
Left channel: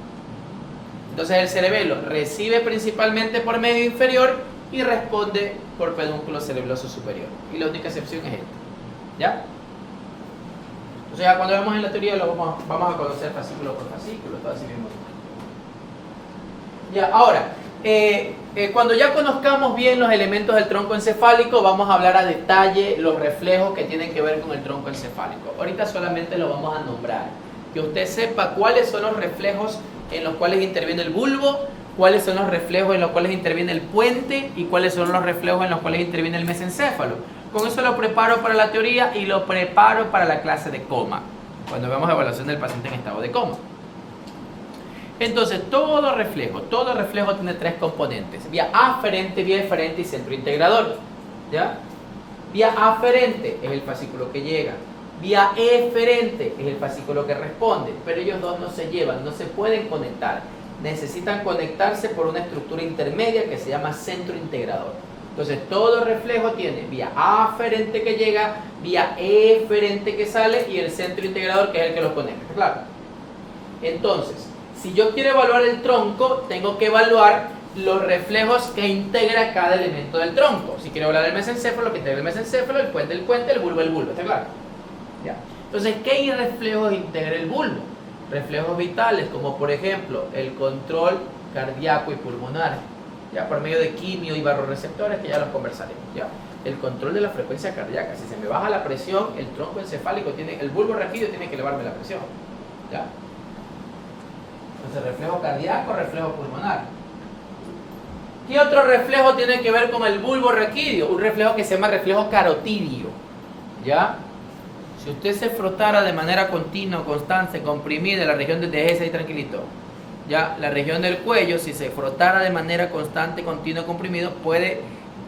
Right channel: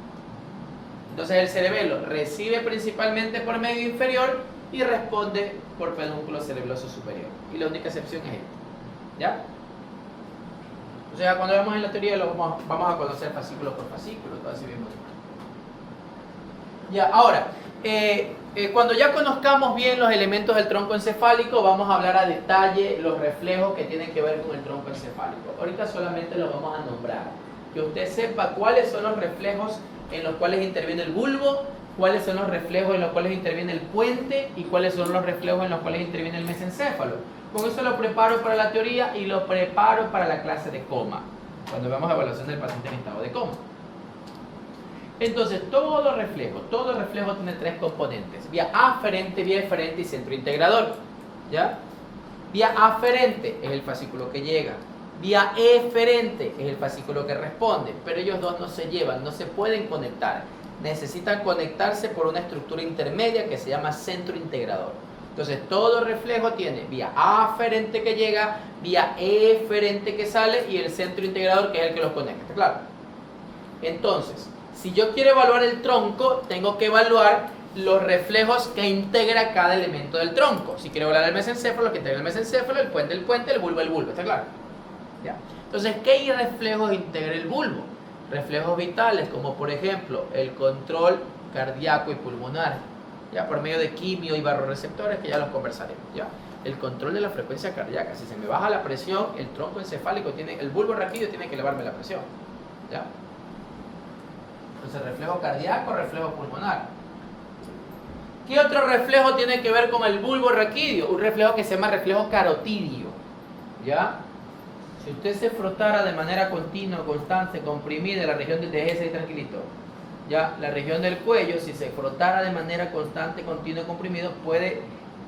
Entonces el cerebelo recibe principalmente por medio inferior y responde por pedúnculo cerebeloso superior. Y la única excepción es esta. ¿Ya? Entonces ya cuando vemos en la teoría lo vamos a conocer fascículo por fascículo, todo así mismo. Ya, ahora, Cuando ya conozcamos bien los elementos del tronco encefálico, vamos a hablar a detalle los reflejos que tienen que ver con el tronco encefálico. Ahorita solamente lo vamos a nombrar. Que usted sepa cuáles son los reflejos en los cuales interviene el bulbo, cuáles son los reflejos en los cuales interviene el puente y cuáles son los reflejos en los cuales interviene el mesencéfalo. Con eso lo preparo para la teoría y lo preparo para la clase de coma, cuando veamos evaluación del paciente en estado de coma. Entonces, todo reflejo tiene tres componentes: vía aferente, vía eferente y centro integrador. ¿Ya? Vía aferente es el fascículo que llega, vía eferente es el fascículo que responde, pero ellos dos no se llevan, no se pueden conectar. Necesitan conectarse por una estructura intermedia que se llama centro integrador. Entonces, todo reflejo tiene vía aferente que llega, vía eferente que sale y el centro integrador que es el que los conecta. ¿Claro? Entonces, si yo quiero evaluar el tronco, tengo que evaluar los reflejos que integra cada elemento del tronco. Si quiero evaluar el mesencéfalo, que integra el mesencéfalo, el puente, el bulbo, ¿está claro? ¿Ya? Entonces, ¿qué reflejos integra el bulbo? Reflejos vitales, como por ejemplo el control cardíaco y pulmonar, ya por medio de quimio y barroreceptores, que ya los conversaremos. ¿Ya? El control de la frecuencia cardíaca. Si se me baja la presión, el tronco encefálico el bulbo raquídeo tiene que elevarme la presión. ¿Ya? Entonces, reflejo cardíaco, reflejo pulmonar. ¿Qué otro reflejo tiene que ver con el bulbo raquídeo? Un reflejo que se llama reflejo carotidio. ¿Ya? Si usted se frotara de manera continua, constante, comprimida la región del déjese ahí tranquilito. Ya, la región del cuello, si se frotara de manera constante, continua, comprimido, puede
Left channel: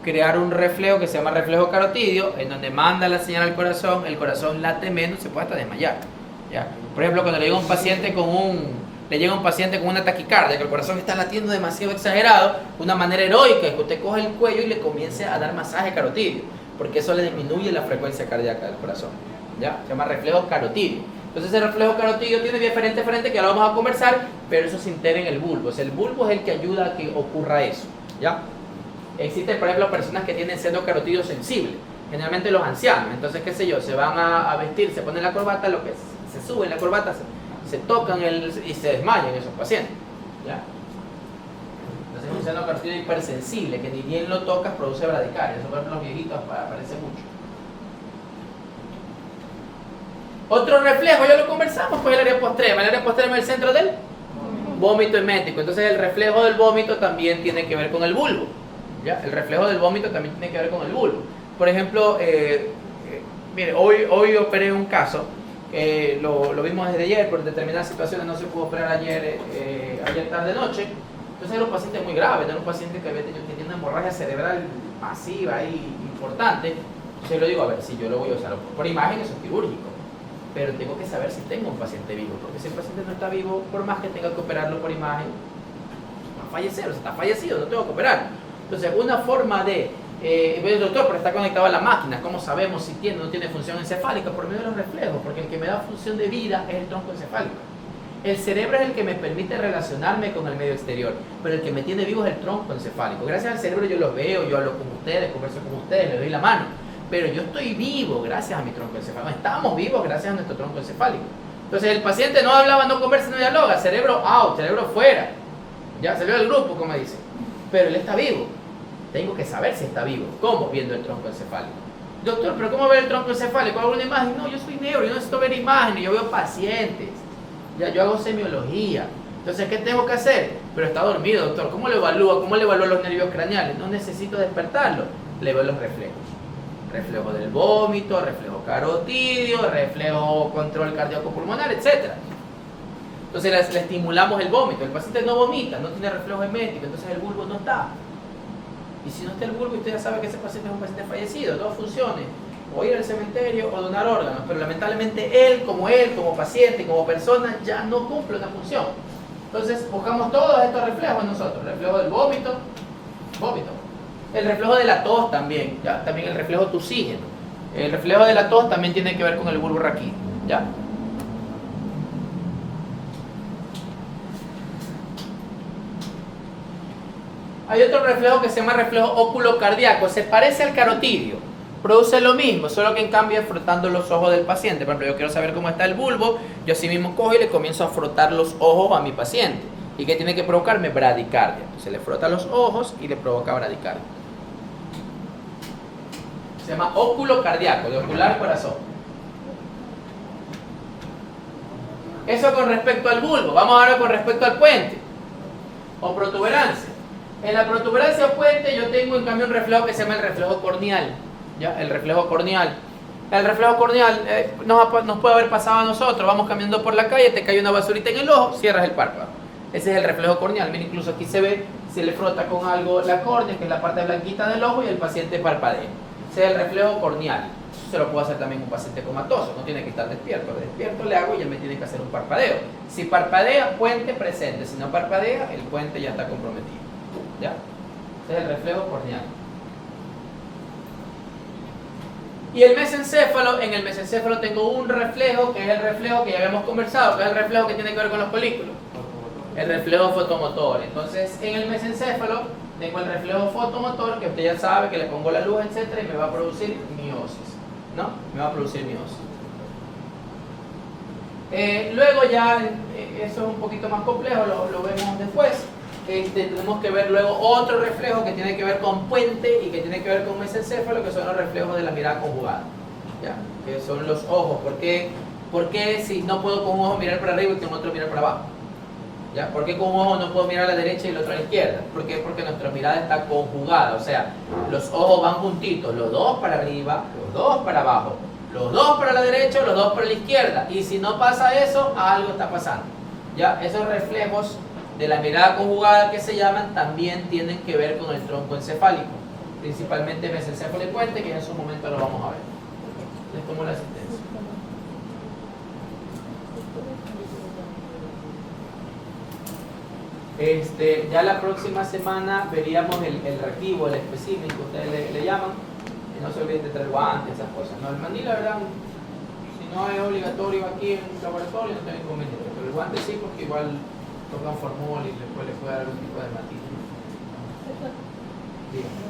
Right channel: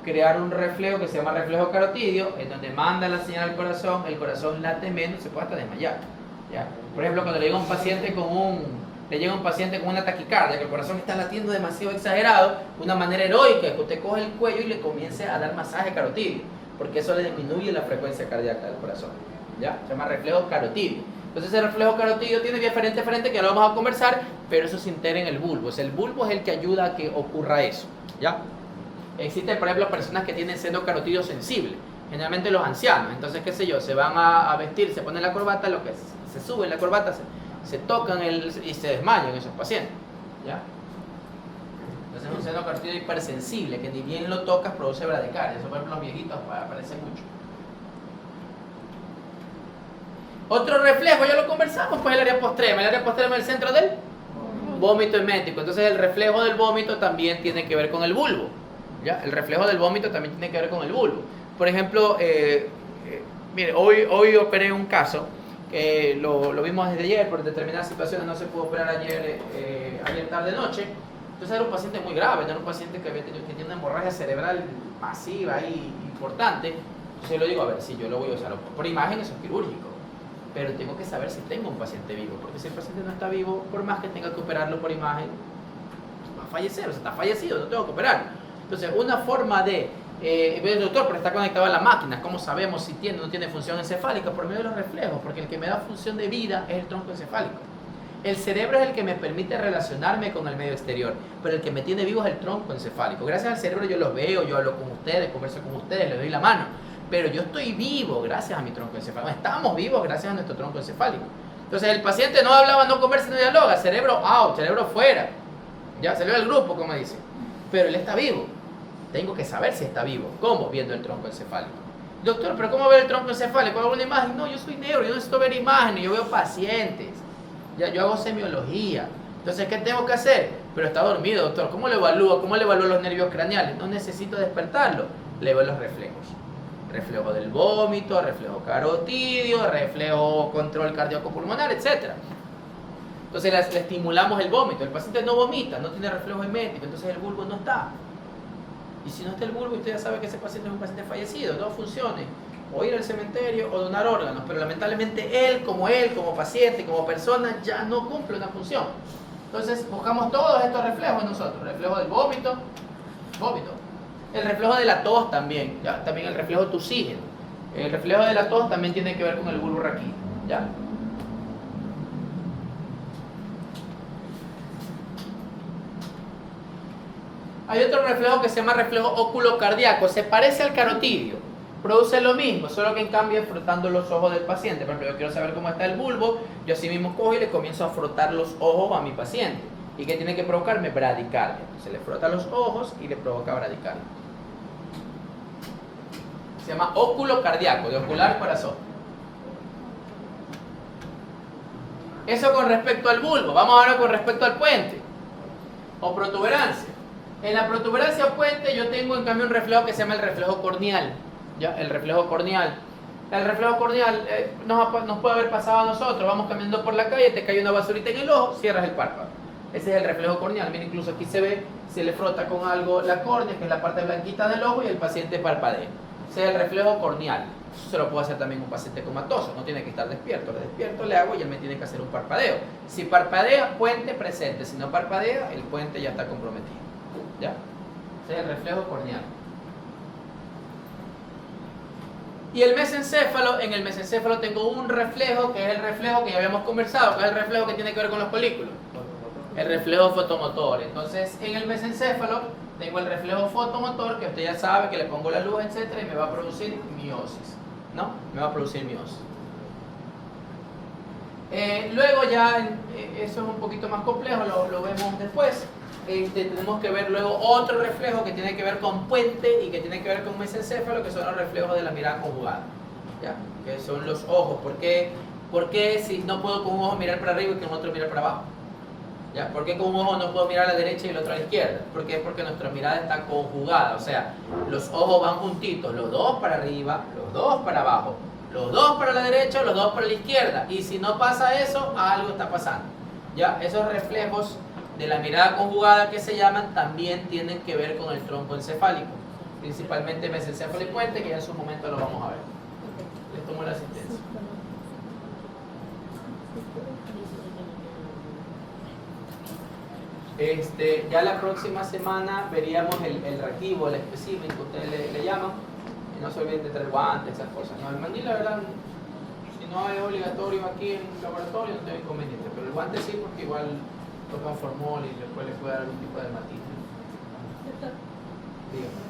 crear un reflejo que se llama reflejo carotidio, en donde manda la señal al corazón, el corazón late menos, se puede hasta desmayar. ¿Ya? Por ejemplo, cuando le llega un paciente con una taquicardia, que el corazón está latiendo demasiado exagerado, una manera heroica es que usted coge el cuello y le comience a dar masaje carotidio, porque eso le disminuye la frecuencia cardíaca del corazón. ¿Ya? Se llama reflejo carotidio. Entonces, ese reflejo carotidio tiene diferente frente, que ahora vamos a conversar, pero eso se integra en el bulbo. O sea, el bulbo es el que ayuda a que ocurra eso. ¿Ya? Existen, por ejemplo, personas que tienen seno carotidio sensible, generalmente los ancianos. Entonces, qué sé yo, se van a vestir, se ponen la corbata, lo que se sube la corbata, se tocan y se desmayan esos pacientes. ¿Ya? Entonces, es un seno carotidio hipersensible, que ni bien lo tocas produce bradicardia. Eso, por ejemplo, los viejitos aparece mucho. Otro reflejo, ya lo conversamos, pues el área postrema. El área postrema es el centro del vómito emético. Entonces, el reflejo del vómito también tiene que ver con el bulbo. ¿Ya? El reflejo del vómito también tiene que ver con el bulbo. Por ejemplo, mire, hoy operé un caso, lo vimos desde ayer, por determinadas situaciones no se pudo operar ayer tarde-noche. Entonces era un paciente muy grave, era un paciente que tiene una hemorragia cerebral masiva y importante. Entonces yo le digo, a ver, si yo lo voy a usar por imagen, eso es quirúrgico, pero tengo que saber si tengo un paciente vivo, porque si el paciente no está vivo, por más que tenga que operarlo por imagen, va a fallecer, o sea, está fallecido, no tengo que operar. Entonces, una forma de, doctor, pero está conectado a la máquina, ¿cómo sabemos si tiene o no tiene función encefálica? Por medio de los reflejos, porque el que me da función de vida es el tronco encefálico. El cerebro es el que me permite relacionarme con el medio exterior, pero el que me tiene vivo es el tronco encefálico. Gracias al cerebro yo los veo, yo hablo con ustedes, converso con ustedes, les doy la mano, pero yo estoy vivo gracias a mi tronco encefálico. Estamos vivos gracias a nuestro tronco encefálico. Entonces, el paciente no hablaba, no conversa, no dialoga, cerebro out, cerebro fuera, ya salió del grupo, como dicen, pero él está vivo. Tengo que saber si está vivo. ¿Cómo? Viendo el tronco encefálico. Doctor, ¿pero cómo ver el tronco encefálico? ¿Hago una imagen? No, yo soy neuro, yo no necesito ver imágenes, yo veo pacientes. Ya, yo hago semiología. Entonces, ¿qué tengo que hacer? Pero está dormido, doctor. ¿Cómo lo evalúo? ¿Cómo le evalúo los nervios craneales? No necesito despertarlo. Le veo los reflejos. Reflejo del vómito, reflejo carotidio, reflejo control cardíaco pulmonar, etc. Entonces, le estimulamos el vómito. El paciente no vomita, no tiene reflejo emético, entonces el bulbo no está. Y si no está el bulbo, usted ya sabe que ese paciente es un paciente fallecido. Dos funciones: o ir al cementerio o donar órganos. Pero lamentablemente él como paciente, como persona, ya no cumple una función. Entonces buscamos todos estos reflejos en nosotros. El reflejo del vómito. El reflejo de la tos también. ¿Ya? También el reflejo tusígeno. El reflejo de la tos también tiene que ver con el bulbo raquídeo. ¿Ya? Hay otro reflejo que se llama reflejo oculocardíaco. Se parece al carotidio, produce lo mismo, solo que en cambio es frotando los ojos del paciente. Por ejemplo, yo quiero saber cómo está el bulbo, yo así mismo cojo y le comienzo a frotar los ojos a mi paciente. ¿Y qué tiene que provocarme? Bradicardia. Se le frota los ojos y le provoca bradicardia. Se llama óculo cardíaco, de ocular corazón. Eso con respecto al bulbo. Vamos ahora con respecto al puente o protuberancia. En la protuberancia o puente yo tengo en cambio un reflejo que se llama el reflejo corneal. ¿Ya? El reflejo corneal. El reflejo corneal nos puede haber pasado a nosotros. Vamos caminando por la calle, te cae una basurita en el ojo, cierras el párpado. Ese es el reflejo corneal. Mira, incluso aquí se ve, se le frota con algo la córnea, que es la parte blanquita del ojo, y el paciente parpadea. Ese es el reflejo corneal. Eso se lo puede hacer también un paciente comatoso, no tiene que estar despierto. Despierto le hago y ya me tiene que hacer un parpadeo. Si parpadea, puente presente. Si no parpadea, el puente ya está comprometido. ¿Ya? Ese es el reflejo corneal. Y el mesencéfalo, en el mesencéfalo tengo un reflejo, que es el reflejo que ya habíamos conversado, que es el reflejo que tiene que ver con los folículos. El reflejo fotomotor. Entonces, en el mesencéfalo tengo el reflejo fotomotor, que usted ya sabe que le pongo la luz, etcétera, y me va a producir miosis. ¿No? Me va a producir miosis. Luego ya, eso es un poquito más complejo, lo vemos después. Tenemos que ver luego otro reflejo que tiene que ver con puente y que tiene que ver con mesencéfalo, que son los reflejos de la mirada conjugada. ¿Ya? Que son los ojos. ¿Por qué si no puedo con un ojo mirar para arriba y con otro mirar para abajo? ¿Ya? ¿Por qué con un ojo no puedo mirar a la derecha y el otro a la izquierda? ¿Por qué? Porque nuestra mirada está conjugada, o sea, los ojos van juntitos, los dos para arriba, los dos para abajo, los dos para la derecha, los dos para la izquierda. Y si no pasa eso, algo está pasando. ¿Ya? Esos reflejos de la mirada conjugada que se llaman también tienen que ver con el tronco encefálico, principalmente mesencéfalo y puente, que ya en su momento lo vamos a ver. Les tomo la asistencia. Ya la próxima semana veríamos el reactivo, el especímen que ustedes le llaman. Y no se olviden de traer guantes, esas cosas. No, el mandil, la verdad, si no es obligatorio aquí en un laboratorio, no tengo inconveniente. Pero el guante sí, porque igual toca un formol y después le puede dar algún tipo de matiz. Dígame.